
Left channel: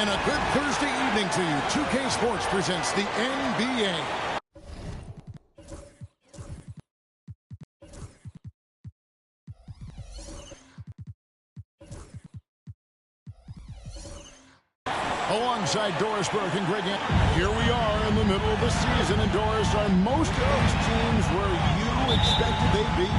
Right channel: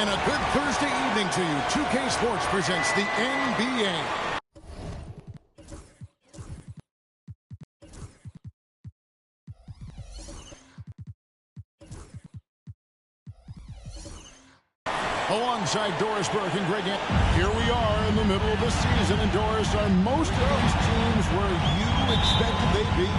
And a good Thursday evening to you. 2K Sports presents the NBA. Alongside Doris Burke and Greg here we are in the middle of the season. And Doris, are most of these teams where you expected they'd be?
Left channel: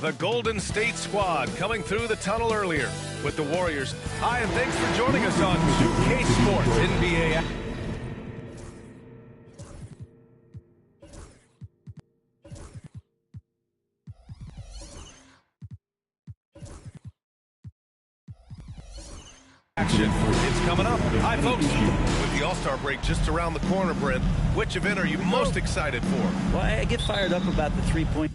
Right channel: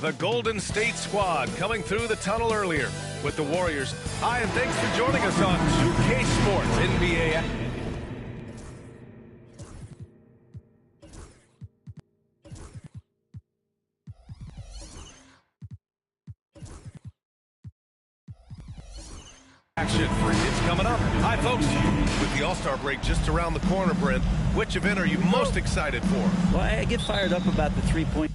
The Golden State squad coming through the tunnel earlier with the Warriors. Hi, and thanks for joining us on 2K Sports NBA. Action. It's coming up. Hi, folks. With the All-Star break just around the corner, Brent, which event are you most excited for? Well, I get fired up about the three-point.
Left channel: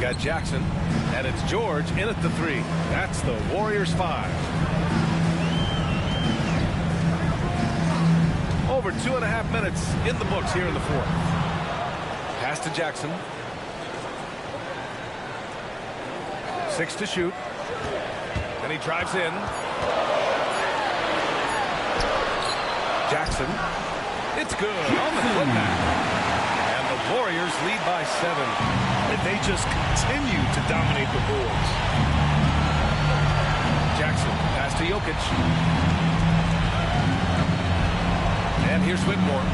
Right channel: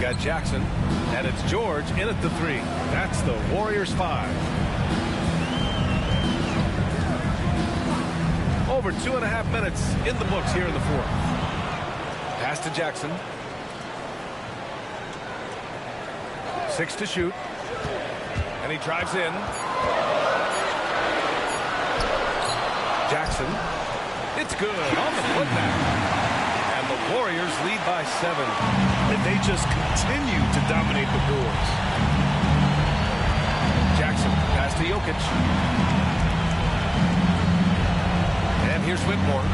Got Jackson, and it's George in at the 3. That's the Warriors 5. Over 2.5 minutes in the books here in the 4th. Pass to Jackson. 6 to shoot. And he drives in. Jackson. It's good on the putback. And the Warriors lead by 7. And they just continue to dominate the boards. Jackson, pass to Jokic. And here's Whitmore.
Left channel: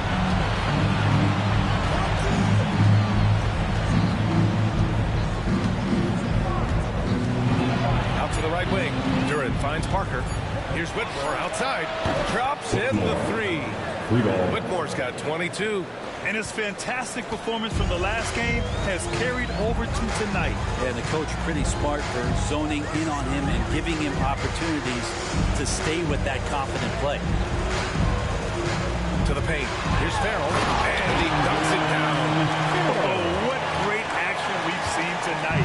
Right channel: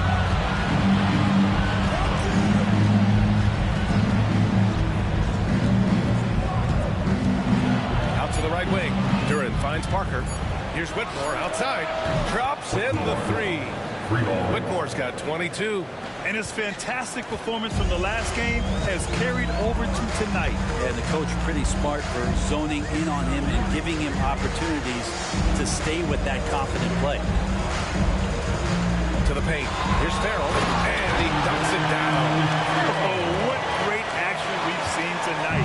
Out to the right wing. Duran finds Parker. Here's Whitmore outside. Drops in the 3. Whitmore's got 22. And his fantastic performance from the last game has carried over to tonight. Yeah, and the coach pretty smart for zoning in on him and giving him opportunities to stay with that confident play. To the paint. Here's Farrell. And he dunks it down. Oh, what great action we've seen tonight.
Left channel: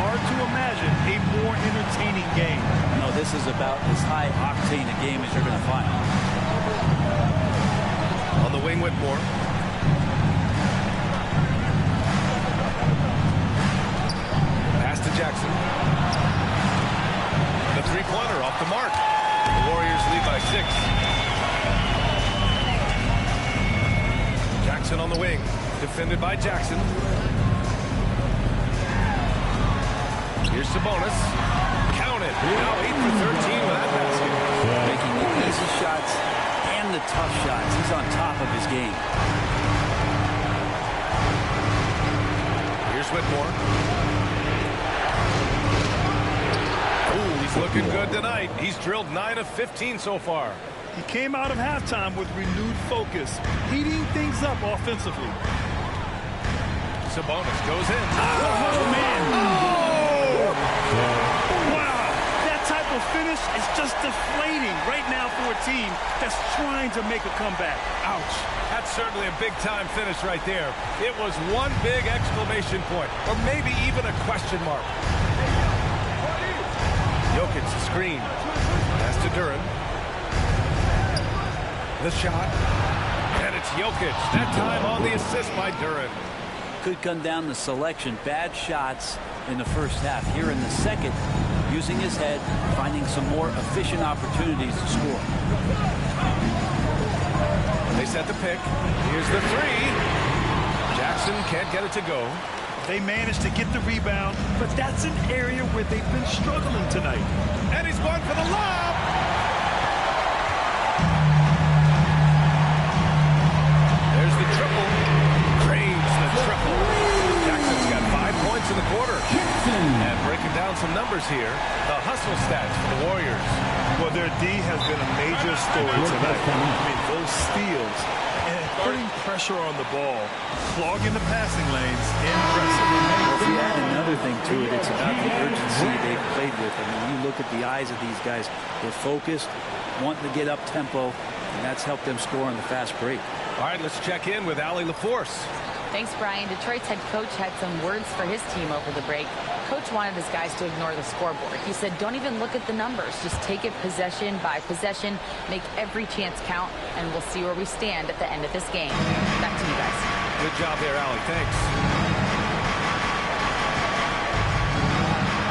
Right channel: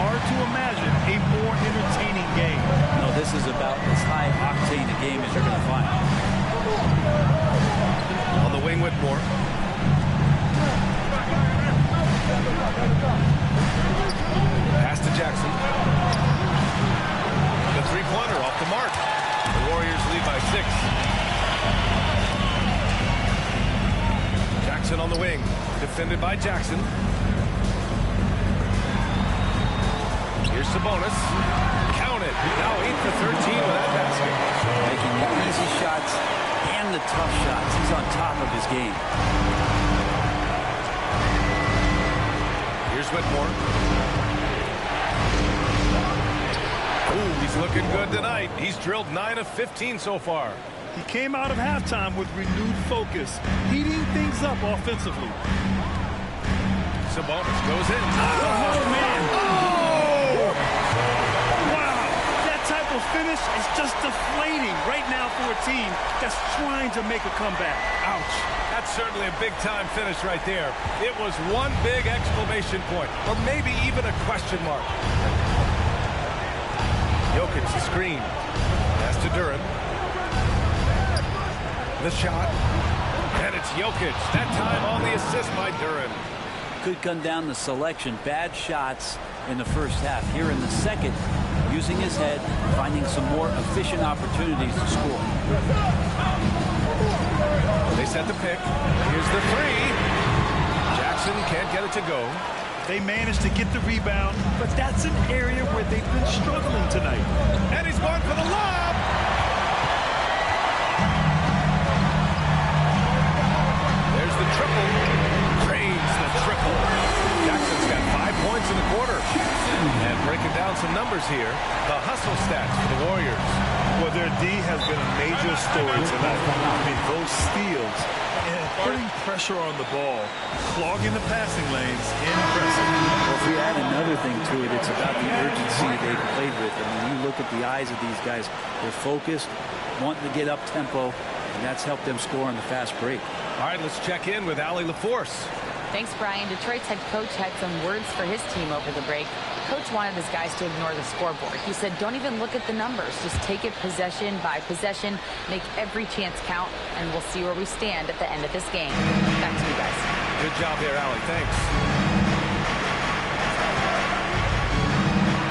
Hard to imagine a more entertaining game. No, this is about as high octane a game as you're going to find. On the wing, Whitmore. Pass to Jackson. The three-pointer off the mark. The Warriors lead by 6. Jackson on the wing. Defended by Jackson. Here's Sabonis. Count it. Now 8 for 13 with that basket. Making the easy shots and the tough shots. He's on top of his game. Here's Whitmore. Ooh, he's looking good tonight. He's drilled 9 of 15 so far. He came out of halftime with renewed focus, heating things up offensively. Sabonis goes in. Oh, man. Oh! Wow. That type of finish is just deflating right now for a team that's trying to make a comeback. Ouch. That's certainly a big-time finish right there. It was one big exclamation point, or maybe even a question mark. Jokic, the screen. Pass to Duran. The shot. And it's Jokic. That time on the assist by Duran. Could come down to selection. Bad shots in the first half. Here in the second, using his head, finding some more efficient opportunities to score. They set the pick. Here's the 3. Jackson can't get it to go. They managed to get the rebound, but that's an area where they've been struggling tonight. And he's going for the lob. There's the triple. Cranes the triple. Jackson's got 5 points in the quarter. And breaking down some numbers here, the hustle stats for the Warriors. Well, their D has been a major story tonight. I mean, those steals And putting pressure on the ball, clogging the passing lanes, impressive. Well, if we add another thing to it, it's about the urgency they've played with. I mean, you look at the eyes of these guys. They're focused, wanting to get up tempo, and that's helped them score on the fast break. All right, let's check in with Allie LaForce. Thanks, Brian. Detroit's head coach had some words for his team over the break. Coach wanted his guys to ignore the scoreboard. He said, don't even look at the numbers. Just take it possession by possession, make every chance count, and we'll see where we stand at the end of this game. Back to you guys. Good job there, Allie. Thanks.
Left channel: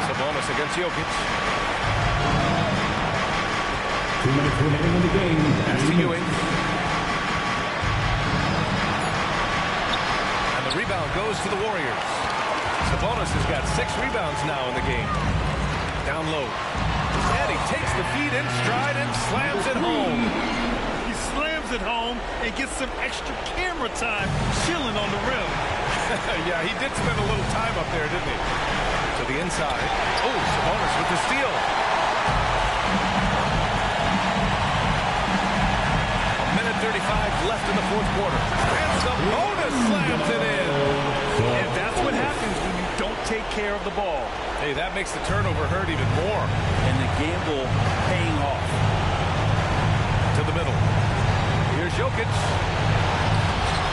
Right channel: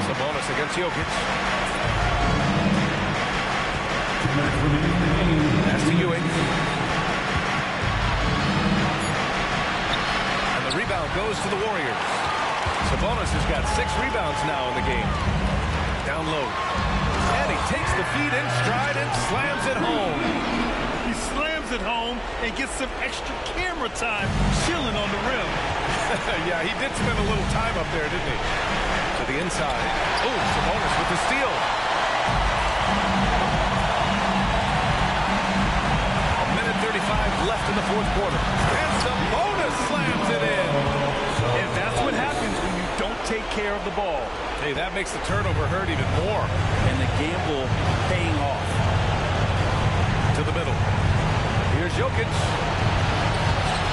Sabonis against Jokic. 2 minutes remaining in the game. Pass to Ewing. And the rebound goes to the Warriors. Sabonis has got 6 rebounds now in the game. Down low. And he takes the feed in stride and slams it home. He slams it home and gets some extra camera time chilling on the rim. Yeah, he did spend a little time up there, didn't he? To the inside. Oh, Sabonis with the steal. A minute 35 left in the fourth quarter. And Sabonis slams it in. And that's what happens when you don't take care of the ball. Hey, that makes the turnover hurt even more. And the gamble paying off. To the middle. Here's Jokic.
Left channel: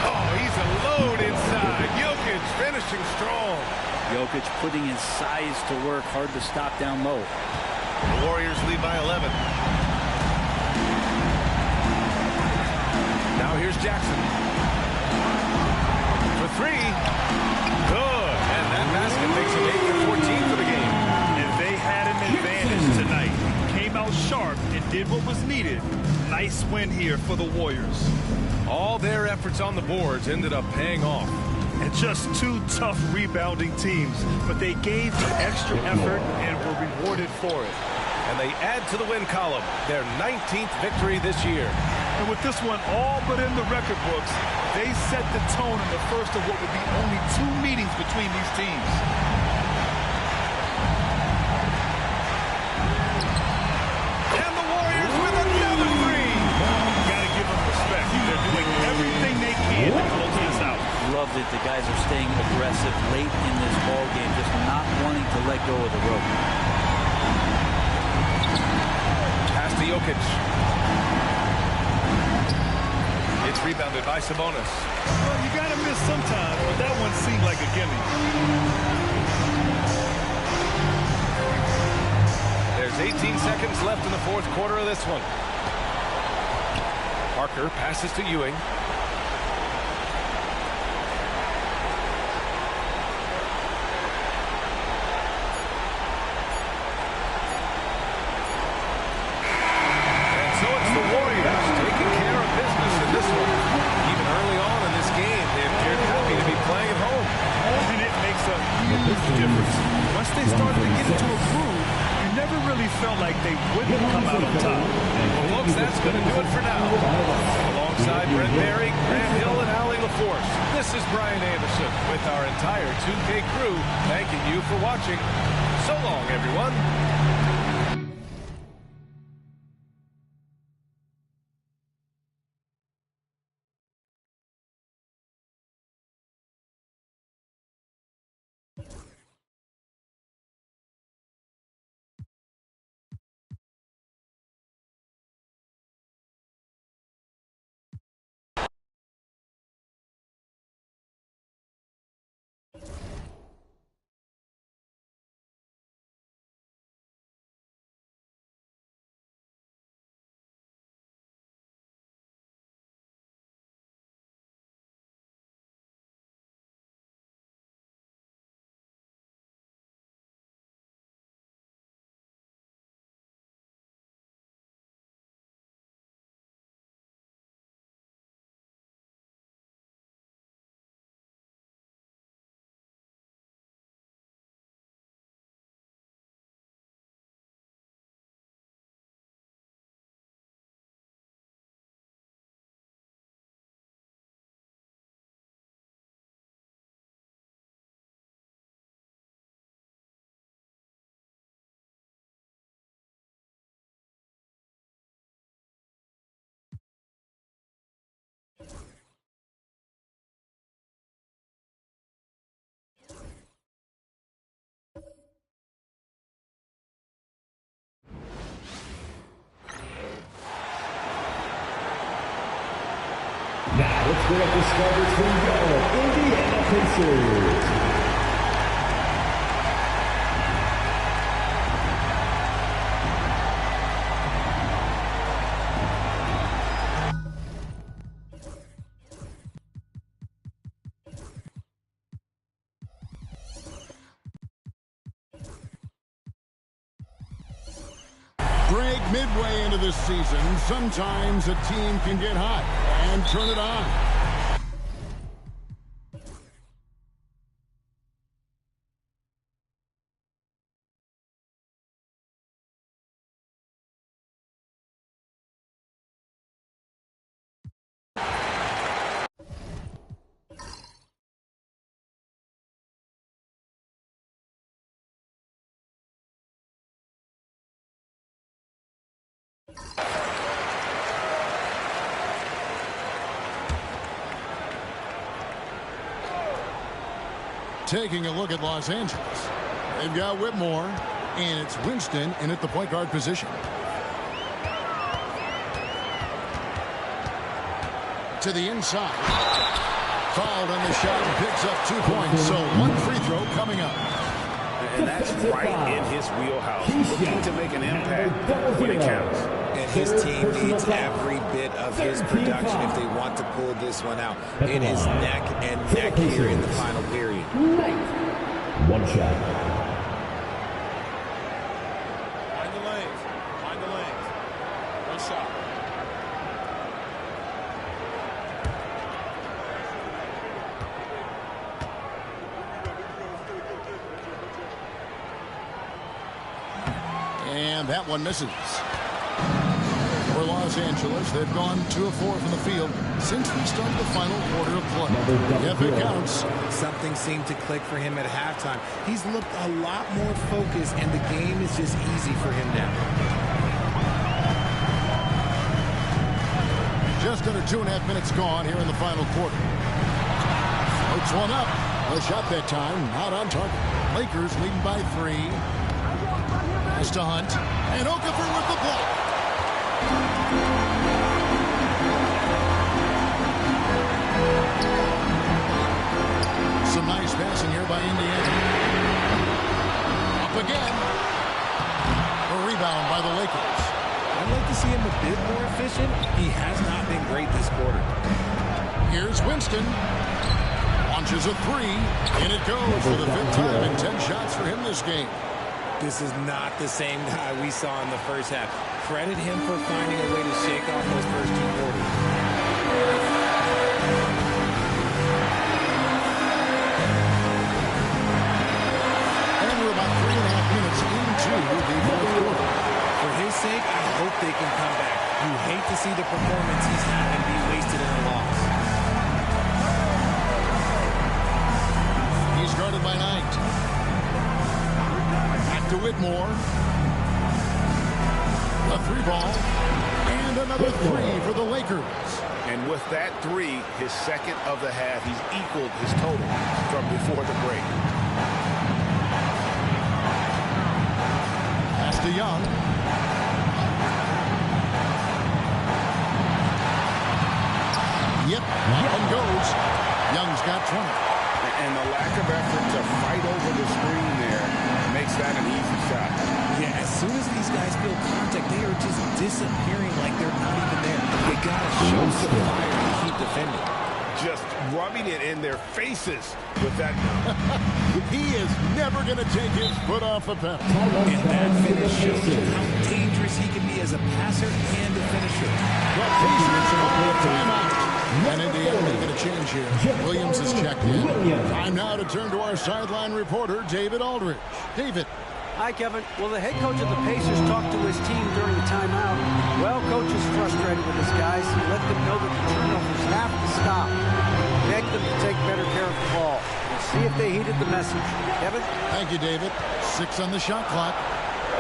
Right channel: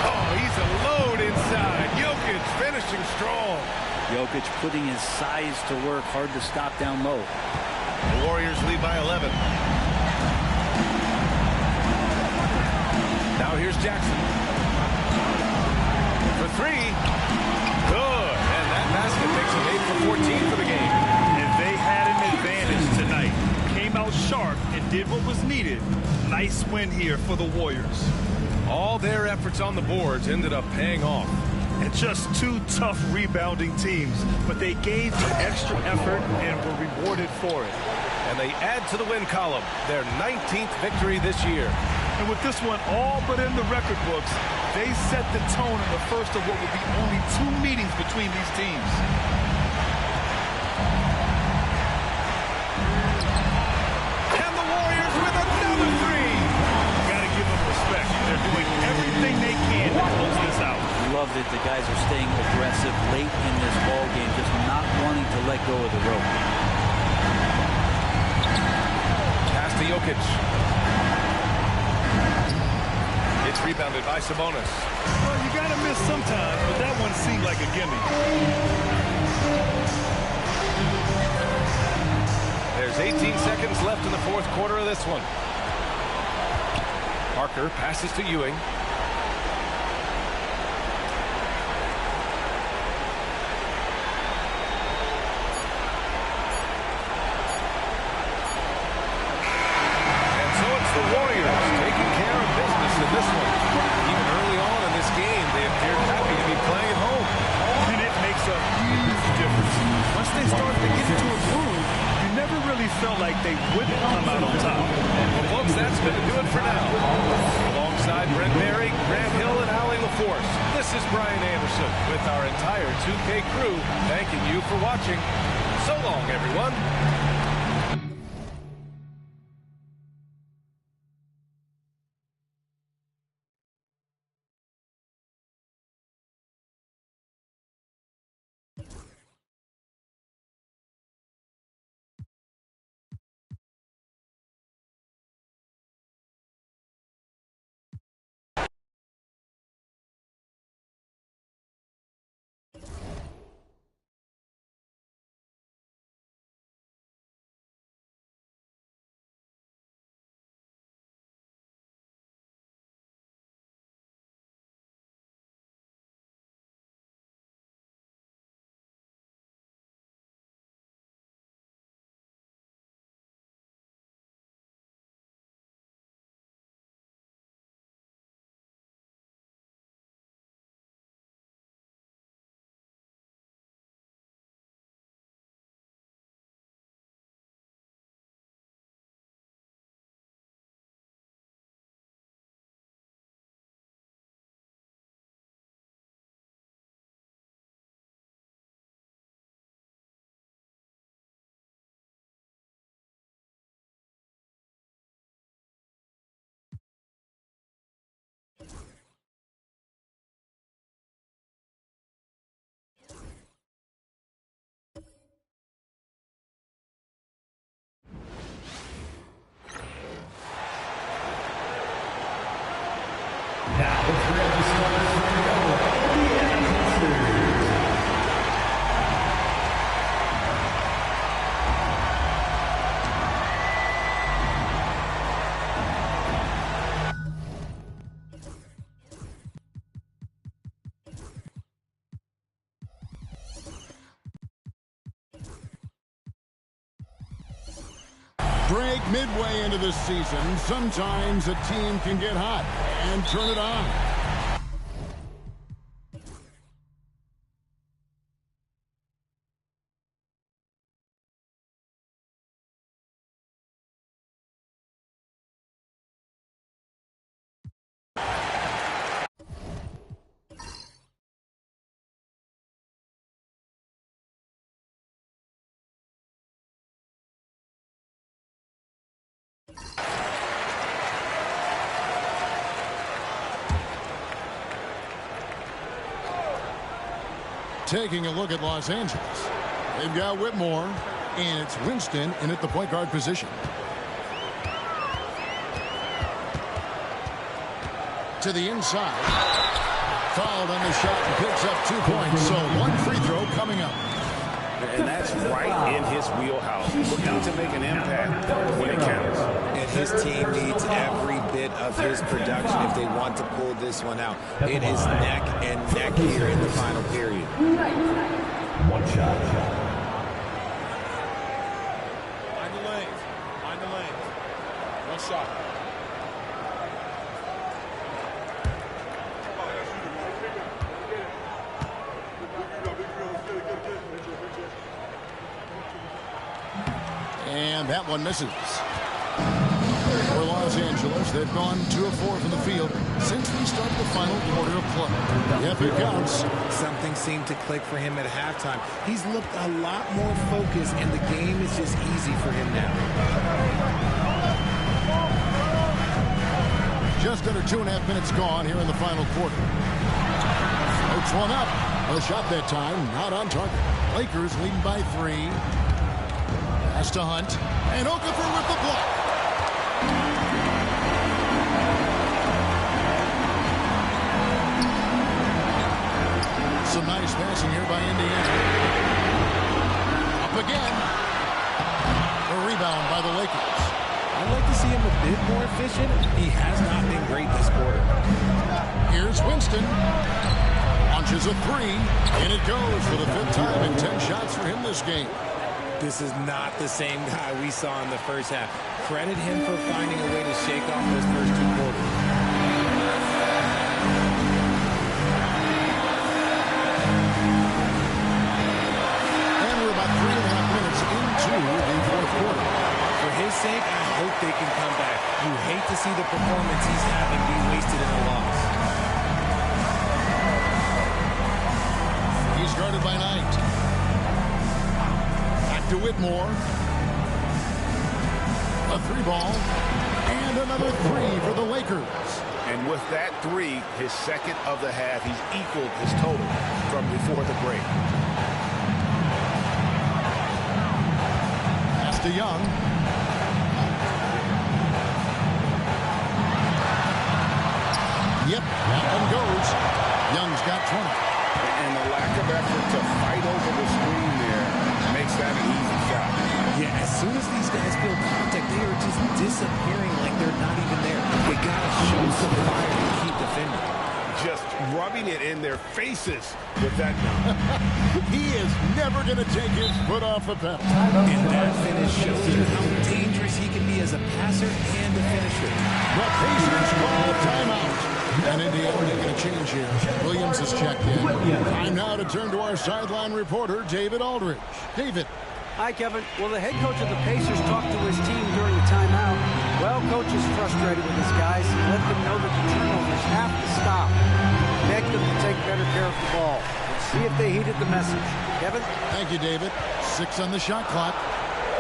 Oh, he's a load inside. Jokic finishing strong. Jokic putting his size to work, hard to stop down low. The Warriors lead by 11. Now here's Jackson. For 3. Good. And that basket makes it 8 for 14 for the game. And they had an advantage tonight. Came out sharp and did what was needed. Nice win here for the Warriors. All their efforts on the boards ended up paying off. And just 2 tough rebounding teams, but they gave the extra effort and were rewarded for it. And they add to the win column, their 19th victory this year. And with this one all but in the record books, they set the tone in the first of what would be only 2 meetings between these teams. And the Warriors with another 3. Gotta give them respect. They're doing everything they can to close this out. Love that the guys are staying aggressive late in this ball game, just not wanting to let go of the rope. Pass to Jokic. It's rebounded by Sabonis. Well, you gotta miss sometimes, but that one seemed like a gimme. There's 18 seconds left in the fourth quarter of this one. Parker passes to Ewing. So it's the Warriors taking care of business in this one. Even early on in this game, they appeared happy to be playing at home. And it makes a huge difference. Once they started to get into a groove, you never really felt like they wouldn't come out on top. Well, folks, that's going to do it for now. Alongside Brent Barry, Grant Hill, and Allie LaForce, this is Brian Anderson with our entire 2K crew thanking you for watching. So long, everyone. Now let's bring up the starters for your Indiana Pacers. Greg, midway into this season, sometimes a team can get hot and turn it on. Taking a look at Los Angeles. They've got Whitmore, and it's Winston in at the point guard position. To the inside. Fouled on the shot and picks up 2 points, so one free throw coming up. And that's right in his wheelhouse. Looking to make an impact when it counts. And his team needs every bit of his production if they want to pull this one out. It is neck and neck here in the final period. One shot. Find the lanes. Find the lanes. One shot. And that one misses. For Los Angeles, they've gone 2 of 4 from the field since we started the final quarter of play. If it counts. Something seemed to click for him at halftime. He's looked a lot more focused, and the game is just easy for him now. Just under 2.5 minutes gone here in the final quarter. Floats one up. The shot that time, not on target. Lakers leading by 3. Pass to Hunt. And Okafor with the block. Some nice passing here by Indiana. Up again. A rebound by the Lakers. I'd like to see him a bit more efficient. He has not been great this quarter. Here's Winston. Launches a 3. And it goes for the 5th time in 10 shots for him this game. This is not the same guy we saw in the first half. Credit him for finding a way to shake off those first 2 quarters. And we're about 3.5 minutes into the 4th quarter. For his sake, I hope they can come back. You hate to see the performance he's having be wasted in a loss. He's guarded by Knight. To Whitmore. A 3 ball. And another 3 for the Lakers. And with that 3, his second of the half, he's equaled his total from before the break. Pass to Young. Yep, that one goes. Young's got 20. And the lack of effort to fight over the screen there makes that an easy shot. Yeah, as soon as these guys feel contact, they are just disappearing like they're not even there. They got to show some fire and keep defending. Just rubbing it in their faces with that dunk. He is never going to take his foot off the pedal. And that finish shows you how dangerous he can be as a passer and a finisher. The Pacers call timeout. And Indiana making a change here. Williams has checked in. Time now to turn to our sideline reporter, David Aldridge. David. Hi, Kevin. Well, the head coach of the Pacers talked to his team during the timeout. Well, coach is frustrated with his guys. He let them know that the turnovers have to stop. Begged them to take better care of the ball. We'll see if they heeded the message. Kevin? Thank you, David. 6 on the shot clock.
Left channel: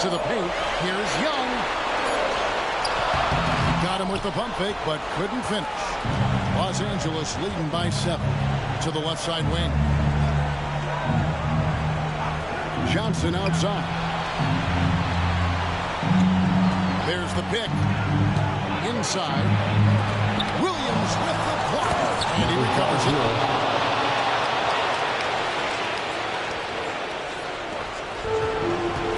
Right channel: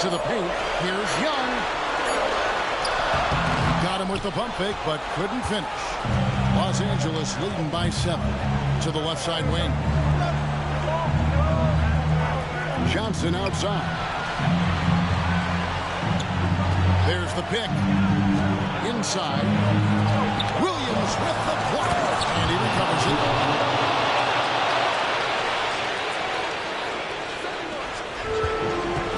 To the paint. Here's Young. Got him with the pump fake, but couldn't finish. Los Angeles leading by 7. To the left side wing. Johnson outside. There's the pick. Inside. Williams with the block, and he recovers it.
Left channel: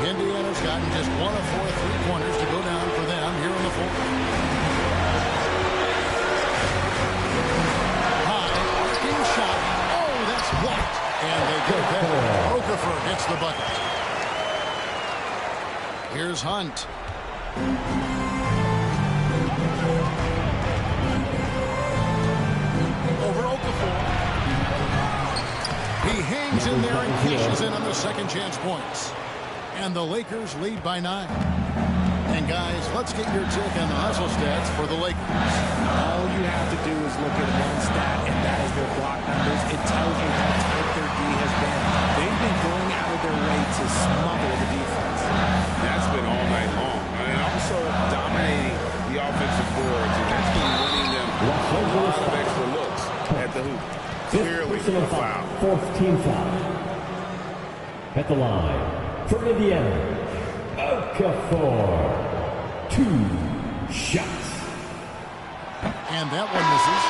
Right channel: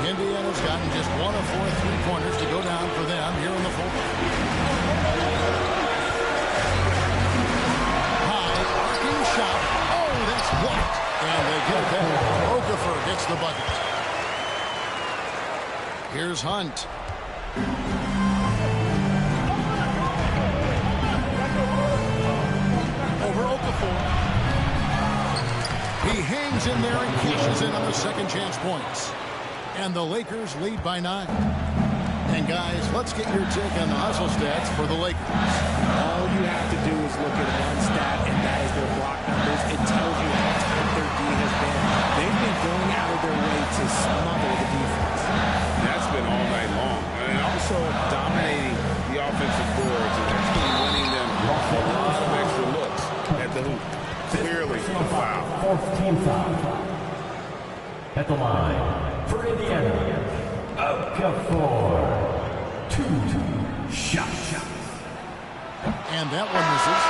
Indiana's gotten just 1 of 4 3-pointers to go down for them here in the fourth. High, arcing shot. Oh, that's blocked. And they get it there. Okafor gets the bucket. Here's Hunt. Over Okafor. He hangs in there and cashes in on the second chance points. And the Lakers lead by 9. And guys, let's get your take on the hustle stats for the Lakers. All you have to do is look at one stat, and that is their block numbers. It tells you how tight their D has been. They've been going out of their way to smother the defense. That's been all night long. And also dominating the offensive boards, and that's been winning them a lot of extra looks at the hoop. Clearly a foul. Fourth team foul. At the line. For Indiana, Okafor, 2 shots. And that one misses.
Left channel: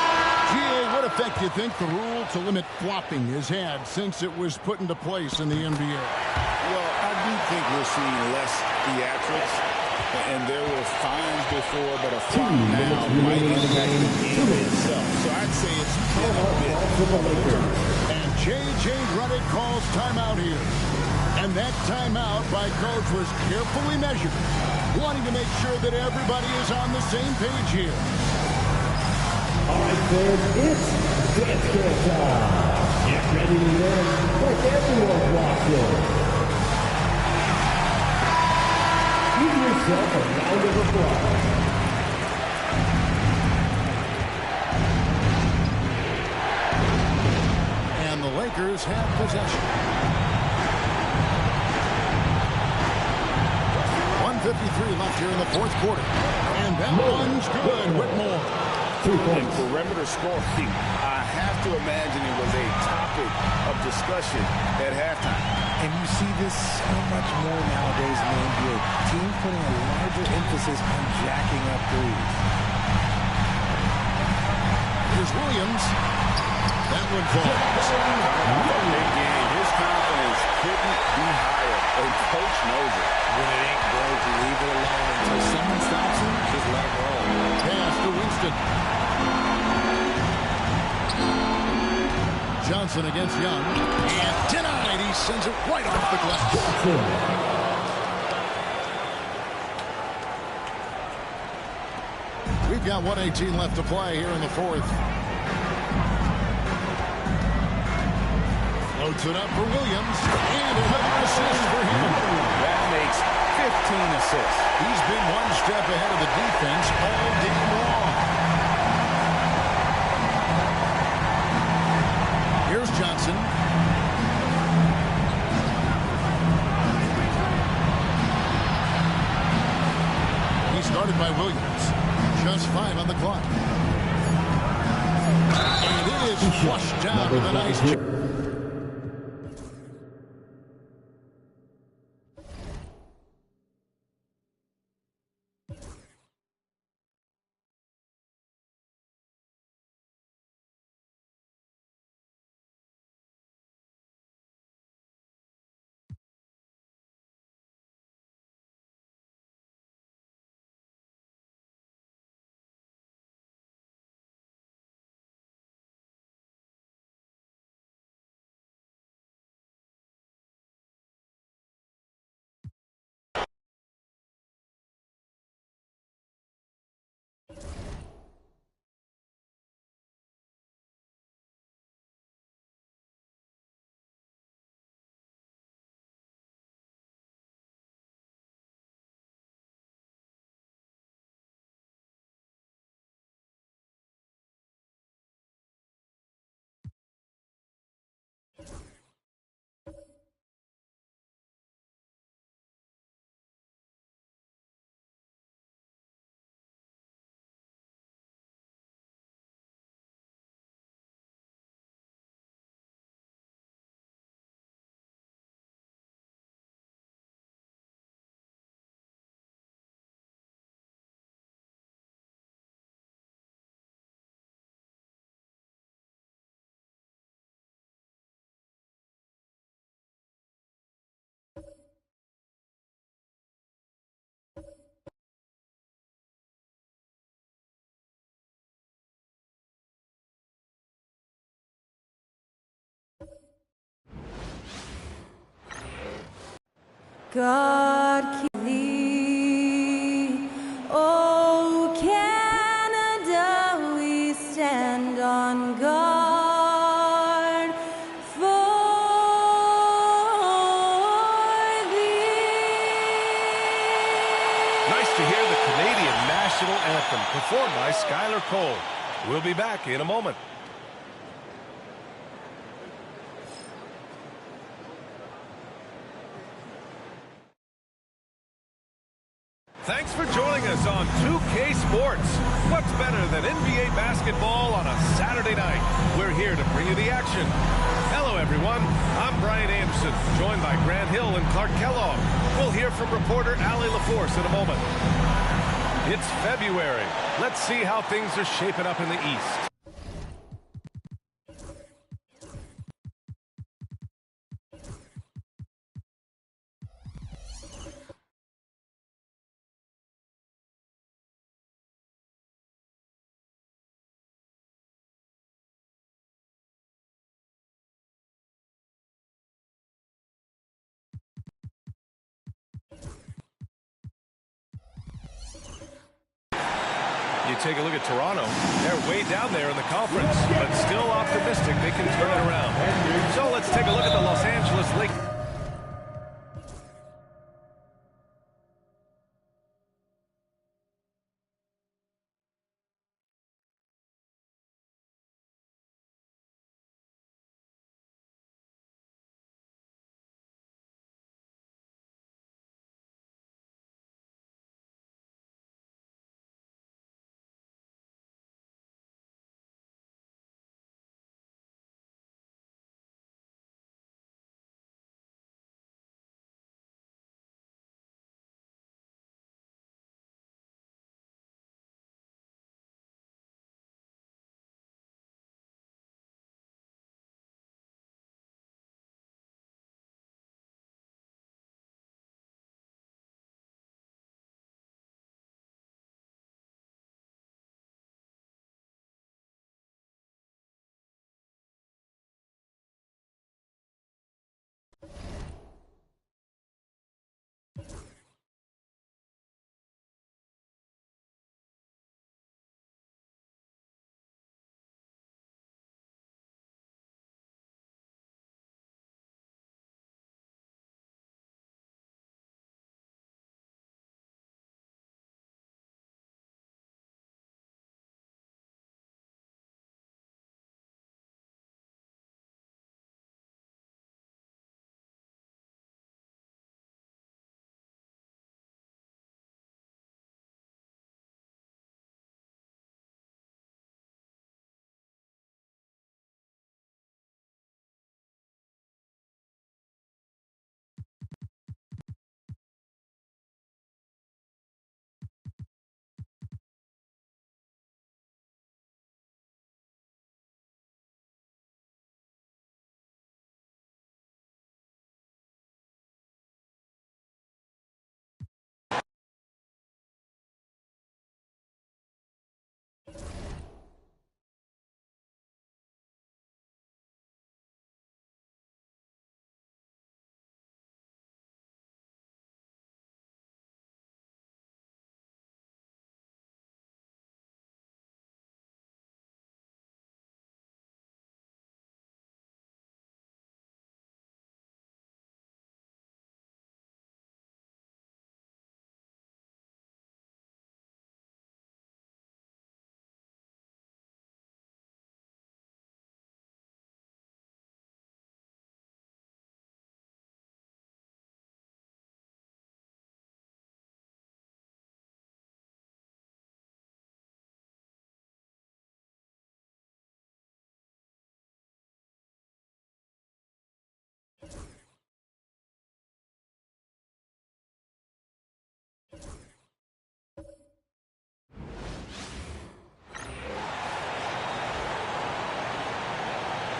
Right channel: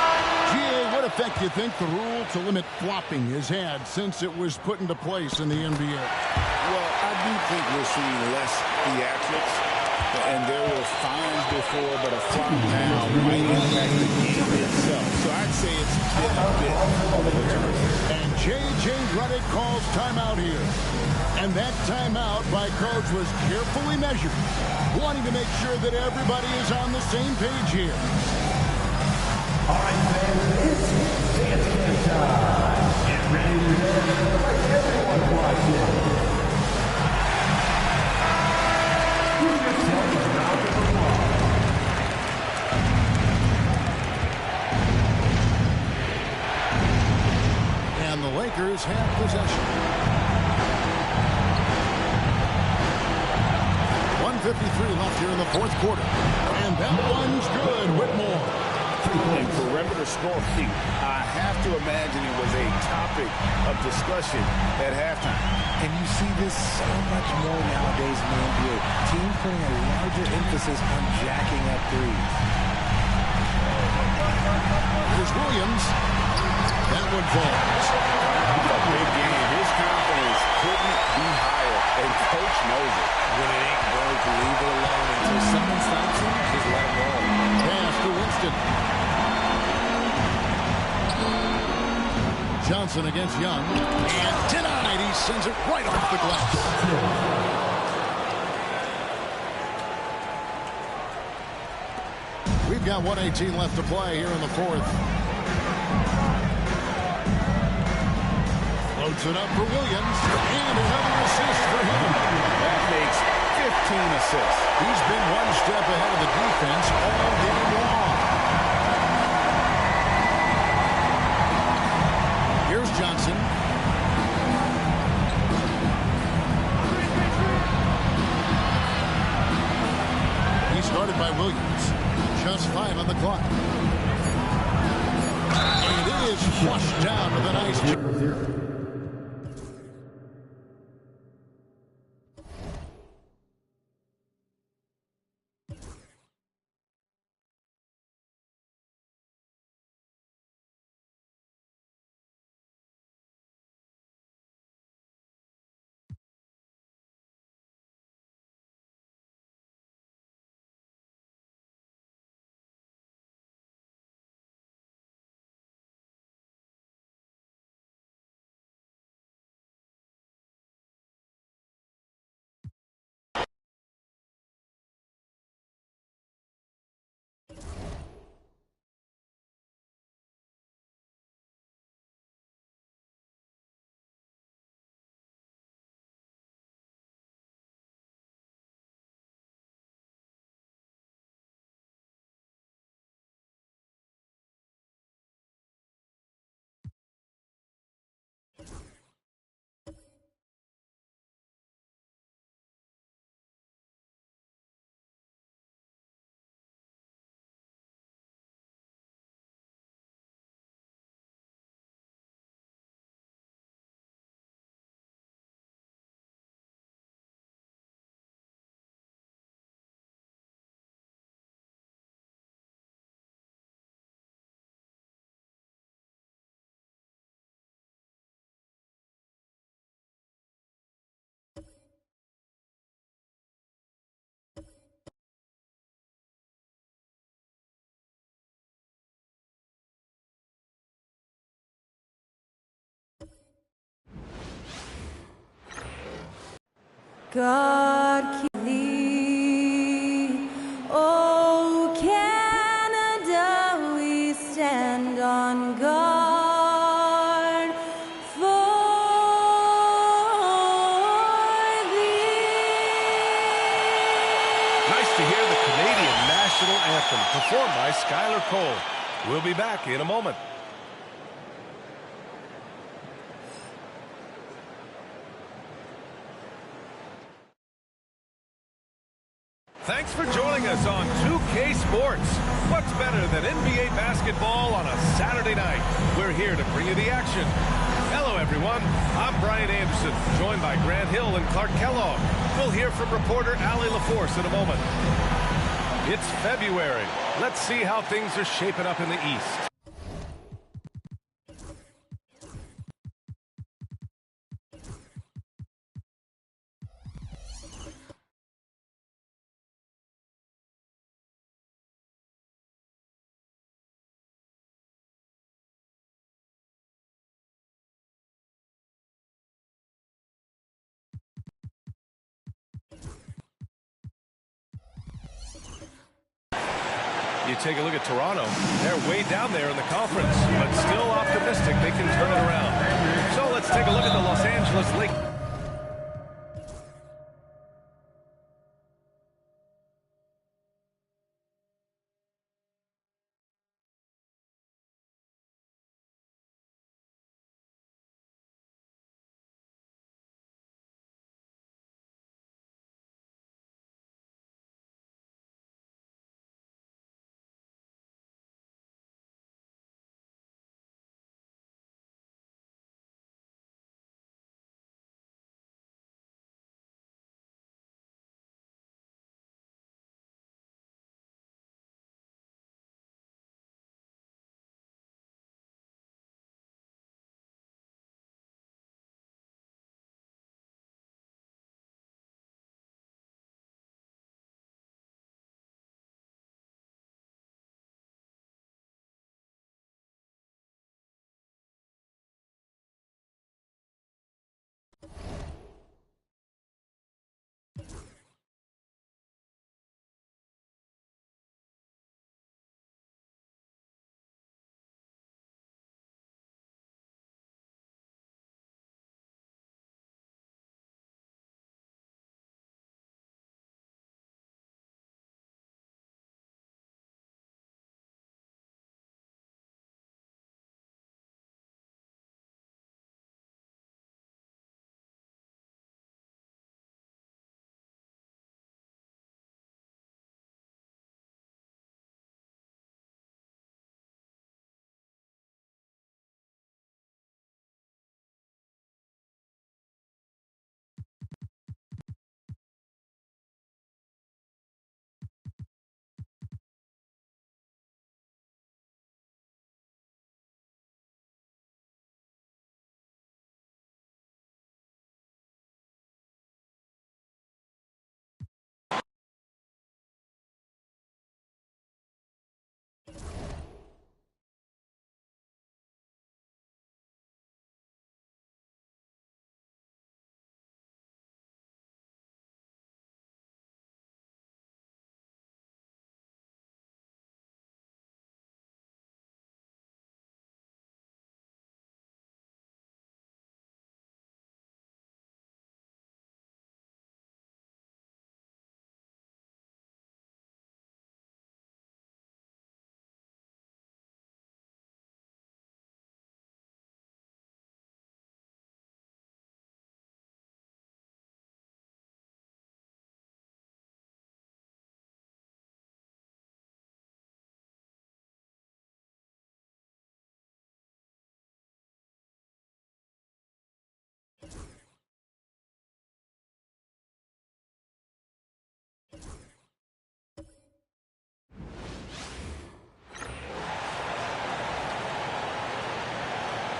G.A., what effect do you think the rule to limit flopping has had since it was put into place in the NBA? Well, I do think we're seeing less theatrics, and there were fines before, but a flop now might impact the game itself. So I'd say it's been a bit of a deterrent. And J.J. Redick calls timeout here. And that timeout by coach was carefully measured, wanting to make sure that everybody is on the same page here. All right, fans, it's dance game time. Get ready to dance like everyone's watching. Give yourself a round of applause. And the Lakers have possession. 1:53 left here in the fourth quarter. And that one's good. Whitmore. And perimeter scoring, I have to imagine it was a topic of discussion at halftime. And you see this so much more nowadays in the NBA. Teams putting a larger emphasis on jacking up threes. Here's Williams. That one falls. Coming off a big game, his confidence couldn't be higher, and coach knows it. When it ain't broke, leave it alone until someone stops him. Just let him roll. Pass to Winston. Johnson against Young. And denied. He sends it right off the glass. We've got 1:18 left to play here in the fourth. Floats it up for Williams. And another assist for him. That makes 15 assists. He's been one step ahead of the defense all game long. Here's Johnson. He started by Williams. Just 5 on the clock. And it is flushed down with a nice... God keep thee. Oh, Canada, we stand on guard for thee. Nice to hear the Canadian national anthem performed by Skylar Cole. We'll be back in a moment. Thanks for joining us on 2K Sports. What's better than NBA basketball on a Saturday night? We're here to bring you the action. Hello, everyone. I'm Brian Anderson, joined by Grant Hill and Clark Kellogg. We'll hear from reporter Allie LaForce in a moment. It's February. Let's see how things are shaping up in the East. You take a look at Toronto. They're way down there in the conference, but still optimistic they can turn it around. So let's take a look at the Los Angeles Lakers.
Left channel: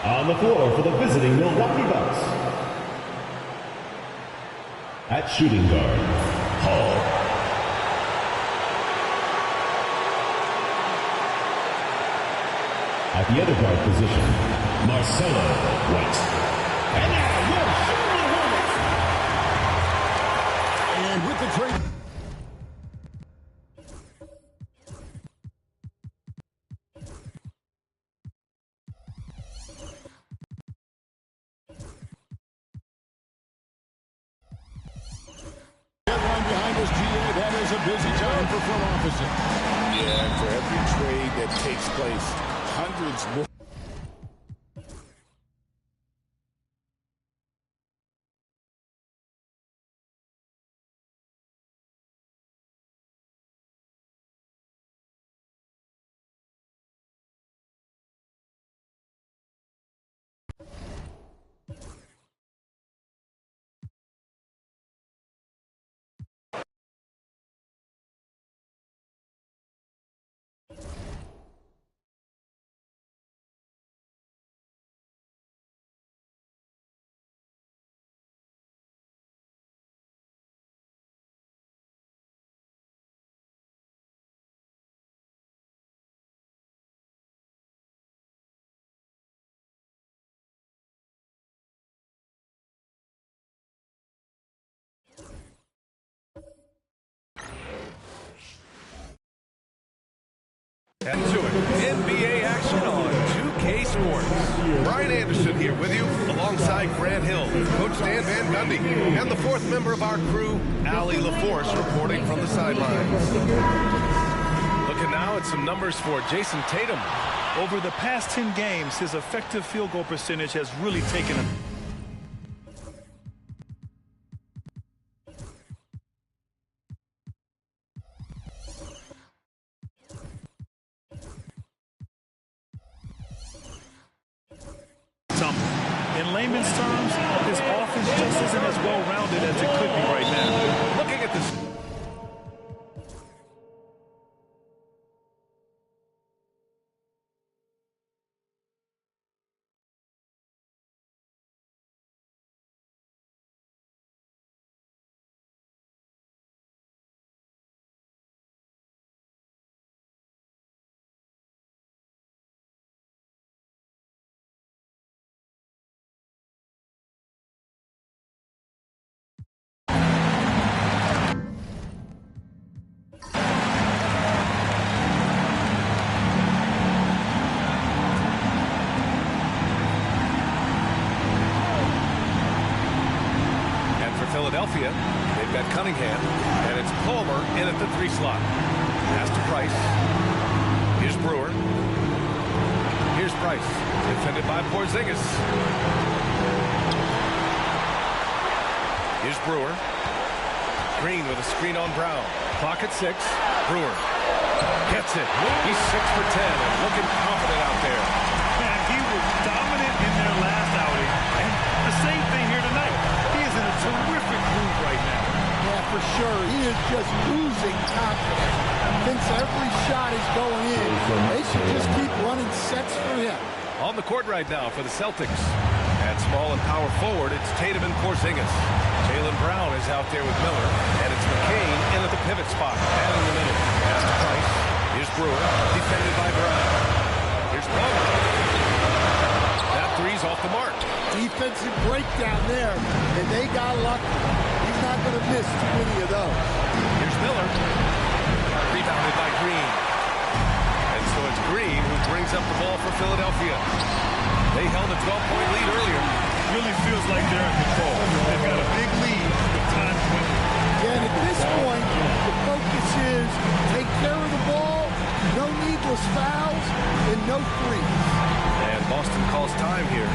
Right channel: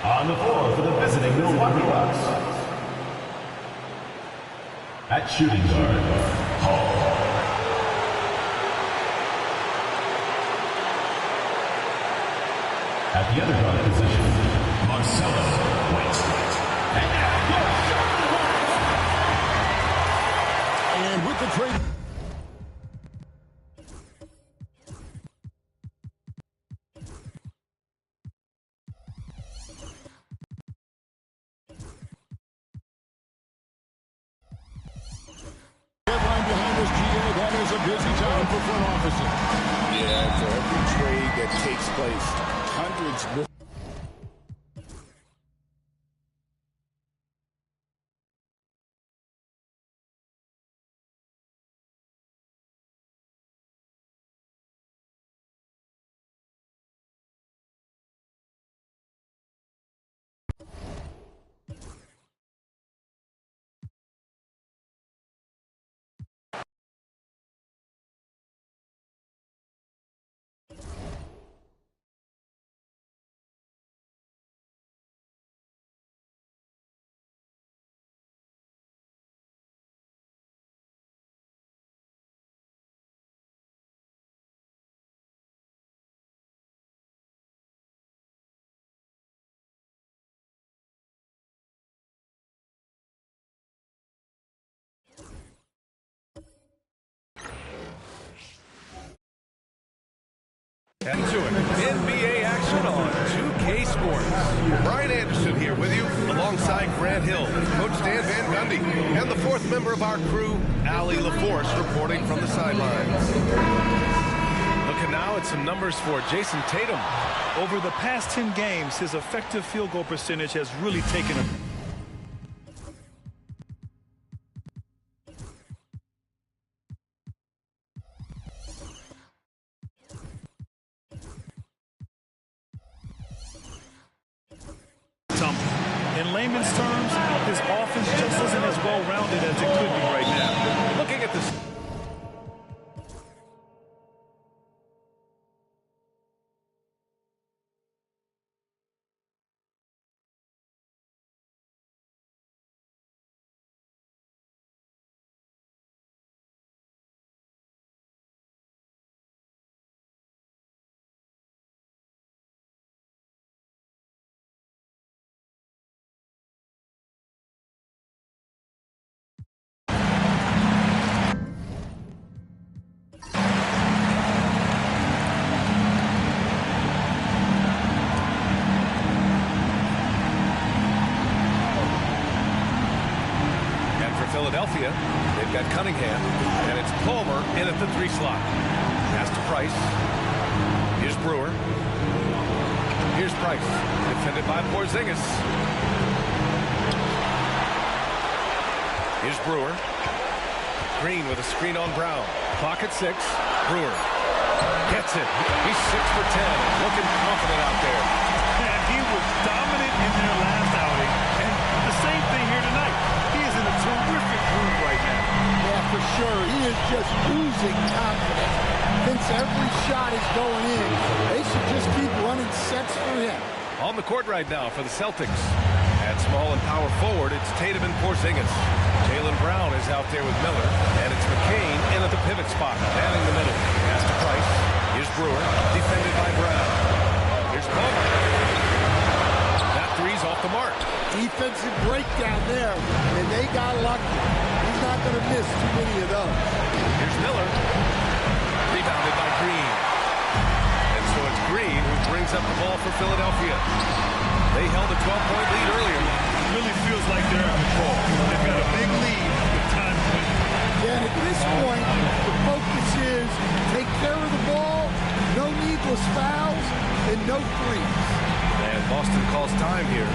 On the floor for the visiting Milwaukee Bucks. At shooting guard, Hall. At the other guard position, Marcelo White. And now, your Charlotte And with the trade... Deadline behind us, GA. That is a busy time for front offices. Yeah, and for every trade that takes place, hundreds more. And to it, NBA action on 2K Sports. Brian Anderson here with you, alongside Grant Hill, Coach Dan Van Gundy, and the fourth member of our crew, Allie LaForce, reporting from the sidelines. Looking now at some numbers for Jason Tatum. Over the past 10 games, his effective field goal percentage has really taken a... In layman's terms, his offense just isn't as well-rounded as it could be right now. Looking at this... Philadelphia, they've got Cunningham, and it's Palmer in at the 3 slot. Pass to Price. Here's Brewer. Here's Price, defended by Porzingis. Here's Brewer. Green with a screen on Brown. Clock at 6. Brewer gets it. He's 6 for 10 and looking confident out there. And he was dominant in their last outing, and the same thing here tonight. He is in a terrific groove right now. Yeah, for sure. He is just oozing confidence. Thinks every shot is going in. They should just keep running sets for him. On the court right now for the Celtics. At small and power forward, it's Tatum and Porzingis. Jaylen Brown is out there with Miller, and it's McCain in at the pivot spot, manning the middle. Pass to Price. Here's Brewer, defended by Brown. Here's Palmer. That three's off the mark. Defensive breakdown there, and they got lucky. He's not going to miss too many of those. Here's Miller. Rebounded by Green. And so it's Green who brings up the ball for Philadelphia. They held a 12-point lead earlier. Really feels like they're in control. They've got a big lead with time dwindling. Yeah, and at this point, the focus is take care of the ball, no needless fouls, and no threes. And Boston calls time here.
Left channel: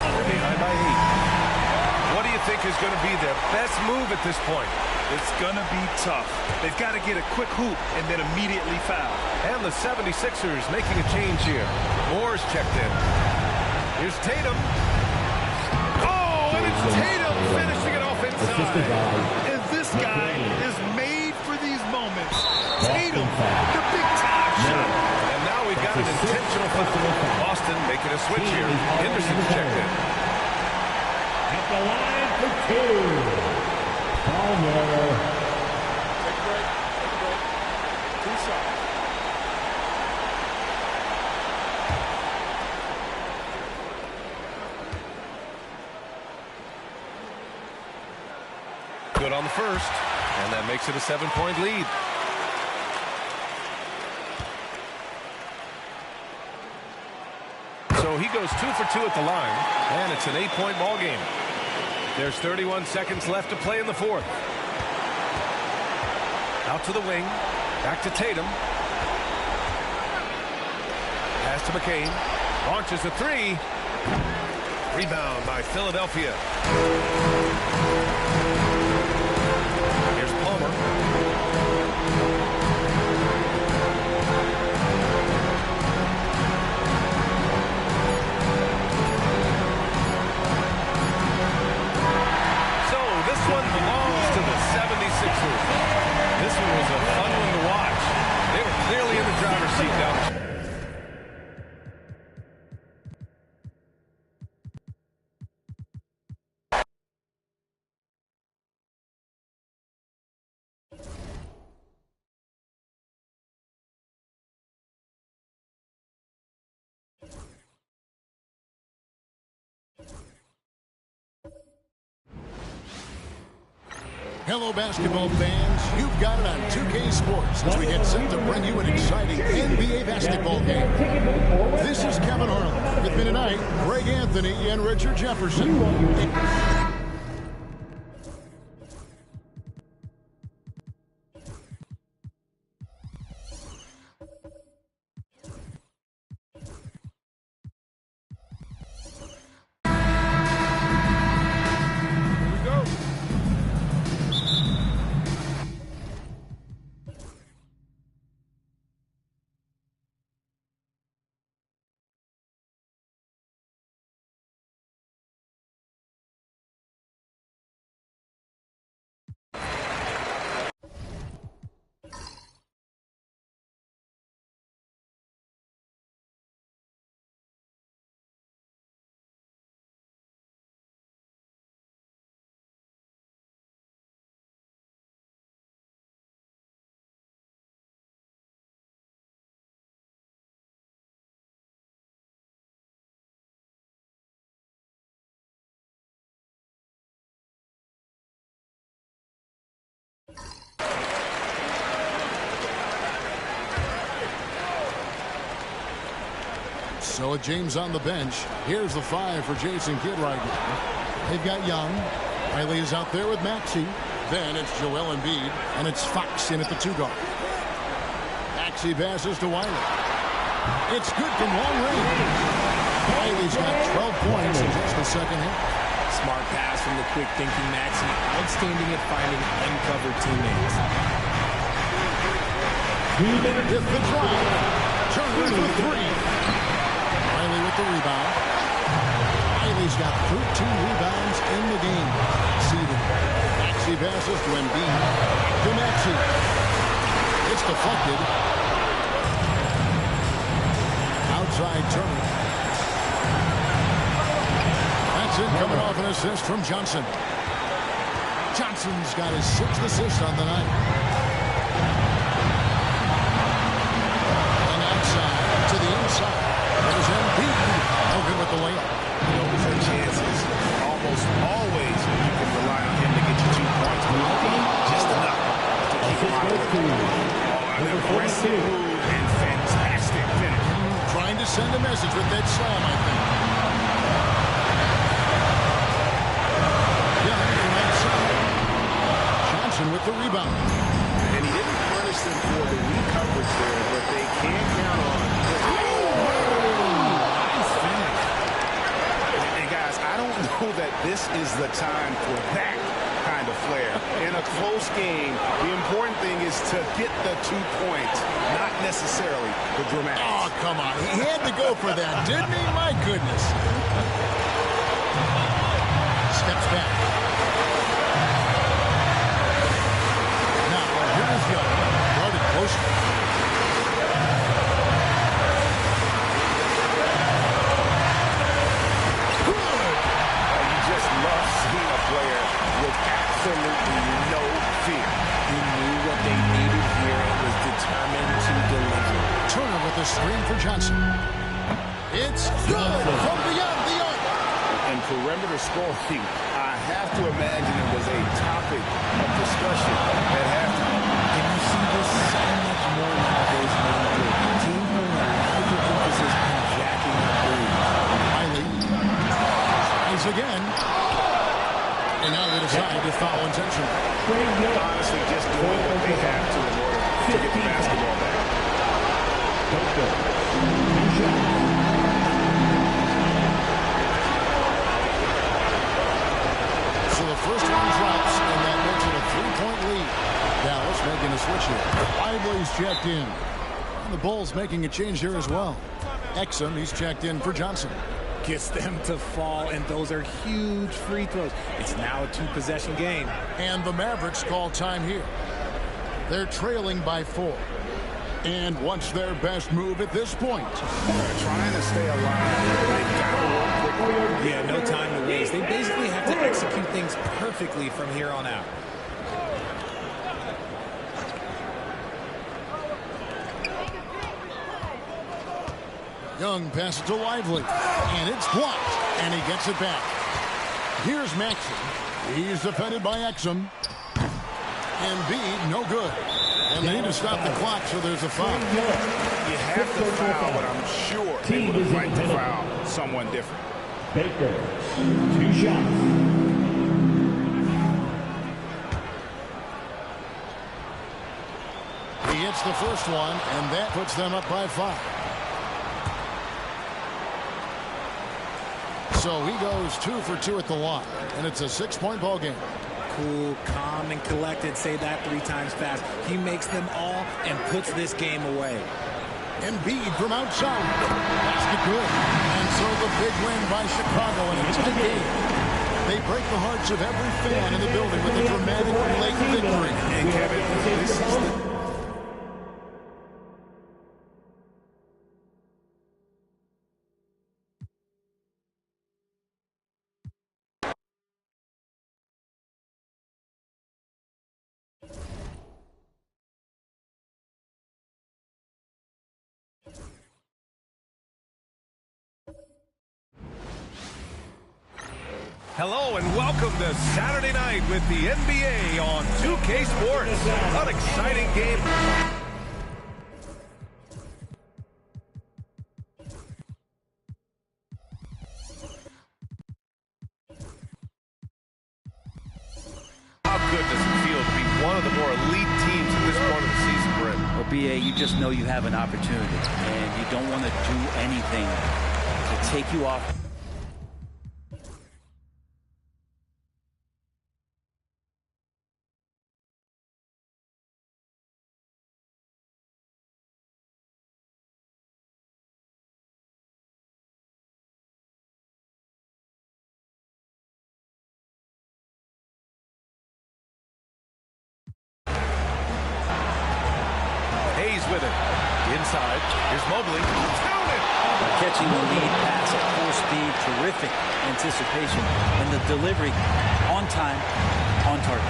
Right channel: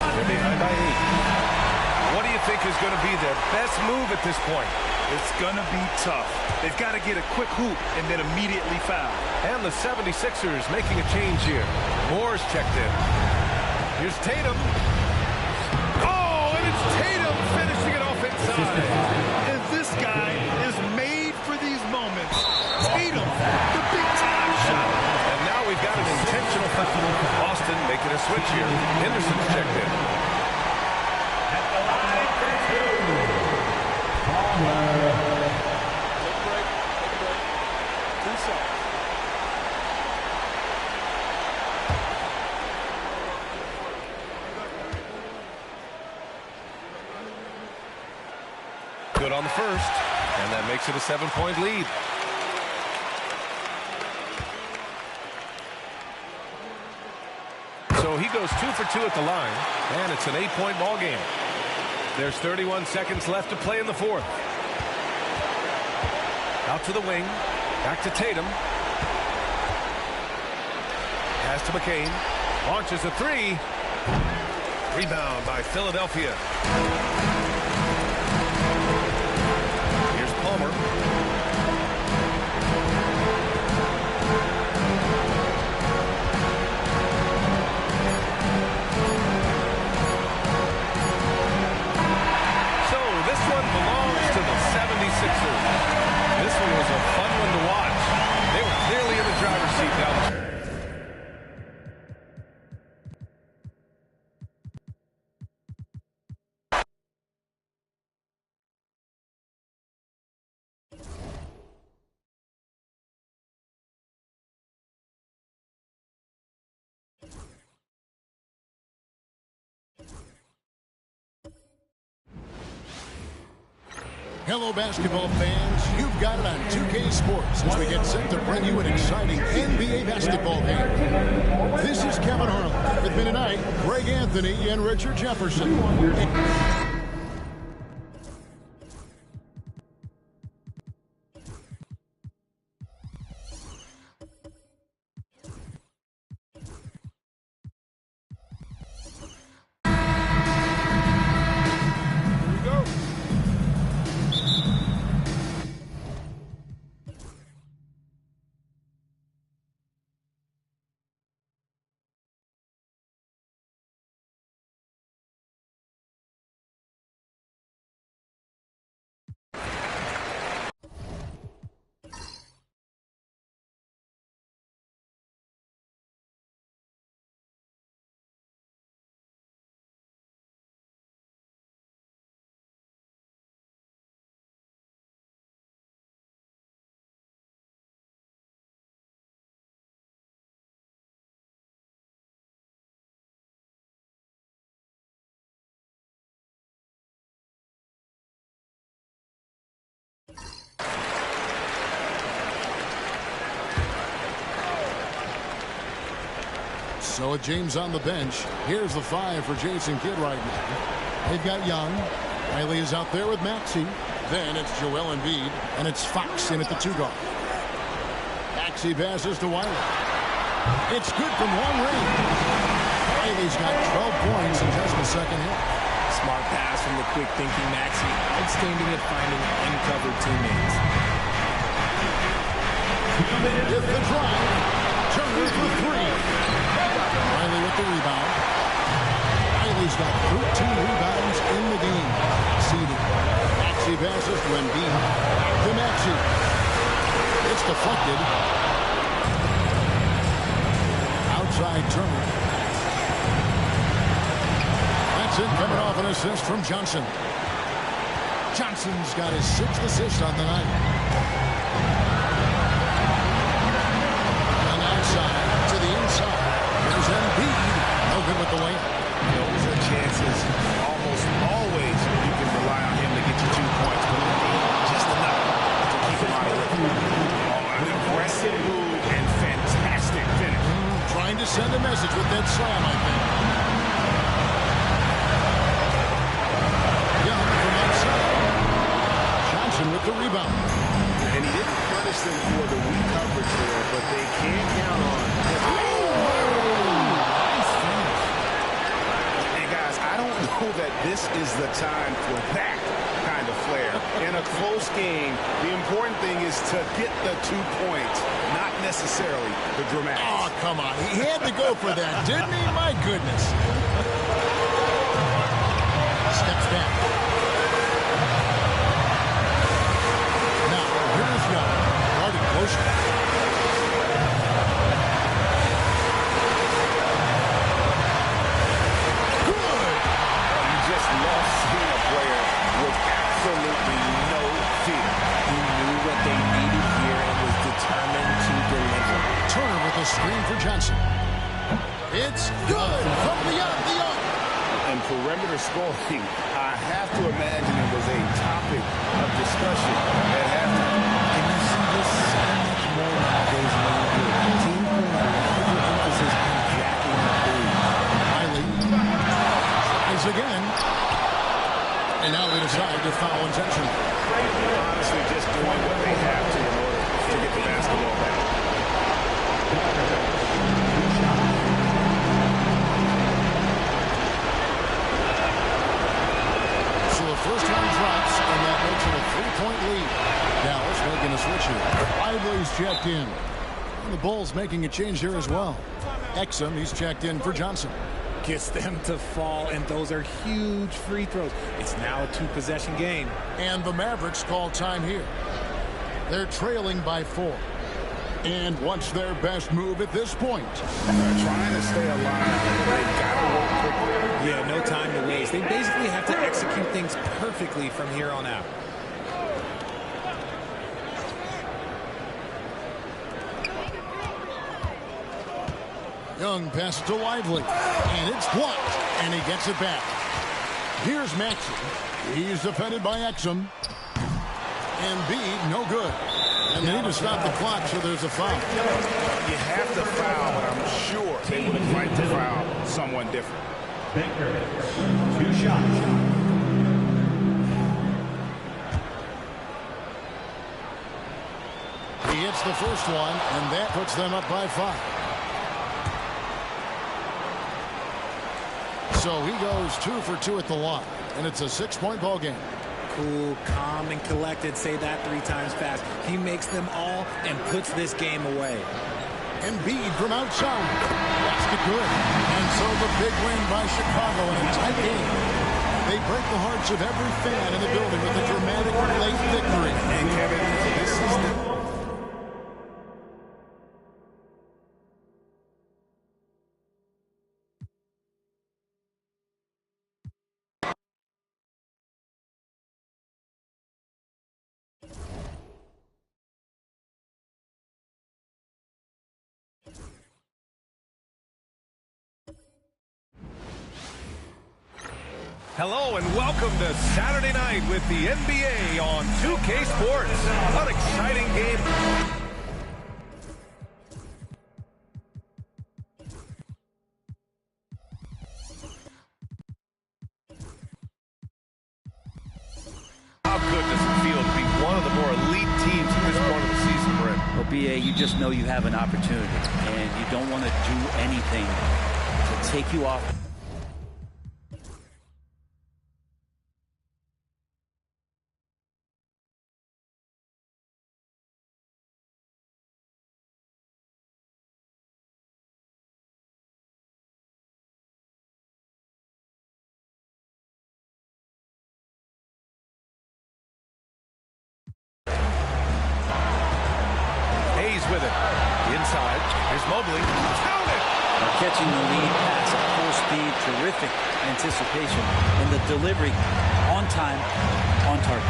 They're behind by 8. What do you think is going to be their best move at this point? It's going to be tough. They've got to get a quick hoop and then immediately foul. And the 76ers making a change here. Moore's checked in. Here's Tatum. Oh, and it's Tatum finishing it off inside. And this guy is made for these moments. Tatum, the big-time shot. And now we've got an intentional foul. Boston making a switch here. Henderson's checked in. At the line for 2. Palmer. Take Do so. Good on the first, and that makes it a 7-point lead. So he goes 2 for 2 at the line, and it's an 8-point ball game. There's 31 seconds left to play in the fourth. Out to the wing, back to Tatum. Pass to McCain, launches a three. Rebound by Philadelphia. Here's Palmer. So this one belongs to the 76ers. This one was a fun one to watch. They were clearly in the driver's seat down the stretch. Hello, basketball fans. You've got it on 2K Sports as we get set to bring you an exciting NBA basketball game. This is Kevin Harlan. With me tonight, Greg Anthony and Richard Jefferson. So with James on the bench, here's the 5 for Jason Kidd right now. They've got Young. Riley is out there with Maxey. Then it's Joel Embiid, and it's Fox in at the 2 guard. Maxey passes to Wiley. It's good from long range. Riley's got 12 points in just the second half. Smart pass from the quick thinking Maxey. Outstanding at finding uncovered teammates. With the drive, Turner for 3. Riley with the rebound. Riley's got 13 rebounds in the game. Seeded. Maxey passes to Embiid. Back to Maxey. It's deflected. Outside Turner. That's it, coming off an assist from Johnson. Johnson's got his 6th assist on the night. And outside to the inside. There's Embiid. No good with the layup. Those are chances almost always you can rely on him to get you 2 points, but just enough to keep him out of rhythm. An aggressive move and fantastic finish. Trying to send a message with that slam, I think. Young from outside. Johnson with the rebound. And he didn't punish them for the weak coverage there, but they can count on his... Nice finish. And guys, I don't know that this is the time for that kind of flair. In a close game, the important thing is to get the 2 points, not necessarily the dramatic. Oh, come on. He had to go for that, didn't he? My goodness. Steps back. Now, here's Young. Guarded closely. Just love seeing a player with absolutely no fear. He knew what they needed here and was determined to deliver. Turner with a screen for Johnson. It's good from beyond the arc. And perimeter scoring, I have to imagine it was a topic of discussion at halftime. And you see this so much more nowadays in the NBA. Teams putting a larger emphasis on jacking up threes. Riley tries again. And now they decide to foul intentionally. Honestly, just doing what they have to in order to get the basketball back. So the first one drops, and that makes it a 3-point lead. Dallas making a switch here. Lively's checked in. And the Bulls making a change here as well. Exum, he's checked in for Johnson. Gets them to fall, and those are huge free throws. It's now a 2-possession game. And the Mavericks call time here. They're trailing by 4. And what's their best move at this point? They're trying to stay alive. They've got to work quickly. Yeah, no time to waste. They basically have to execute things perfectly from here on out. Young passes to Lively, and it's blocked, and he gets it back. Here's Maxey. He's defended by Exum. Embiid, no good. And they need to stop the clock, so there's a foul. You have to foul, but I'm sure they would have liked to foul someone different. Baker, 2 shots. He hits the first one, and that puts them up by 5. So he goes 2 for 2 at the line, and it's a 6-point ball game. Cool, calm, and collected. Say that 3 times fast. He makes them all and puts this game away. Embiid from outside. Basket good. And so the big win by Chicago in a tight game. They break the hearts of every fan in the building with a dramatic late victory. And Kevin, this is the... Hello and welcome to Saturday night with the NBA on 2K Sports. An exciting game. How good does it feel to be one of the more elite teams at this point of the season, Brett? Well, BA, you just know you have an opportunity, and you don't want to do anything to take you off. Hayes with it. Inside. Here's Mobley. Count it! Catching the lead pass at full speed. Terrific anticipation. And the delivery on time, on target.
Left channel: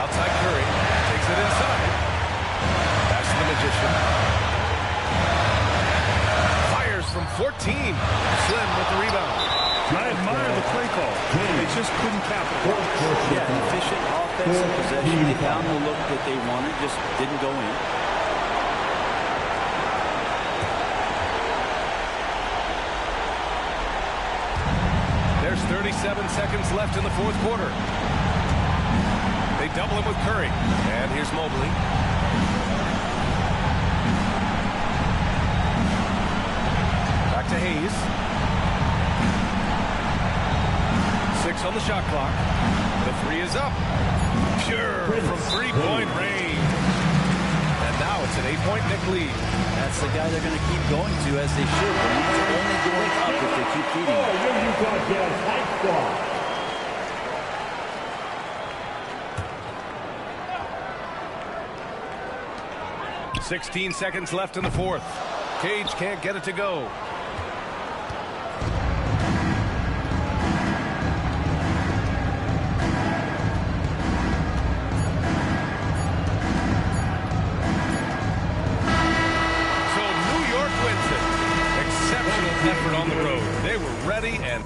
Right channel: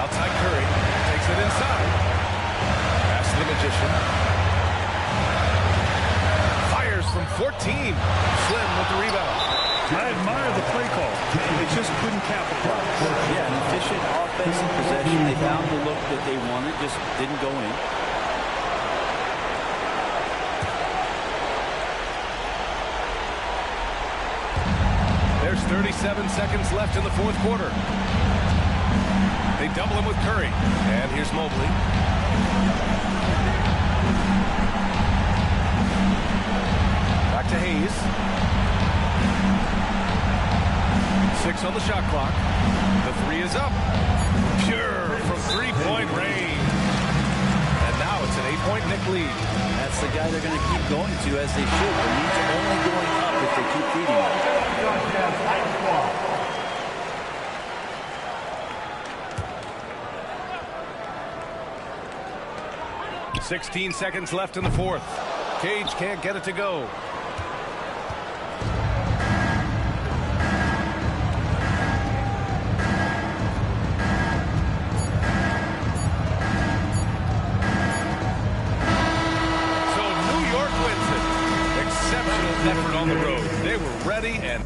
Outside Curry. Takes it inside. Pass to the Magician. Fires from 14. Slim with the rebound. I admire the play call. They just couldn't capitalize. Yeah, an efficient offensive possession. They found the look that they wanted, just didn't go in. There's 37 seconds left in the fourth quarter. They double him with Curry. And here's Mobley. Back to Hayes. 6 on the shot clock. The 3 is up. Pure from 3-point range. And now it's an 8-point Knick lead. That's the guy they're going to keep going to, as they should. The lead's only going up if they keep feeding him. 16 seconds left in the fourth. Cage can't get it to go. exceptional effort on the road. They were ready and...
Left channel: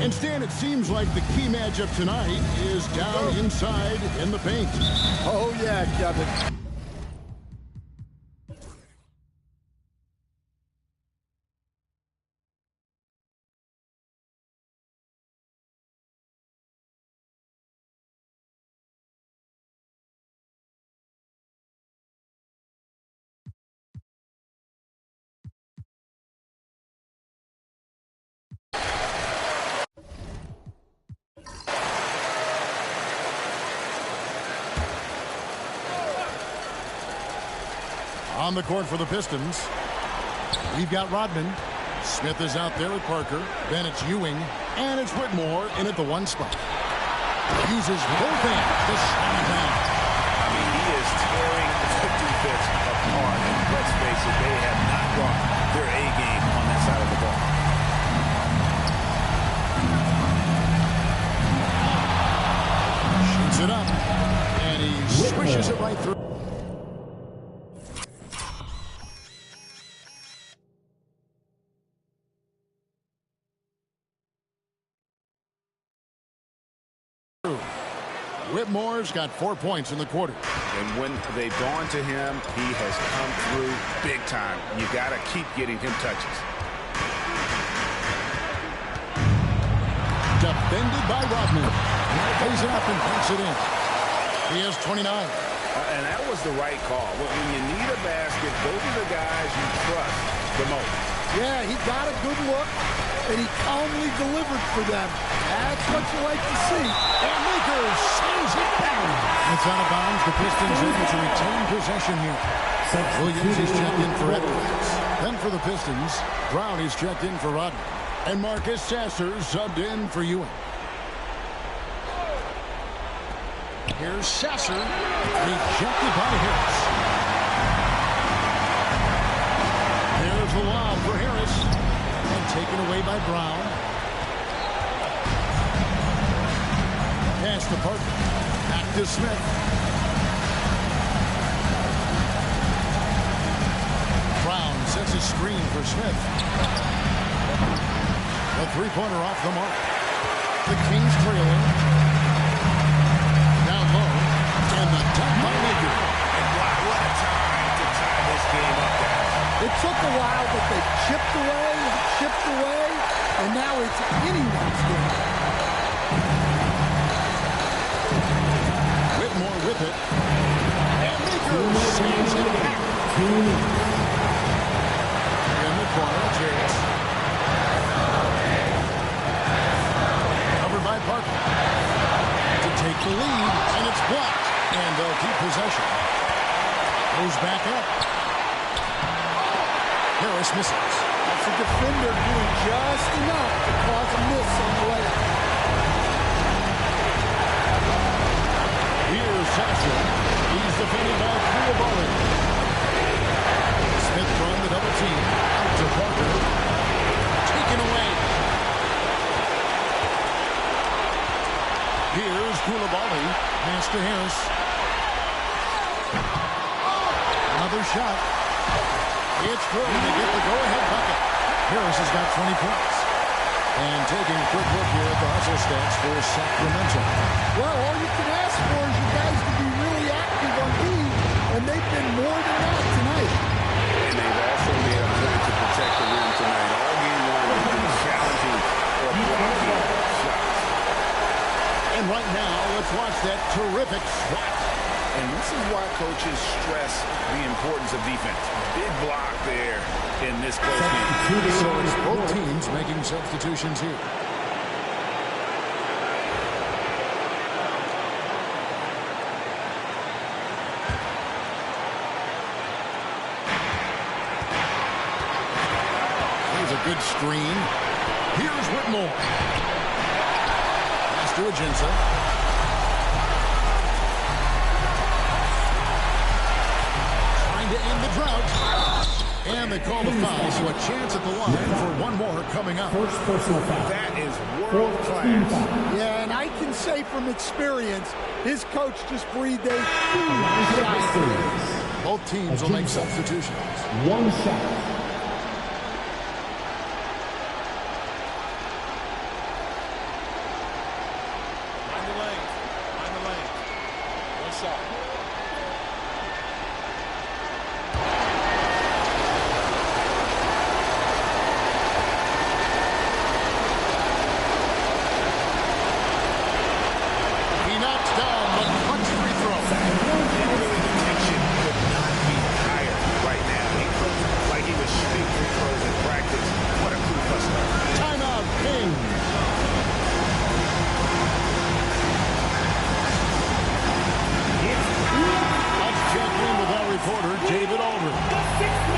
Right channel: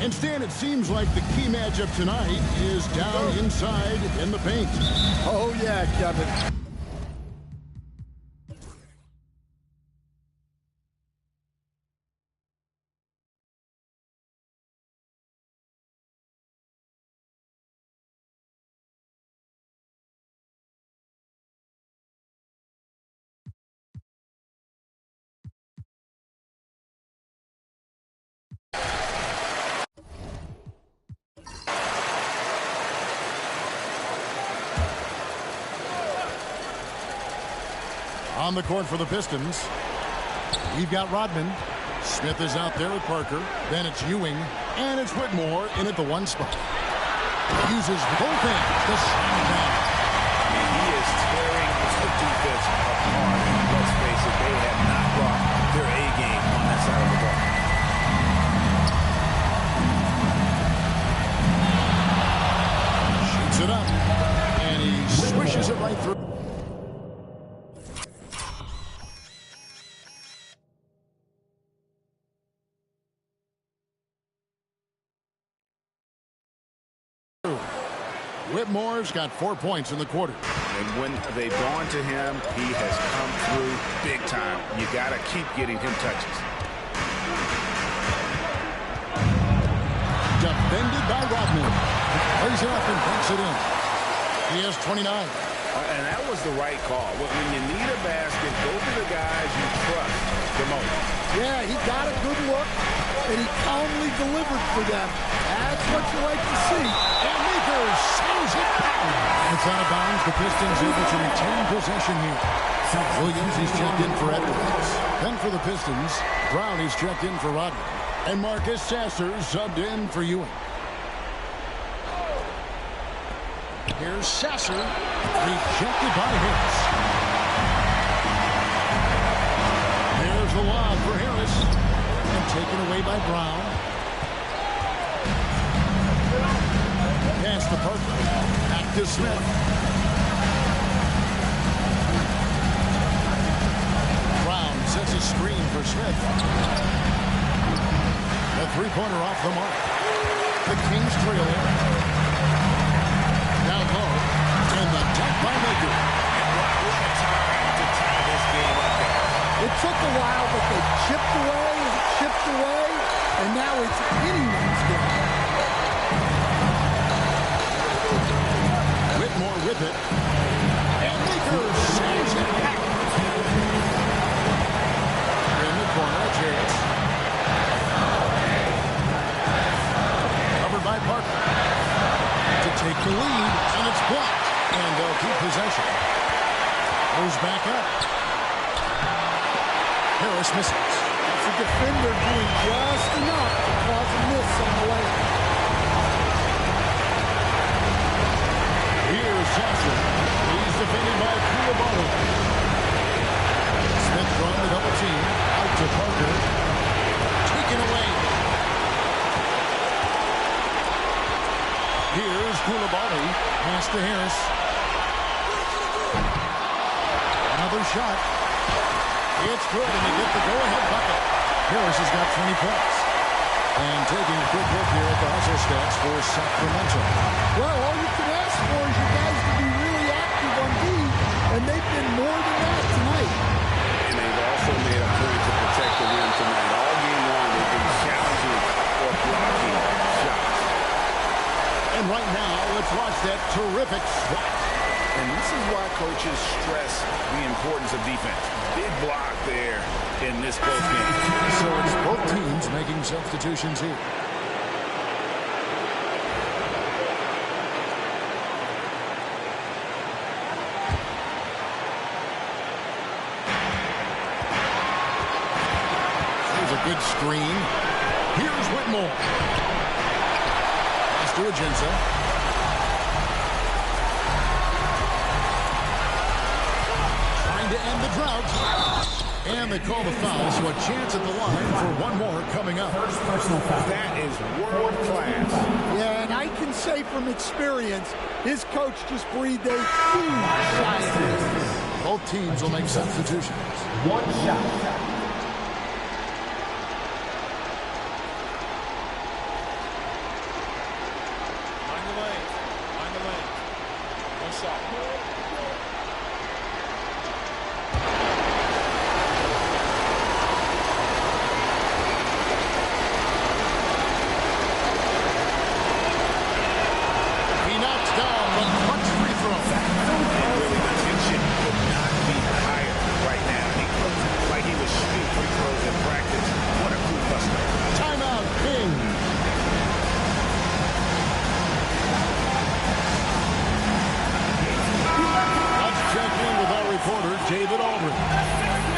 And Stan, it seems like the key matchup tonight is down inside in the paint. Oh, yeah, Kevin. On the court for the Pistons, we've got Rodman. Smith is out there with Parker. Then it's Ewing. And it's Whitmore in at the one spot. Uses both hands to slam it down. I mean, he is tearing the defense apart. And let's face it, they have not brought their A game on that side of the ball. Shoots it up. And he swishes it right through. Whitmore's got 4 points in the quarter. And when they've gone to him, he has come through big time. You got to keep getting him touches. Defended by Rodman. Plays it up and banks it in. He has 29. And that was the right call. When you need a basket, go to the guys you trust the most. Yeah, he got a good look, and he calmly delivered for them. That's what you like to see. And Makers sends it down. It's out of bounds. The Pistons able to retain possession here. Williams is checked in for Edwards. Then for the Pistons, Brown is checked in for Rodman. And Marcus Sasser subbed in for Ewing. Here's Sasser, rejected by Harris. There's the lob for Harris, and taken away by Brown. Pass to Parker, back to Smith. Brown sets a screen for Smith. The three-pointer off the mark. The Kings trailing. Down low, and the dunk by Maker. And wow, what a time to tie this game up, guys. It took a while, but they chipped away, and now it's anyone's game. Whitmore with it, and Maker sends it back. In the corner, it's Harris. Covered by Parker. To take the lead, and it's blocked, and they'll keep possession. Goes back up. Harris misses. That's a defender doing just enough to cause a miss on the layup. Here's Sasser. He's defended by Koulibaly. Smith from the double team. Out to Parker. Taken away. Here's Koulibaly. Pass to Harris. Another shot. It's good, and they get the go-ahead bucket. Harris has got 20 points. And taking a quick look here at the hustle stats for Sacramento. Well, all you can ask for is your guys to be really active on D, and they've been more than that tonight. And they've also made a point to protect the rim tonight. All game long, they've been challenging or blocking shots. And right now, let's watch that terrific swat. And this is why coaches stress the importance of defense. Big block there in this close game. So it's both teams making substitutions here. Good screen. Here's Whitmore. Pass to Aginsa. Trying to end the drought. And they call the foul, so a chance at the line for one more coming up. First personal foul. That is world class. Yeah, and I can say from experience, his coach just breathed a huge sigh of relief. Both teams will make substitutions. One shot. Mind the lane. Mind the lane. One shot. He knocks down the clutch free throw. And really, the tension could not be higher right now. He looked like he was shooting free throws in practice. What a cool buster. Timeout, Kings. Let's check in with our reporter, David Aldridge.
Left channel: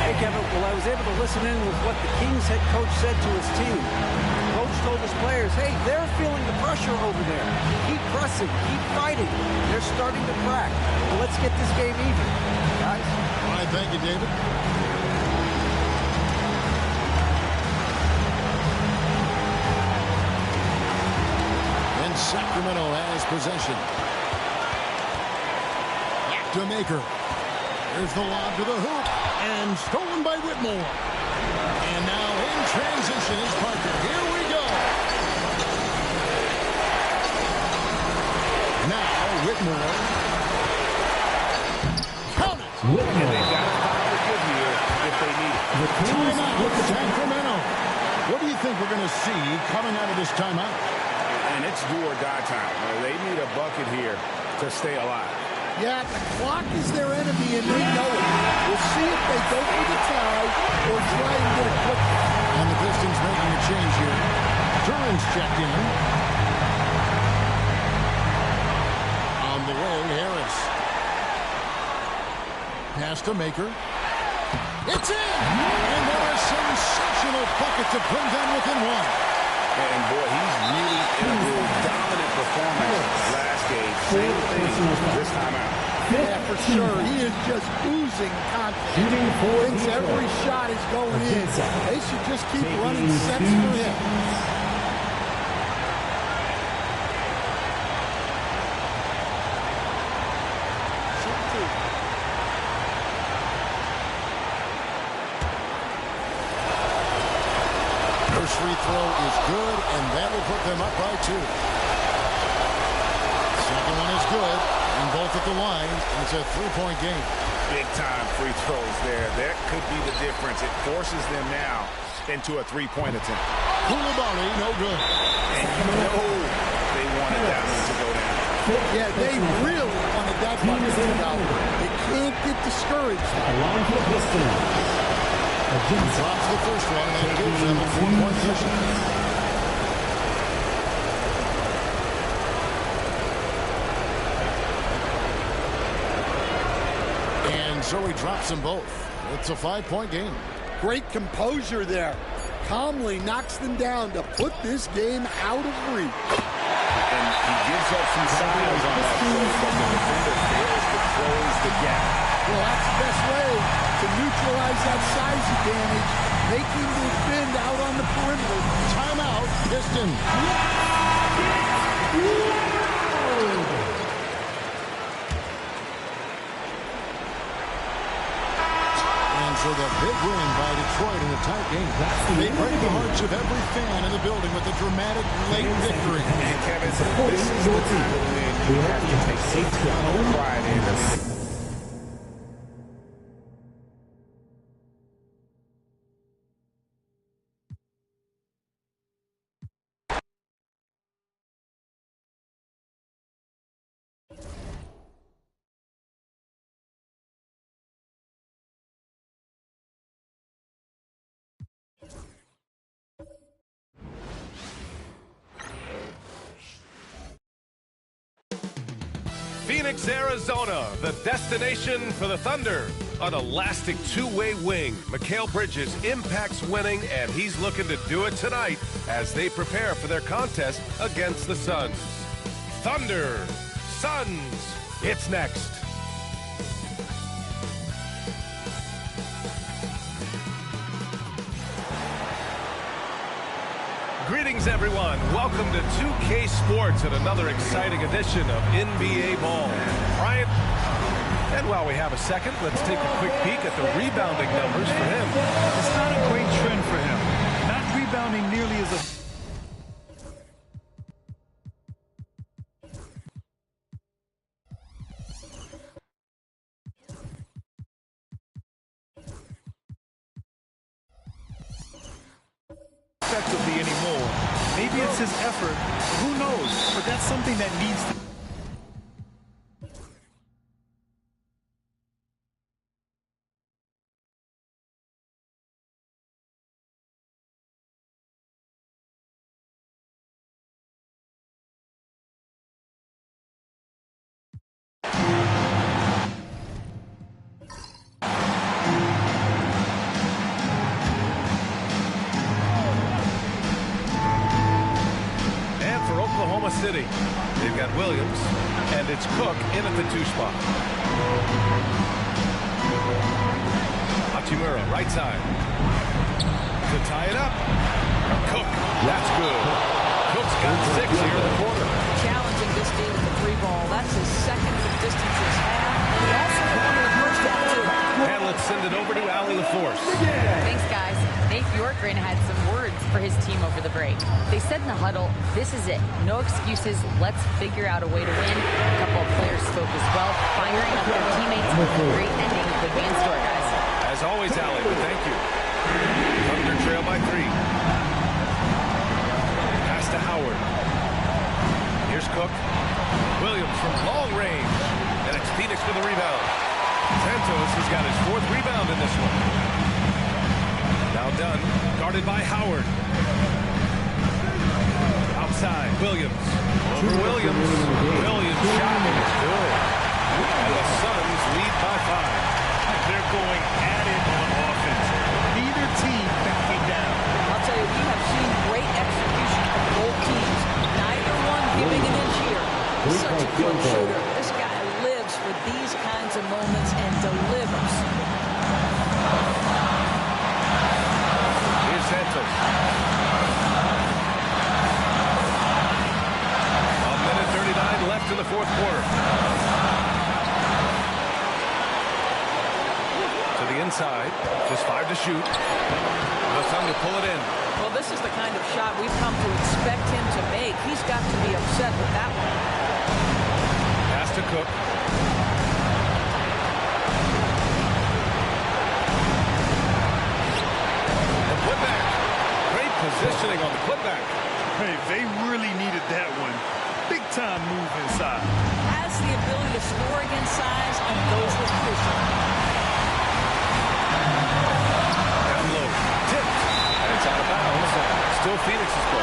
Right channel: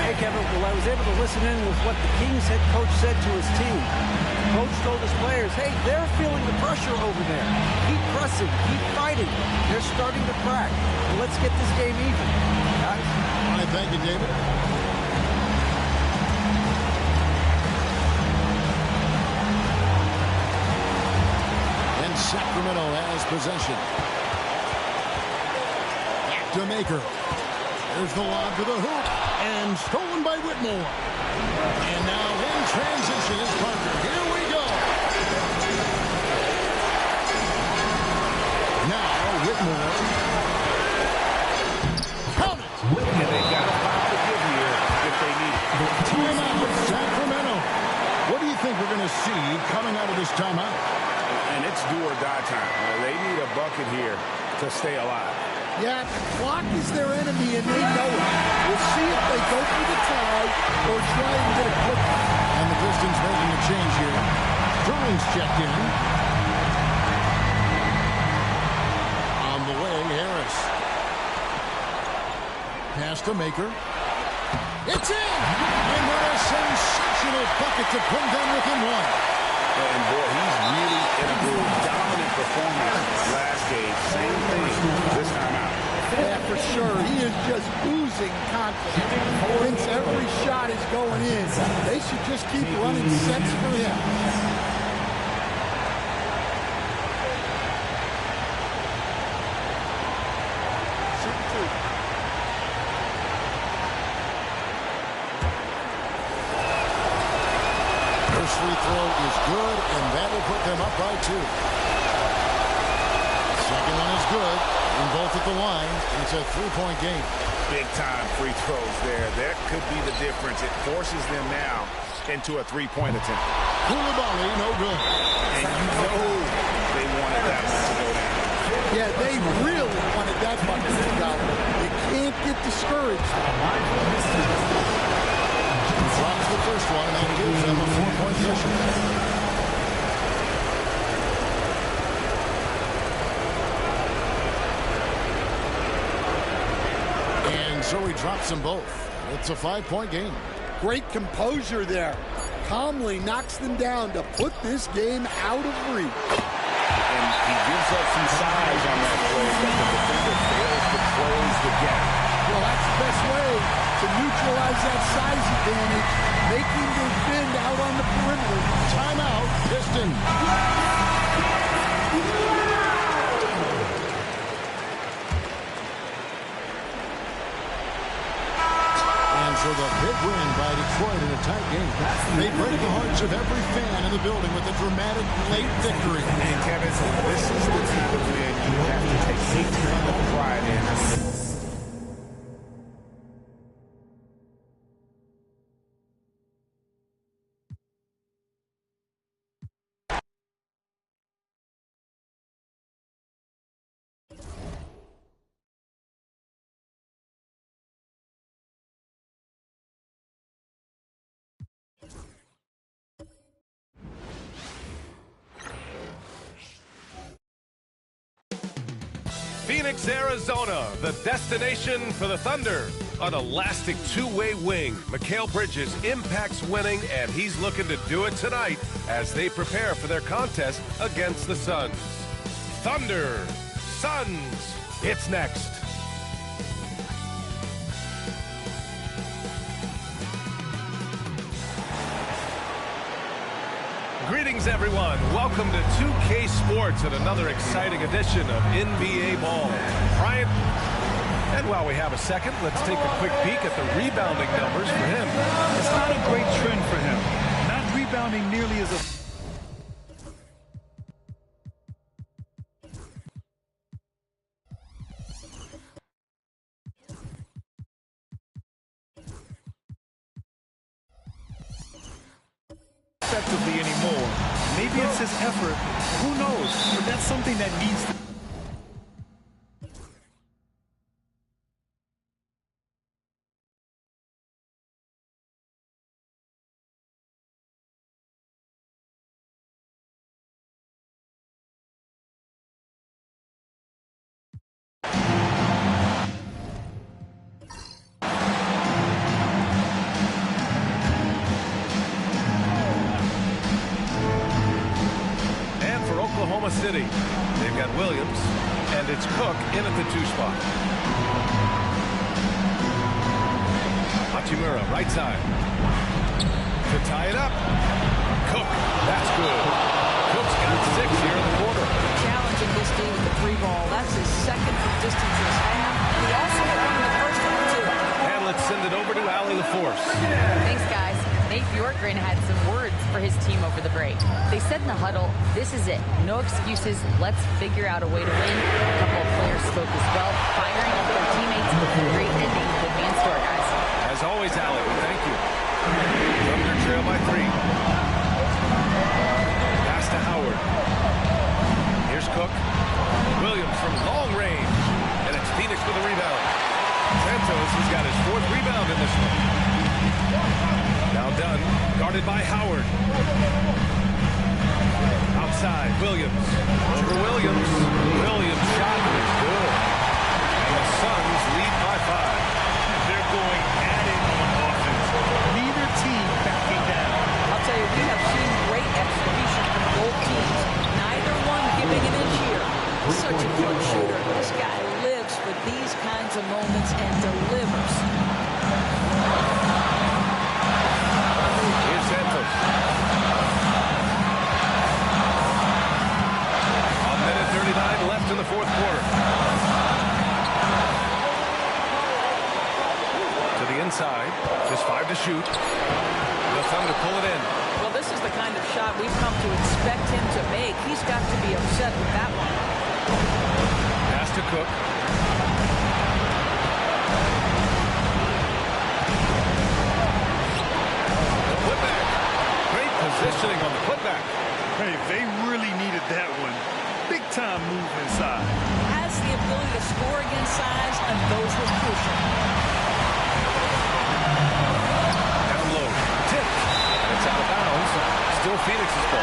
Hey, Kevin. Well, I was able to listen in with what the Kings head coach said to his team. Coach told his players, hey, they're feeling the pressure over there. Keep pressing, keep fighting. They're starting to crack. Well, let's get this game even, guys. All right, thank you, David. And Sacramento has possession. Back to Maker. There's the lob to the hoop. And stolen by Whitmore. And now in transition is Parker. Here we go. Now Whitmore. Count it. And they got a foul to give here if they need it. Timeout, Sacramento. What do you think we're going to see coming out of this timeout? And it's do or die time. They need a bucket here to stay alive. Yeah, the clock is their enemy, and they know it. We'll see if they go for the tie or try and get a quick. And the Pistons making a change here. Duran's checked in. On the wing, Harris. Pass to Maker. It's in! And what a sensational bucket to bring them within one. And boy, he's really in a groove. Dominant performance last game. Same thing this time out. Yeah, for sure. He is just oozing confidence. Thinks every shot is going in. They should just keep running sets for him. Shoot two. First free throw is good, and that will put them up by 2. Second one is good, and both at the line, and it's a 3-point game. Big-time free throws there. That could be the difference. It forces them now into a 3-point attempt. Koulibaly, no good. And you know they wanted that one to go down. Yeah, they really wanted that bucket to go. They can't get discouraged. He drops the first one, and that gives them a 4-point cushion. And so he drops them both. It's a 5-point game. Great composure there. Calmly knocks them down to put this game out of reach. And he gives up some size on that play, but the defender fails to close the gap. Well, that's the best way to neutralize that size advantage, making the defend out on the perimeter. Timeout, Pistons. And so the big win by Detroit in a tight game. They break the hearts of every fan in the building with a dramatic late victory. And Kevin, this is the kind of win you have to take a ton of pride in. I mean, Phoenix, Arizona, the destination for the Thunder. An elastic two-way wing. Mikal Bridges impacts winning, and he's looking to do it tonight as they prepare for their contest against the Suns. Thunder, Suns, it's next. Greetings, everyone. Welcome to 2K Sports and another exciting edition of NBA Ball. Bryant. And while we have a second, let's take a quick peek at the rebounding numbers for him. It's not a great trend for him. Not rebounding nearly as effectively anymore. Maybe it's his effort. Who knows? But that's something that needs to. Oklahoma City. They've got Williams, and it's Cook in at the 2 spot. Hachimura, right side. To tie it up. Cook, that's good. Cook's got 6 here in the quarter. Challenging this team with the 3 ball. That's his second from distance this half, and he also hit one in the first half, too. And let's send it over to Allie LaForce. Thanks, guys. Nate Bjorkgren had some words for his team over the break. They said in the huddle, this is it. No excuses. Let's figure out a way to win. A couple of players spoke as well, firing up their teammates. A great ending could be in store, guys. As always, Allie, we thank you. Thunder trail by 3. Pass to Howard. Here's Cook. Williams from long range. And it's Phoenix with a rebound. Santos has got his 4th rebound in this one. Now Dunn, guarded by Howard. Outside, Williams. Over Williams. Williams' shot is good. And the Suns lead by 5. They're going at it on offense. Neither team backing down. I'll tell you, we have seen great execution from both teams. Neither one giving an inch here. Such a clutch shooter. This guy lives for these kinds of moments and delivers. Here's Santos. A minute 39 left in the 4th quarter. To the inside. Just 5 to shoot. The Thunder pull it in. Well, this is the kind of shot we've come to expect him to make. He's got to be upset with that one. Pass to Cook. The putback. Great positioning on the putback. Hey, they really needed that one. Big time move inside. Has the ability to score against size, and those were crucial. Down low. Tipped. And it's out of bounds. Still Phoenix's ball.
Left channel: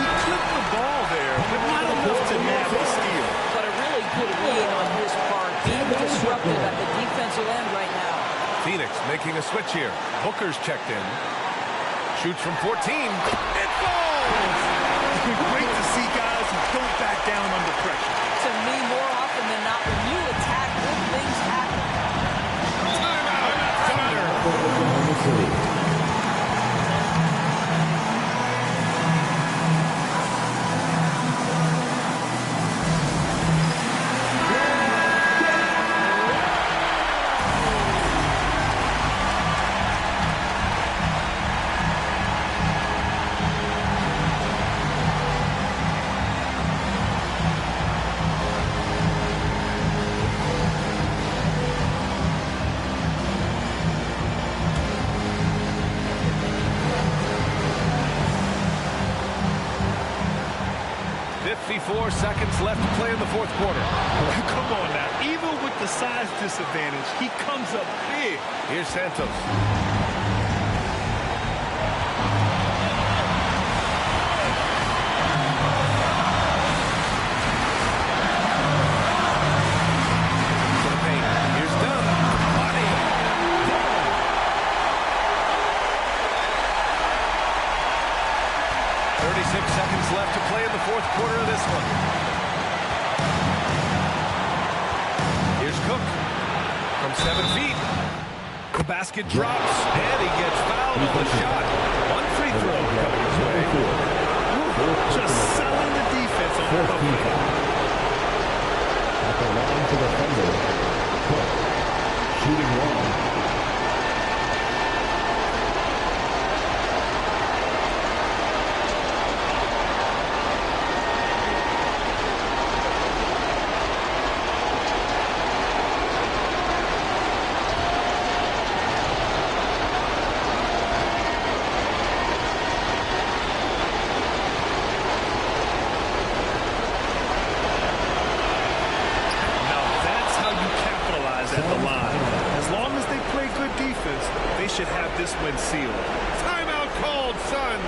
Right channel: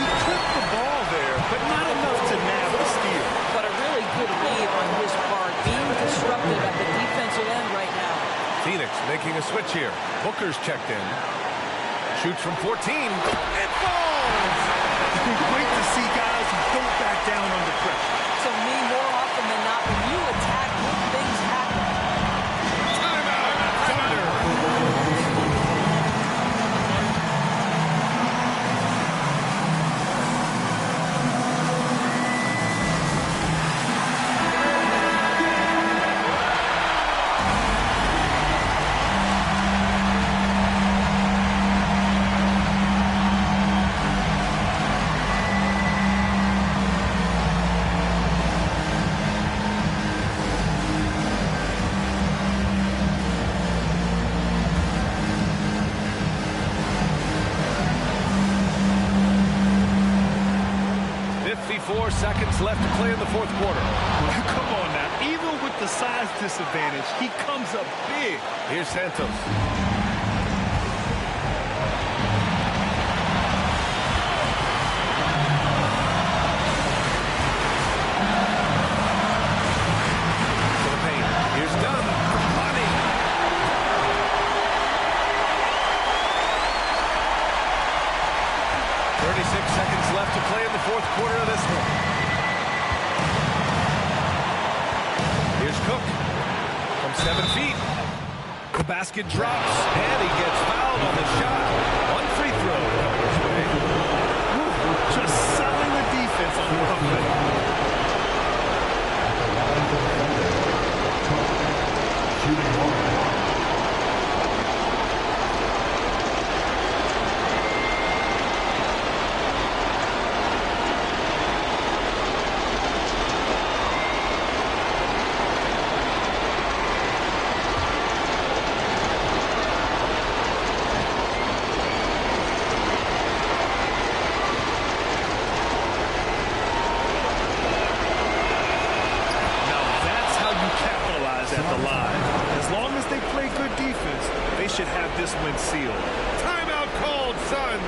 He clipped the ball there, but not enough to nab the steal. But a really good read on his part, being disruptive at the defensive end right now. Phoenix making a switch here. Booker's checked in. Shoots from 14. It falls! Great to see guys who don't back down under pressure. To me, more often than not, when you attack, good things happen. Timeout! Thunder! .4 seconds left to play in the 4th quarter. Come on now. Even with the size disadvantage, he comes up big. Here's Santos. To the paint. Here's Dunn. Money. 36 seconds left to play in the fourth quarter of this one. Here's Cook from 7 feet. The basket drops, and he gets fouled on the shot. One free throw coming his way. Just selling the defense on the pump fake. At the line to the thunder, Cook, shooting one. capitalize at the line. As long as they play good defense, they should have this win sealed. Timeout called, Suns.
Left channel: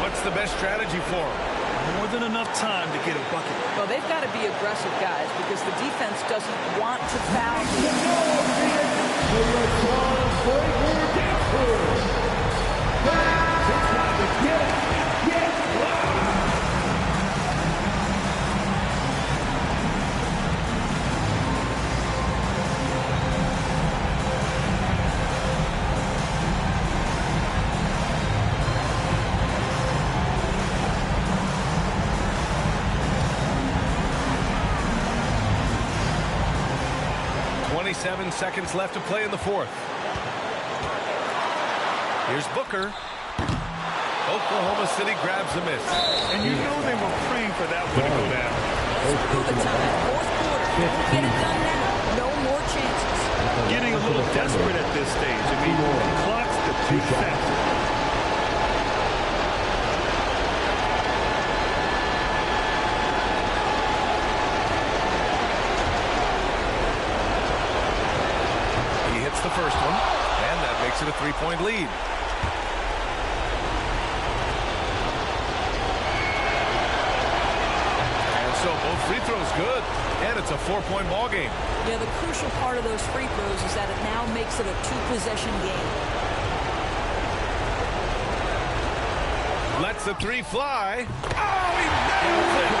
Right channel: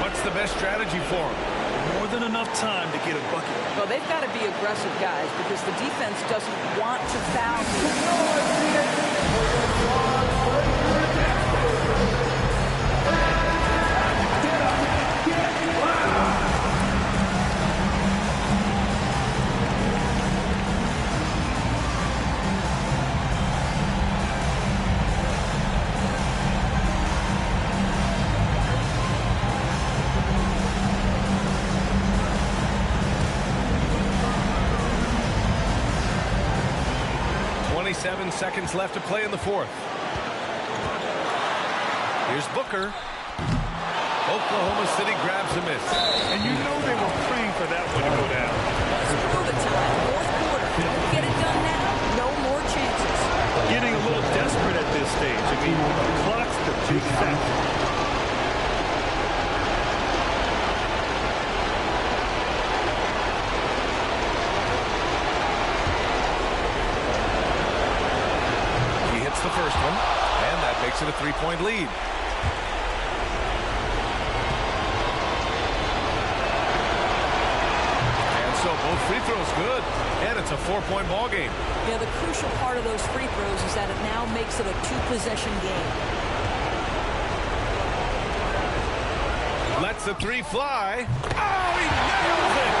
What's the best strategy for them? More than enough time to get a bucket. Well, they've got to be aggressive, guys, because the defense doesn't want to foul you. 27 seconds left to play in the fourth. Here's Booker. Oklahoma City grabs a miss. And you know they were praying for that one to go down. Let's prove it time. Fourth quarter. Don't get it done now. No more chances. Getting a little desperate at this stage. I mean, the clock's the big factor. The first one, and that makes it a three-point lead. And so both free throws good, and it's a four-point ball game. Yeah, the crucial part of those free throws is that it now makes it a two-possession game. Lets the three fly. Oh, he nails it!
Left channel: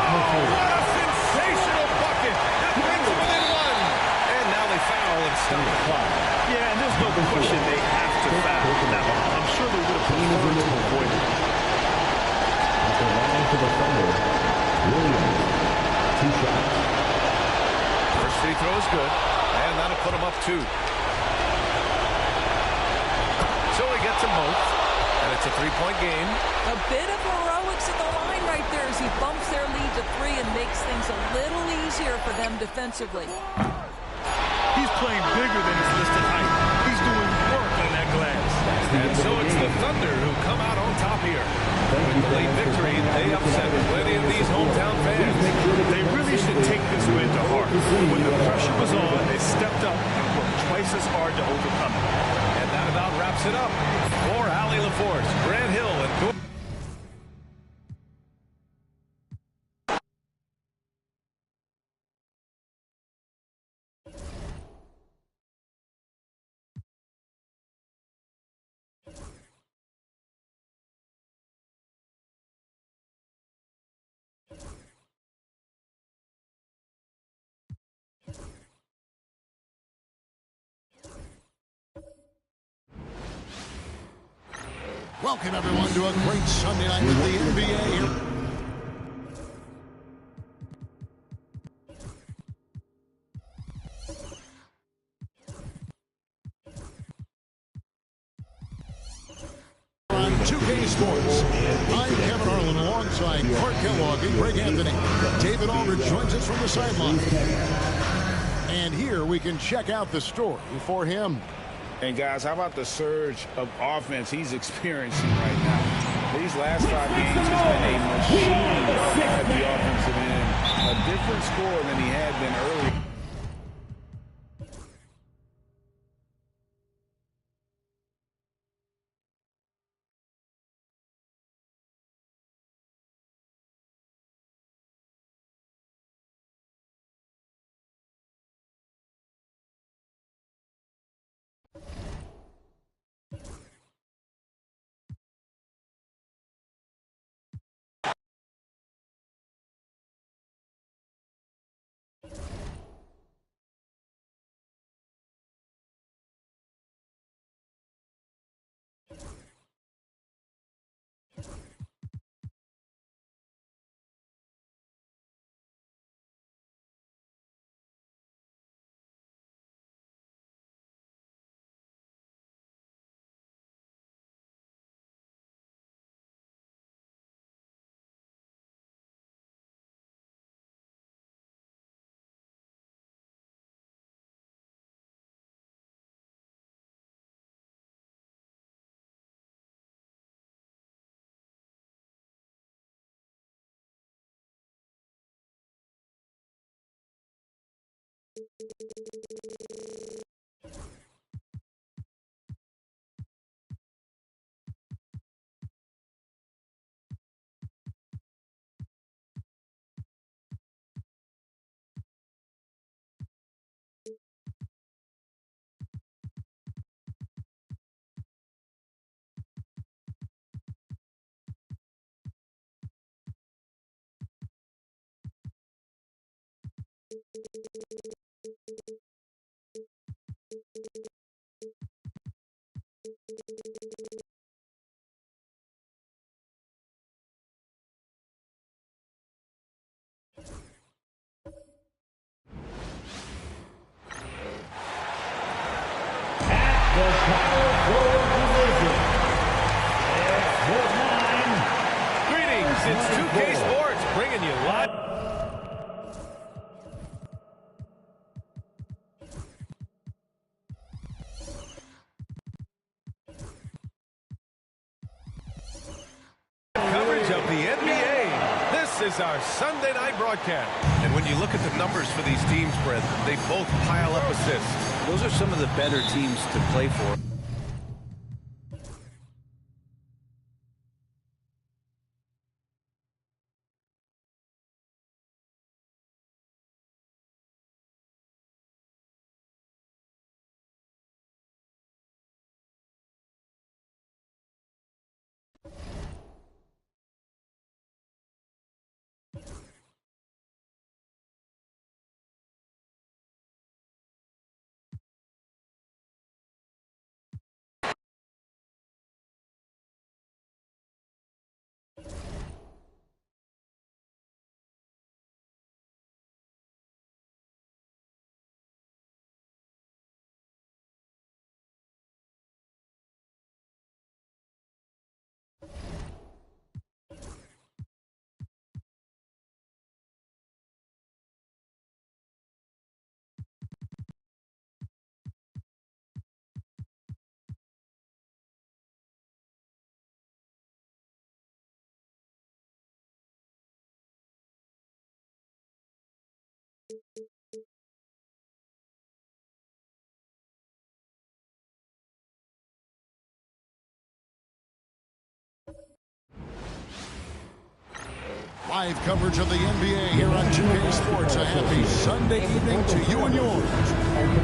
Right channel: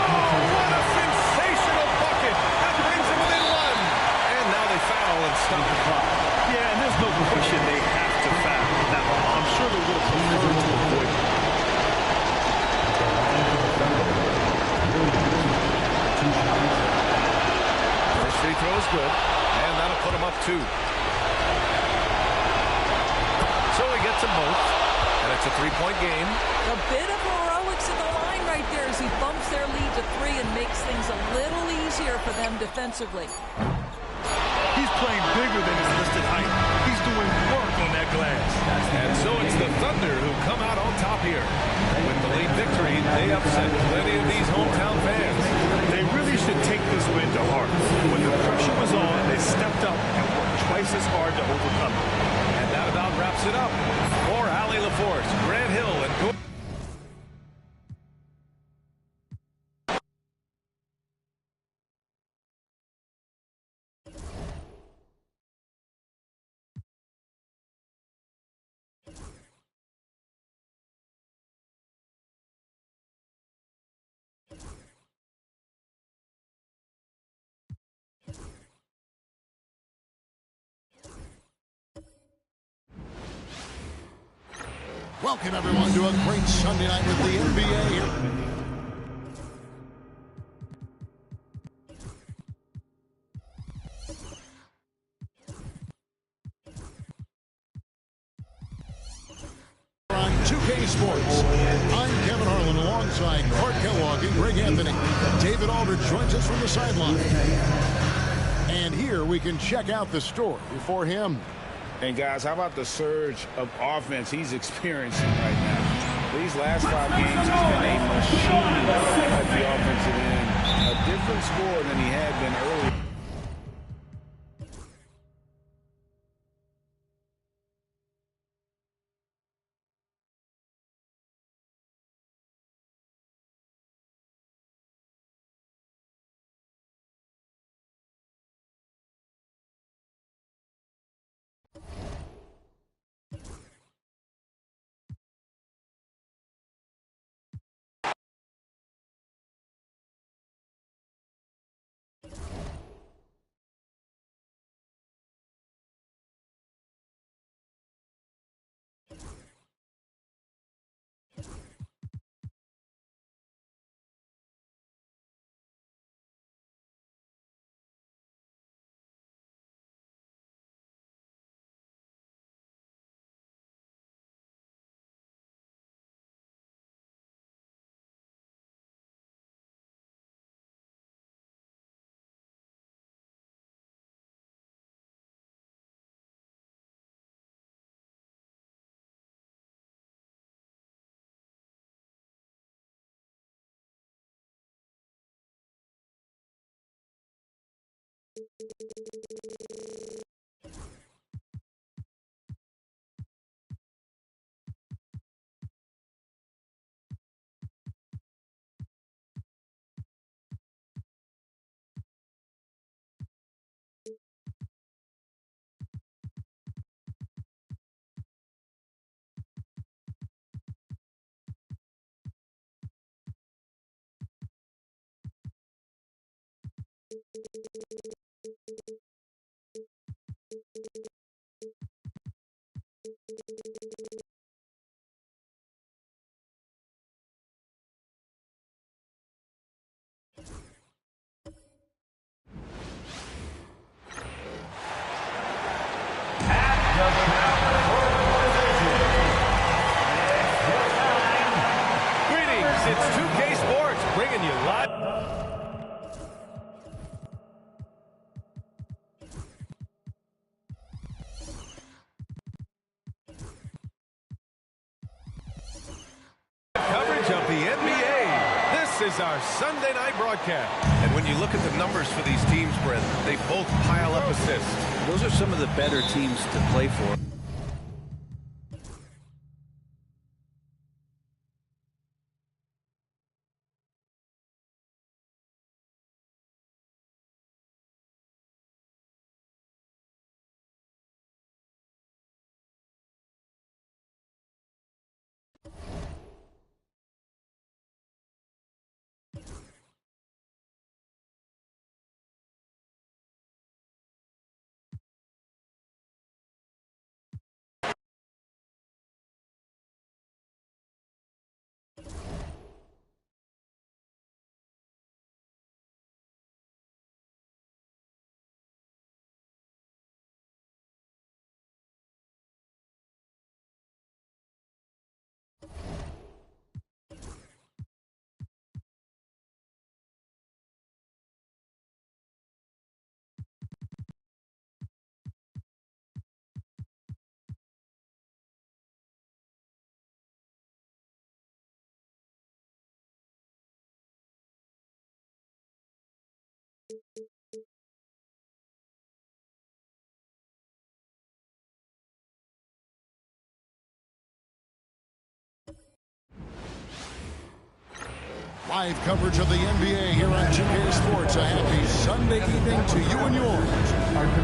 Oh, what a sensational bucket! That brings him within one. And now they foul and stop the clock. Yeah, and there's no question they have to foul. Now, I'm sure they would have preferred to avoid it. At the line for the Thunder, Williams, 2 shots. First free throw is good, and that'll put him up 2. So he gets them both, and it's a three-point game. A bit of heroics at the line right there as he bumps their lead to 3 and makes things a little easier for them defensively. He's playing bigger than his listed height. He's doing work on that glass. And so it's the Thunder who come out on top here. With the late victory, they upset plenty of these hometown fans. They really should take this win to heart. When the pressure was on, they stepped up and worked twice as hard to overcome it. And that about wraps it up. For Allie LaForce, Grant Hill, and Gordon. Welcome, everyone, to a great Sunday night with the NBA here. On 2K Sports, I'm Kevin Harlan alongside Clark Kellogg and Greg Anthony. David Aldridge joins us from the sideline. And here we can check out the story for him. And, guys, how about the surge of offense he's experiencing right now? These last 5 games, he's been a machine at the offensive end. A different score than he had been earlier. The power forward division, SZN5. Greetings, it's 2K Sports bringing you live. Coverage of the NBA. This is our Sunday night broadcast. And when you look at the numbers for these teams, Brent, they both pile up assists. Those are some of the better teams to play for. Live coverage of the NBA here on 2K Sports. A happy Sunday evening to you and yours.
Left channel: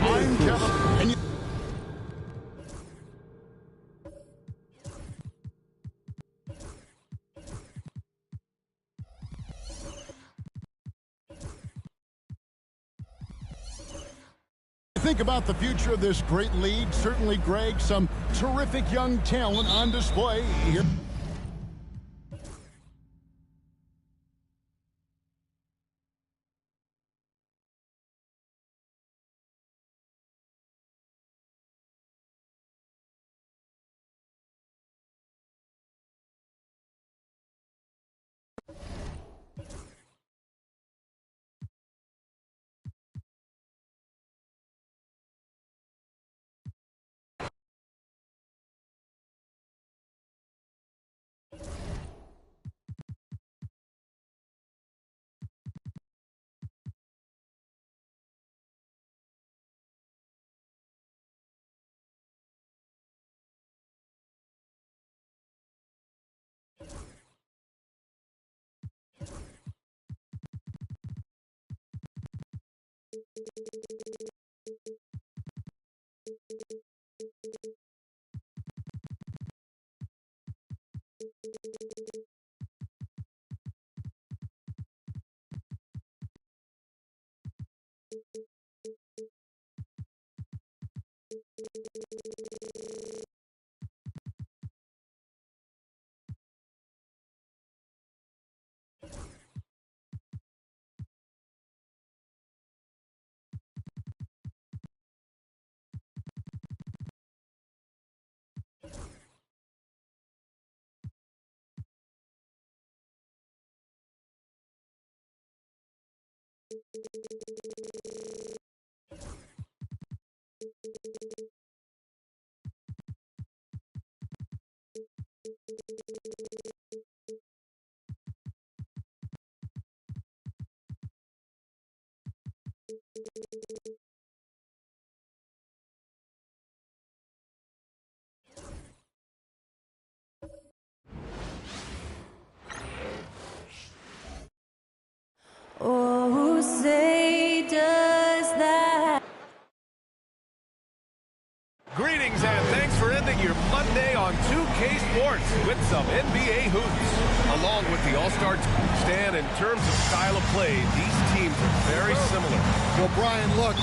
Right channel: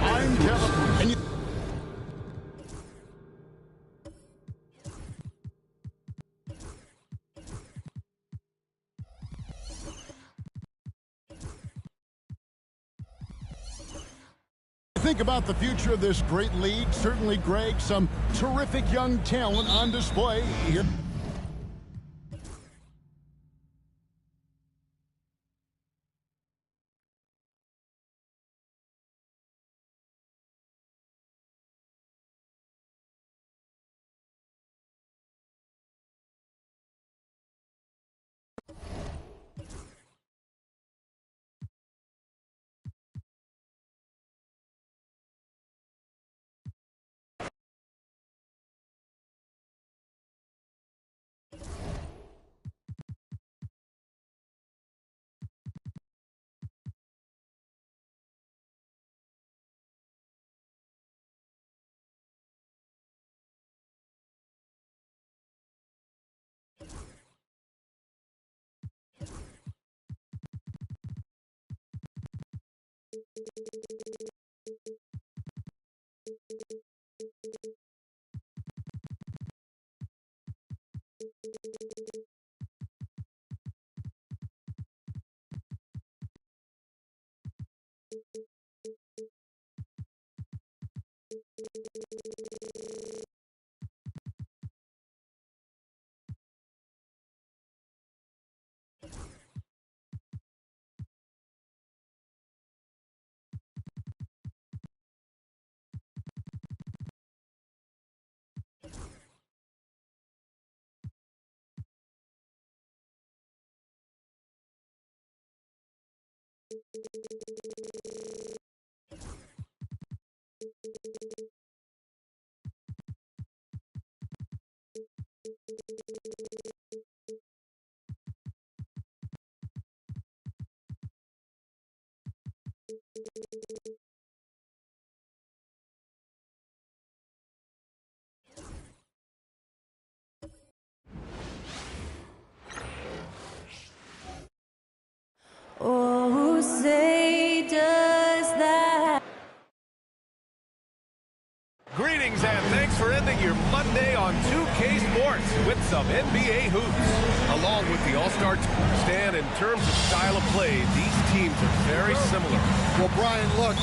I'm Kevin. And you think about the future of this great league. Certainly, Greg, some terrific young talent on display here. Monday on 2K Sports with some NBA hoops. Along with the All-Star stand, in terms of style of play, these teams are very similar. Well, Brian, look.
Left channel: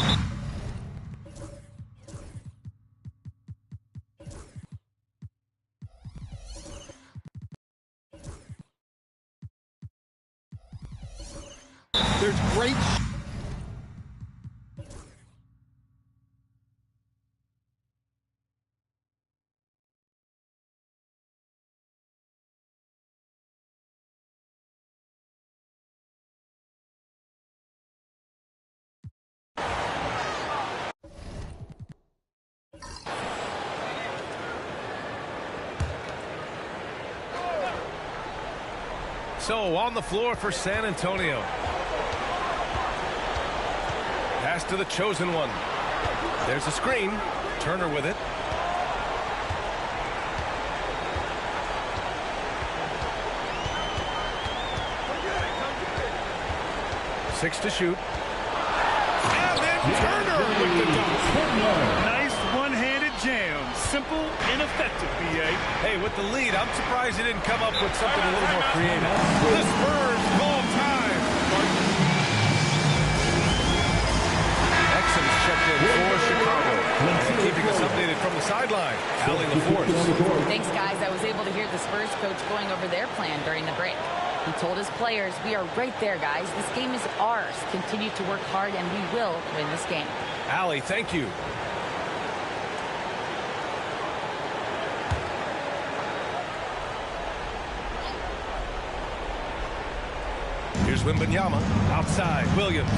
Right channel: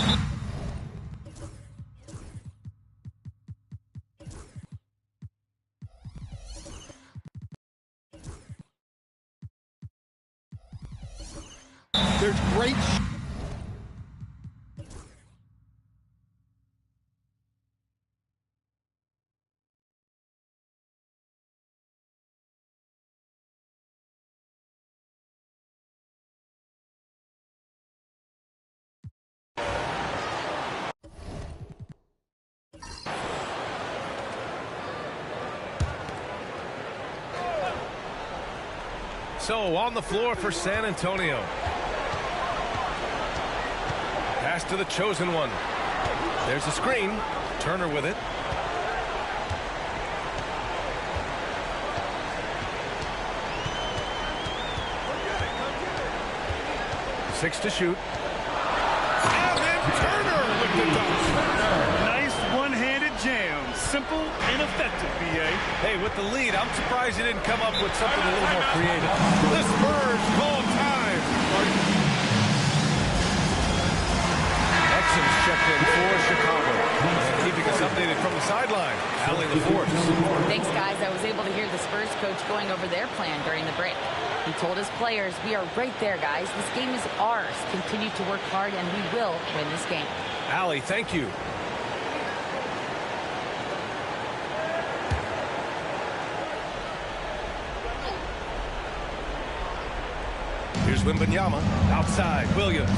There's great So on the floor for San Antonio. Pass to the chosen one. There's a screen. Turner with it. Six to shoot. And then Turner with the dunk. Nice one-handed jam. Simple and effective, B.A. Hey, with the lead, I'm surprised he didn't come up with something a little more creative. The Spurs call time. Exum's checked in for Chicago. And keeping us updated from the sideline, Allie LaForce. Thanks, guys. I was able to hear the Spurs coach going over their plan during the break. He told his players, we are right there, guys. This game is ours. Continue to work hard, and we will win this game. Allie, thank you. Here's Wembanyama. Outside, Williams.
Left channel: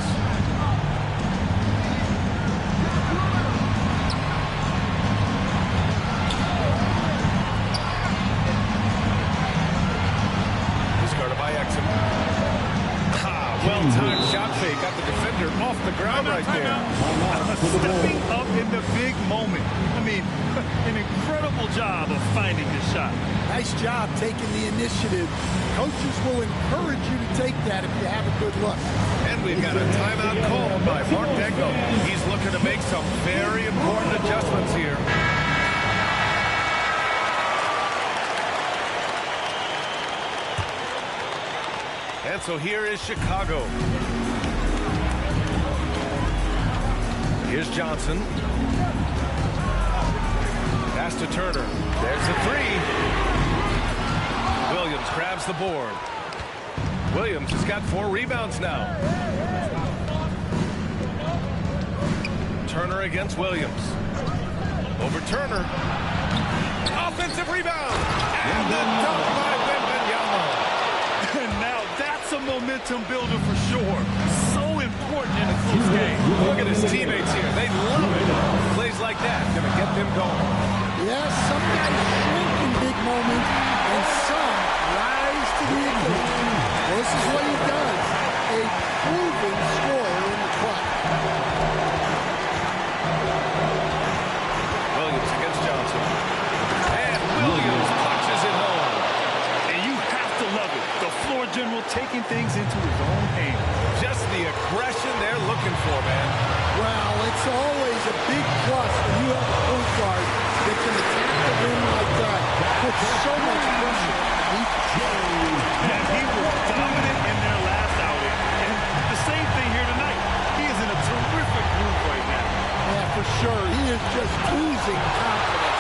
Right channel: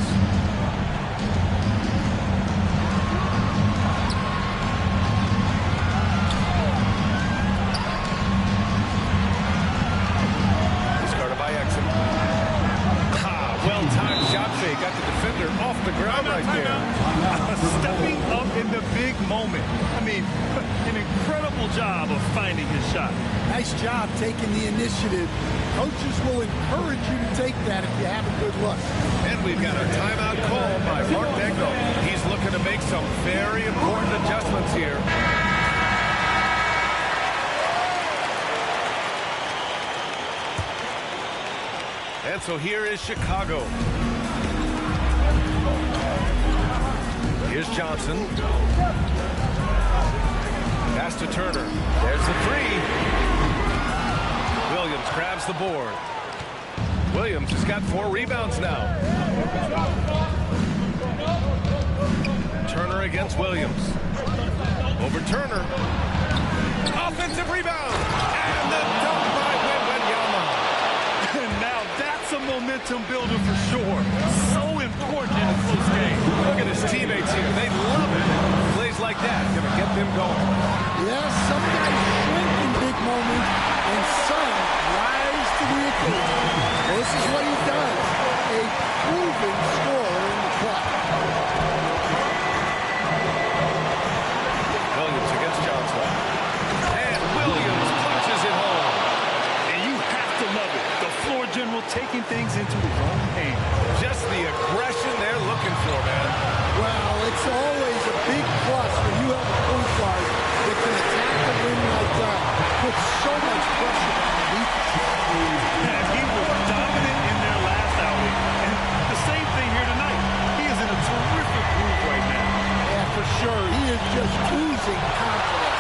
Discarded by Exum. Well-timed shot fake. Got the defender off the ground right there. Stepping up in the big moment. I mean, an incredible job of finding his shot. Nice job taking the initiative. Coaches will encourage you to take that if you have a good look. And we've got a timeout called by Mark Degno. He's looking to make some very important adjustments here. And so here is Chicago. Here's Johnson. Pass to Turner. There's the three. Williams grabs the board. Williams has got 4 rebounds now. Turner against Williams. Over Turner. Offensive rebound. And the dunk by Wembanyama. And now that's a momentum builder for sure. So important in a close game. Look at his teammates here. They love it. Plays like that going to get them going. Yeah, some guys shrink in big moments, and some rise to the occasion. Well, this is what he does. A proven scorer in the clutch. Williams against Johnson. And Williams punches it home. And you have to love it. The floor general taking things into his own hands. Just the aggression they're looking for, man. Well, it's always a big plus when you have a point guard that can attack the rim like that. Put so much pressure on the defense. And he was dominant in their last outing. And the same thing here tonight. He is in a terrific groove right now. Yeah, for sure. He is just oozing confidence.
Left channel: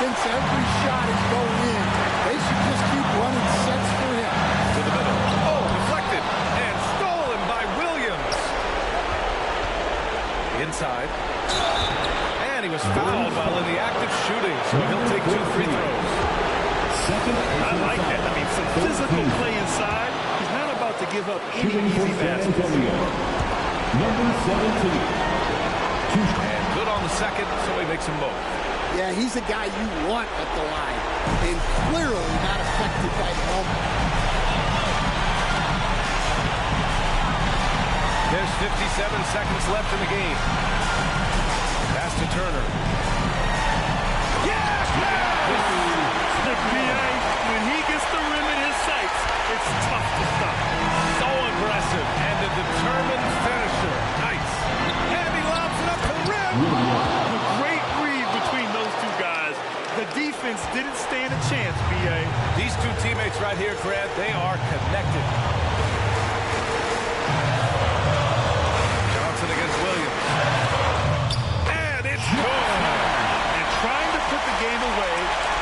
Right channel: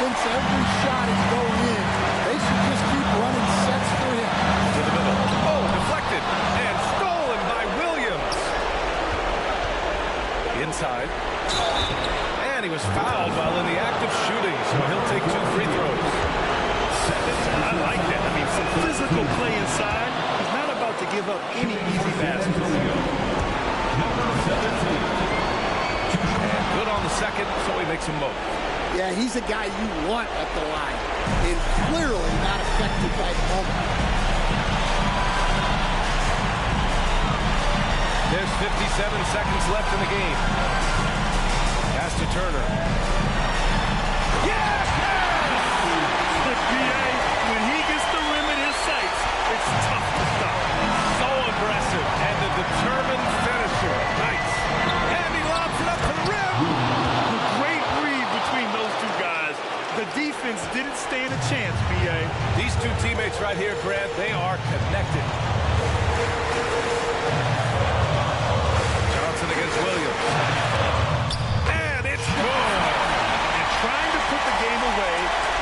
Thinks every shot is going in. They should just keep running sets for him. To the middle. Oh, deflected. And stolen by Williams. Inside. And he was fouled while in the act of shooting, so he'll take 2 free throws. I like that. I mean, some physical play inside. He's not about to give up any easy baskets. Number 17. And good on the second, so he makes them both. Yeah, he's a guy you want at the line, and clearly not affected by the moment. There's 57 seconds left in the game. Pass to Turner. Yes! The PA, when he gets the rim in his sights, it's tough to stop. So aggressive and a determined finisher. Nice. And he lobs it up to the rim. A great read between those two guys. The defense didn't stand a chance, B.A. These two teammates right here, Grant, they are connected. Johnson against Williams. And it's good. And trying to put the game away,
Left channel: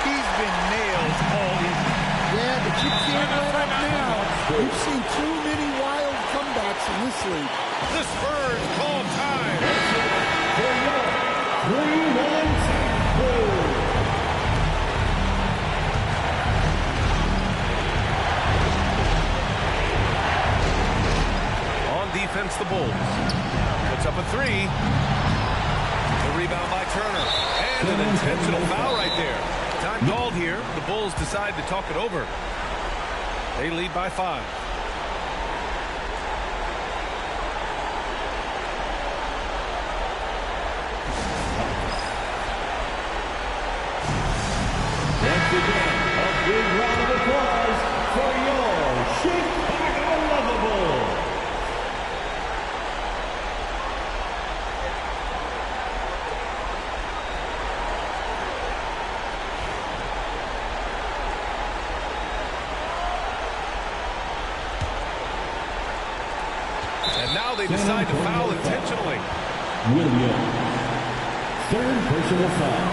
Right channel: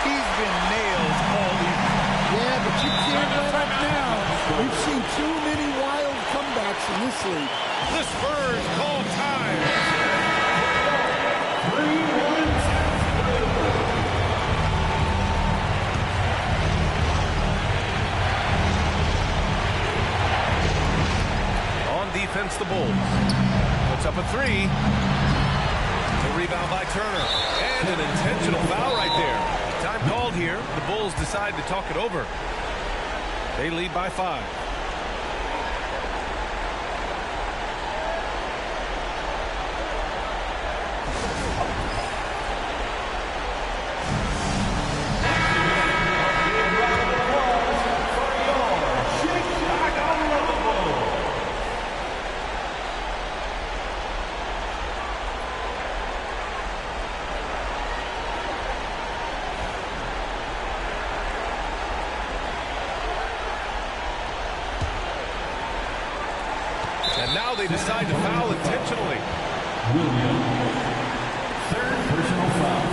he's been nails all evening. Yeah, but you can't let up now. We've seen too many wild comebacks in this league. The Spurs call time. 3-1 On defense, the Bulls. Puts up a three. The rebound by Turner. And an intentional foul right there. Time called here. The Bulls decide to talk it over. They lead by 5. Once again, a big round of applause for your Chicago Bulls. And now they decide to foul intentionally. Williams. Third personal foul.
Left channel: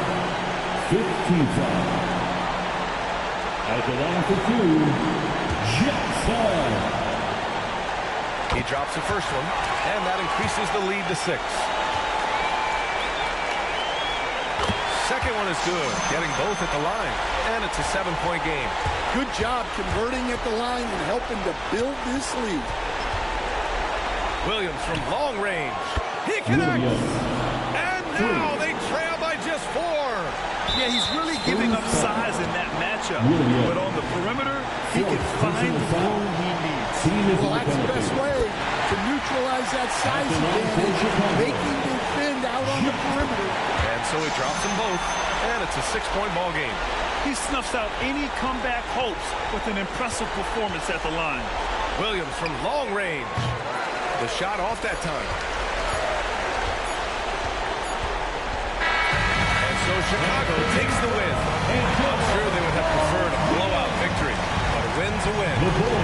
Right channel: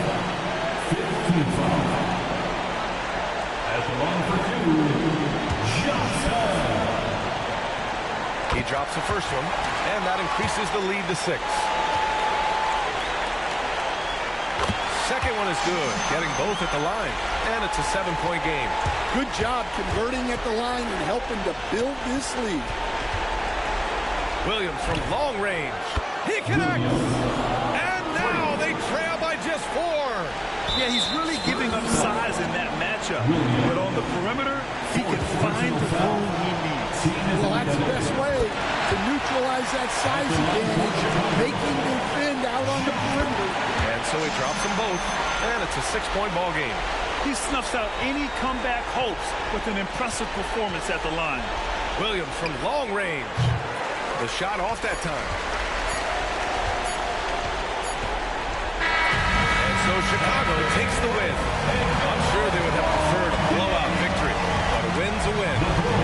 15th foul. At the line for 2, Johnson. He drops the first one, and that increases the lead to 6. Second one is good, getting both at the line, and it's a 7-point game. Good job converting at the line and helping to build this lead. Williams from long range. He connects. And now they trail by just 4. Yeah, he's really giving up size in that matchup. But on the perimeter, he can find the room he needs. Well, that's the best way to neutralize that size advantage, making defend out on the perimeter. And so he drops them both, and it's a 6-point ball game. He snuffs out any comeback hopes with an impressive performance at the line. Williams from long range. The shot off that time. And so Chicago takes the win. I'm sure they would have preferred a blowout victory, but a win's a win.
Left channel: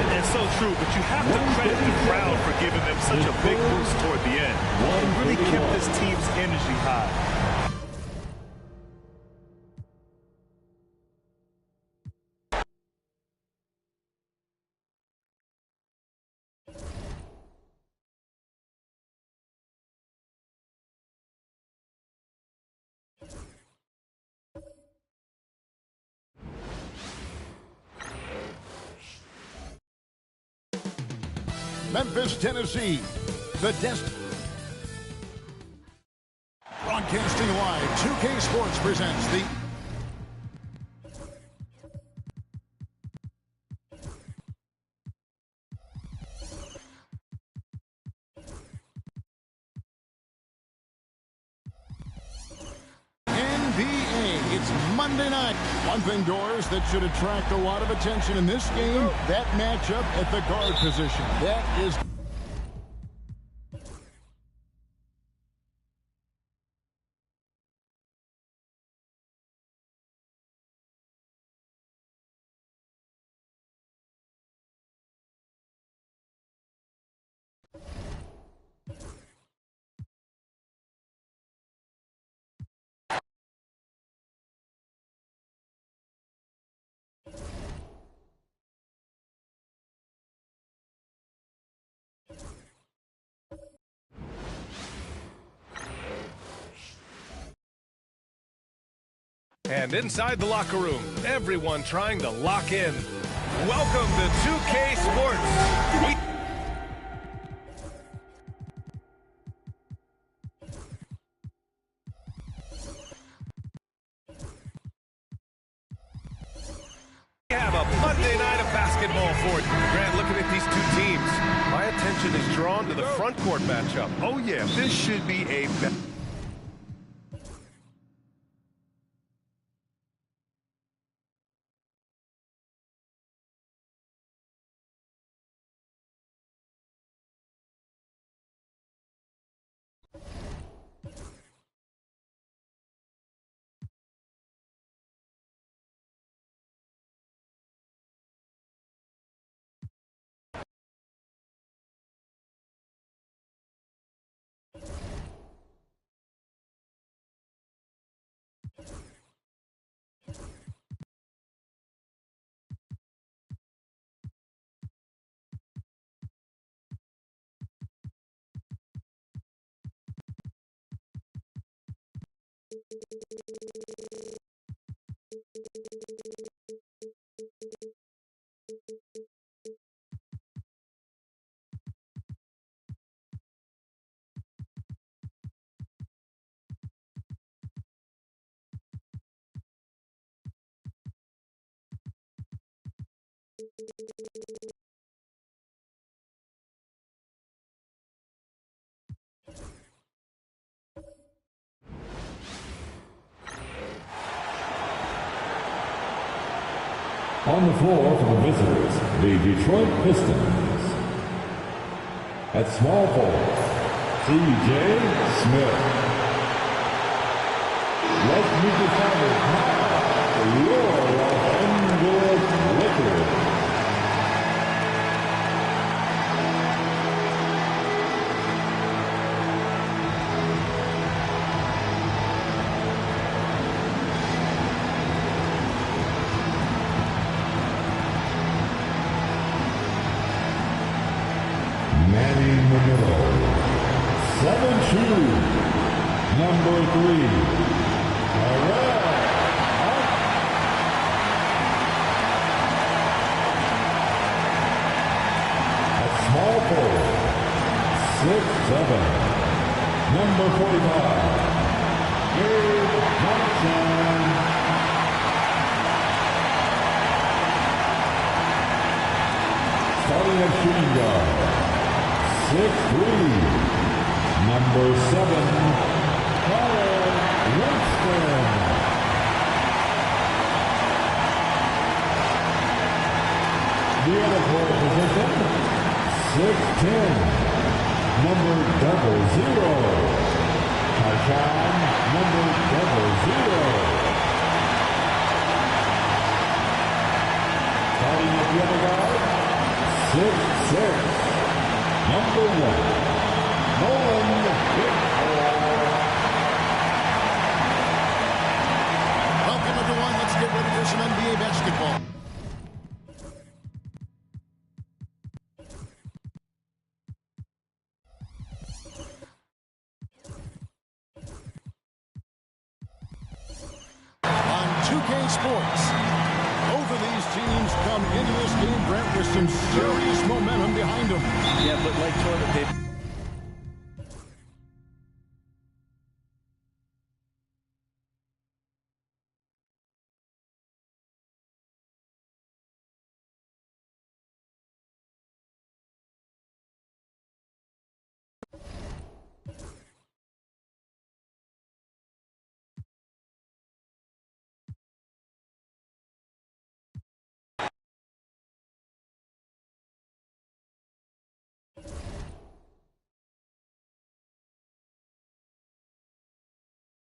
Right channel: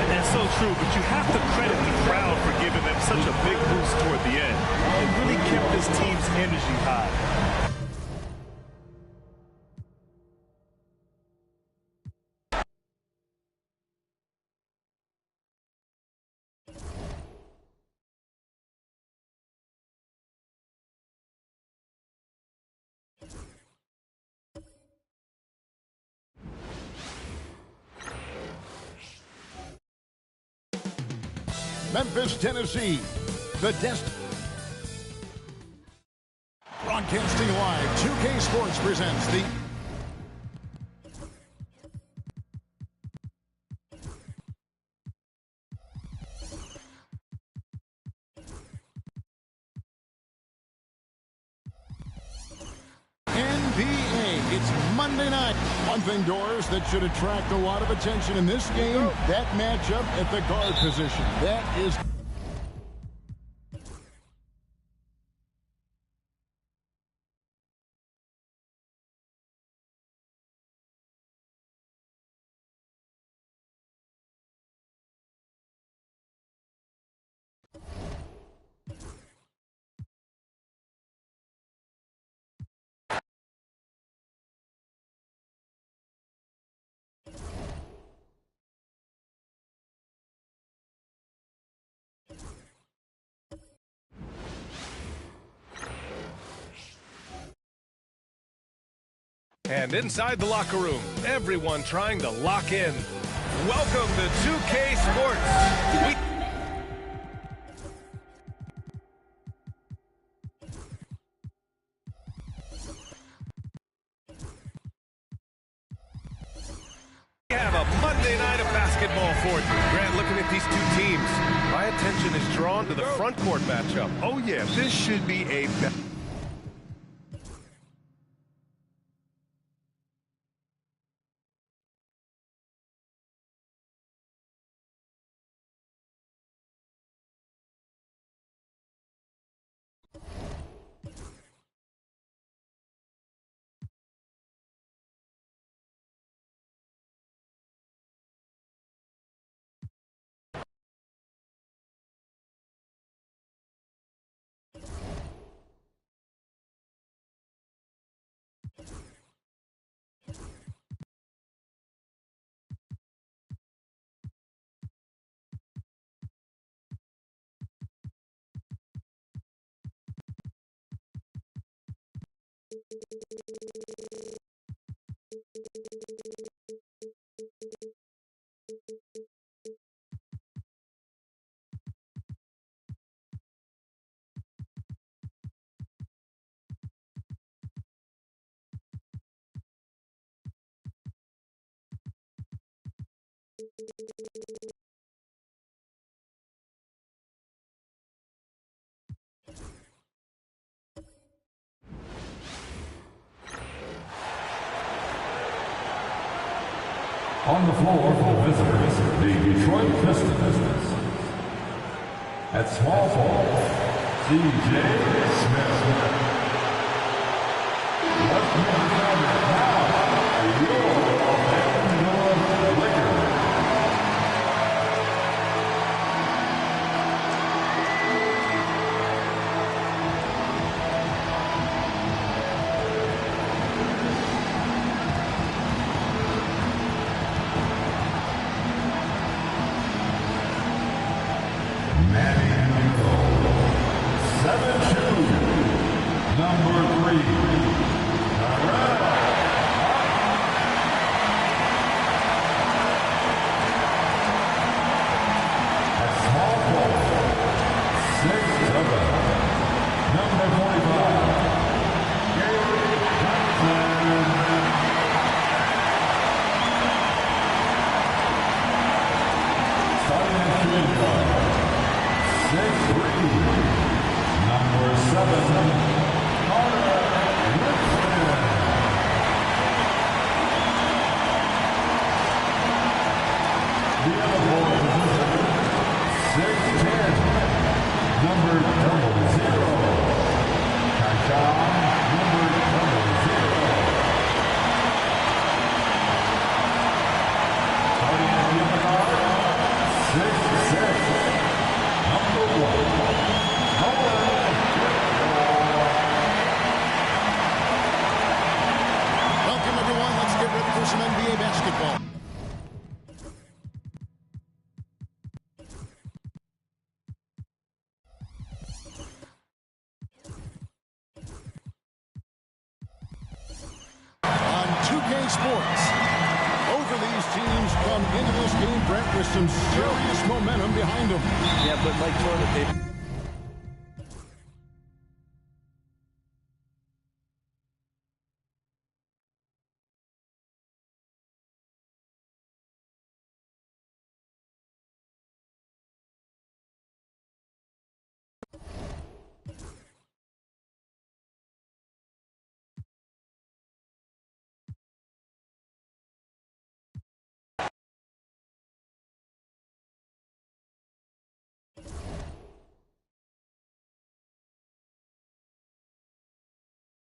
And that's so true, but you have to credit the crowd for giving them such a big boost toward the end. It really kept this team's energy high. Memphis, Tennessee. The Broadcasting live, 2K Sports presents the NBA. It's Monday night. One thing, Doors, that should attract a lot of attention in this game, that matchup at the guard position. That is... And inside the locker room, everyone trying to lock in. Welcome to 2K Sports. We have a Monday night of basketball for you. Grant, looking at these two teams, my attention is drawn to the front court matchup. Oh, yeah, this should be a On the floor for the visitors, the Detroit Pistons. At small forward, C.J. Smith. Let's meet the starters now for your Los Angeles Lakers. Manny Manilo, 7'2", number 3, Terrell. At small forward, 6'7", number 45, Gabe Johnson. Starting at shooting guard, 6'3", number 7, Carter Winston. The other forward position, 6'10", number 00, Tyshawn, number 00. Starting at the other guard, 6'6", number 1, Nolan Whitmore. Welcome, everyone. Let's get ready for some NBA basketball. On 2K Sports, both of these teams come into this game, Brent, with some serious momentum behind them. Yeah, but like Troy, they've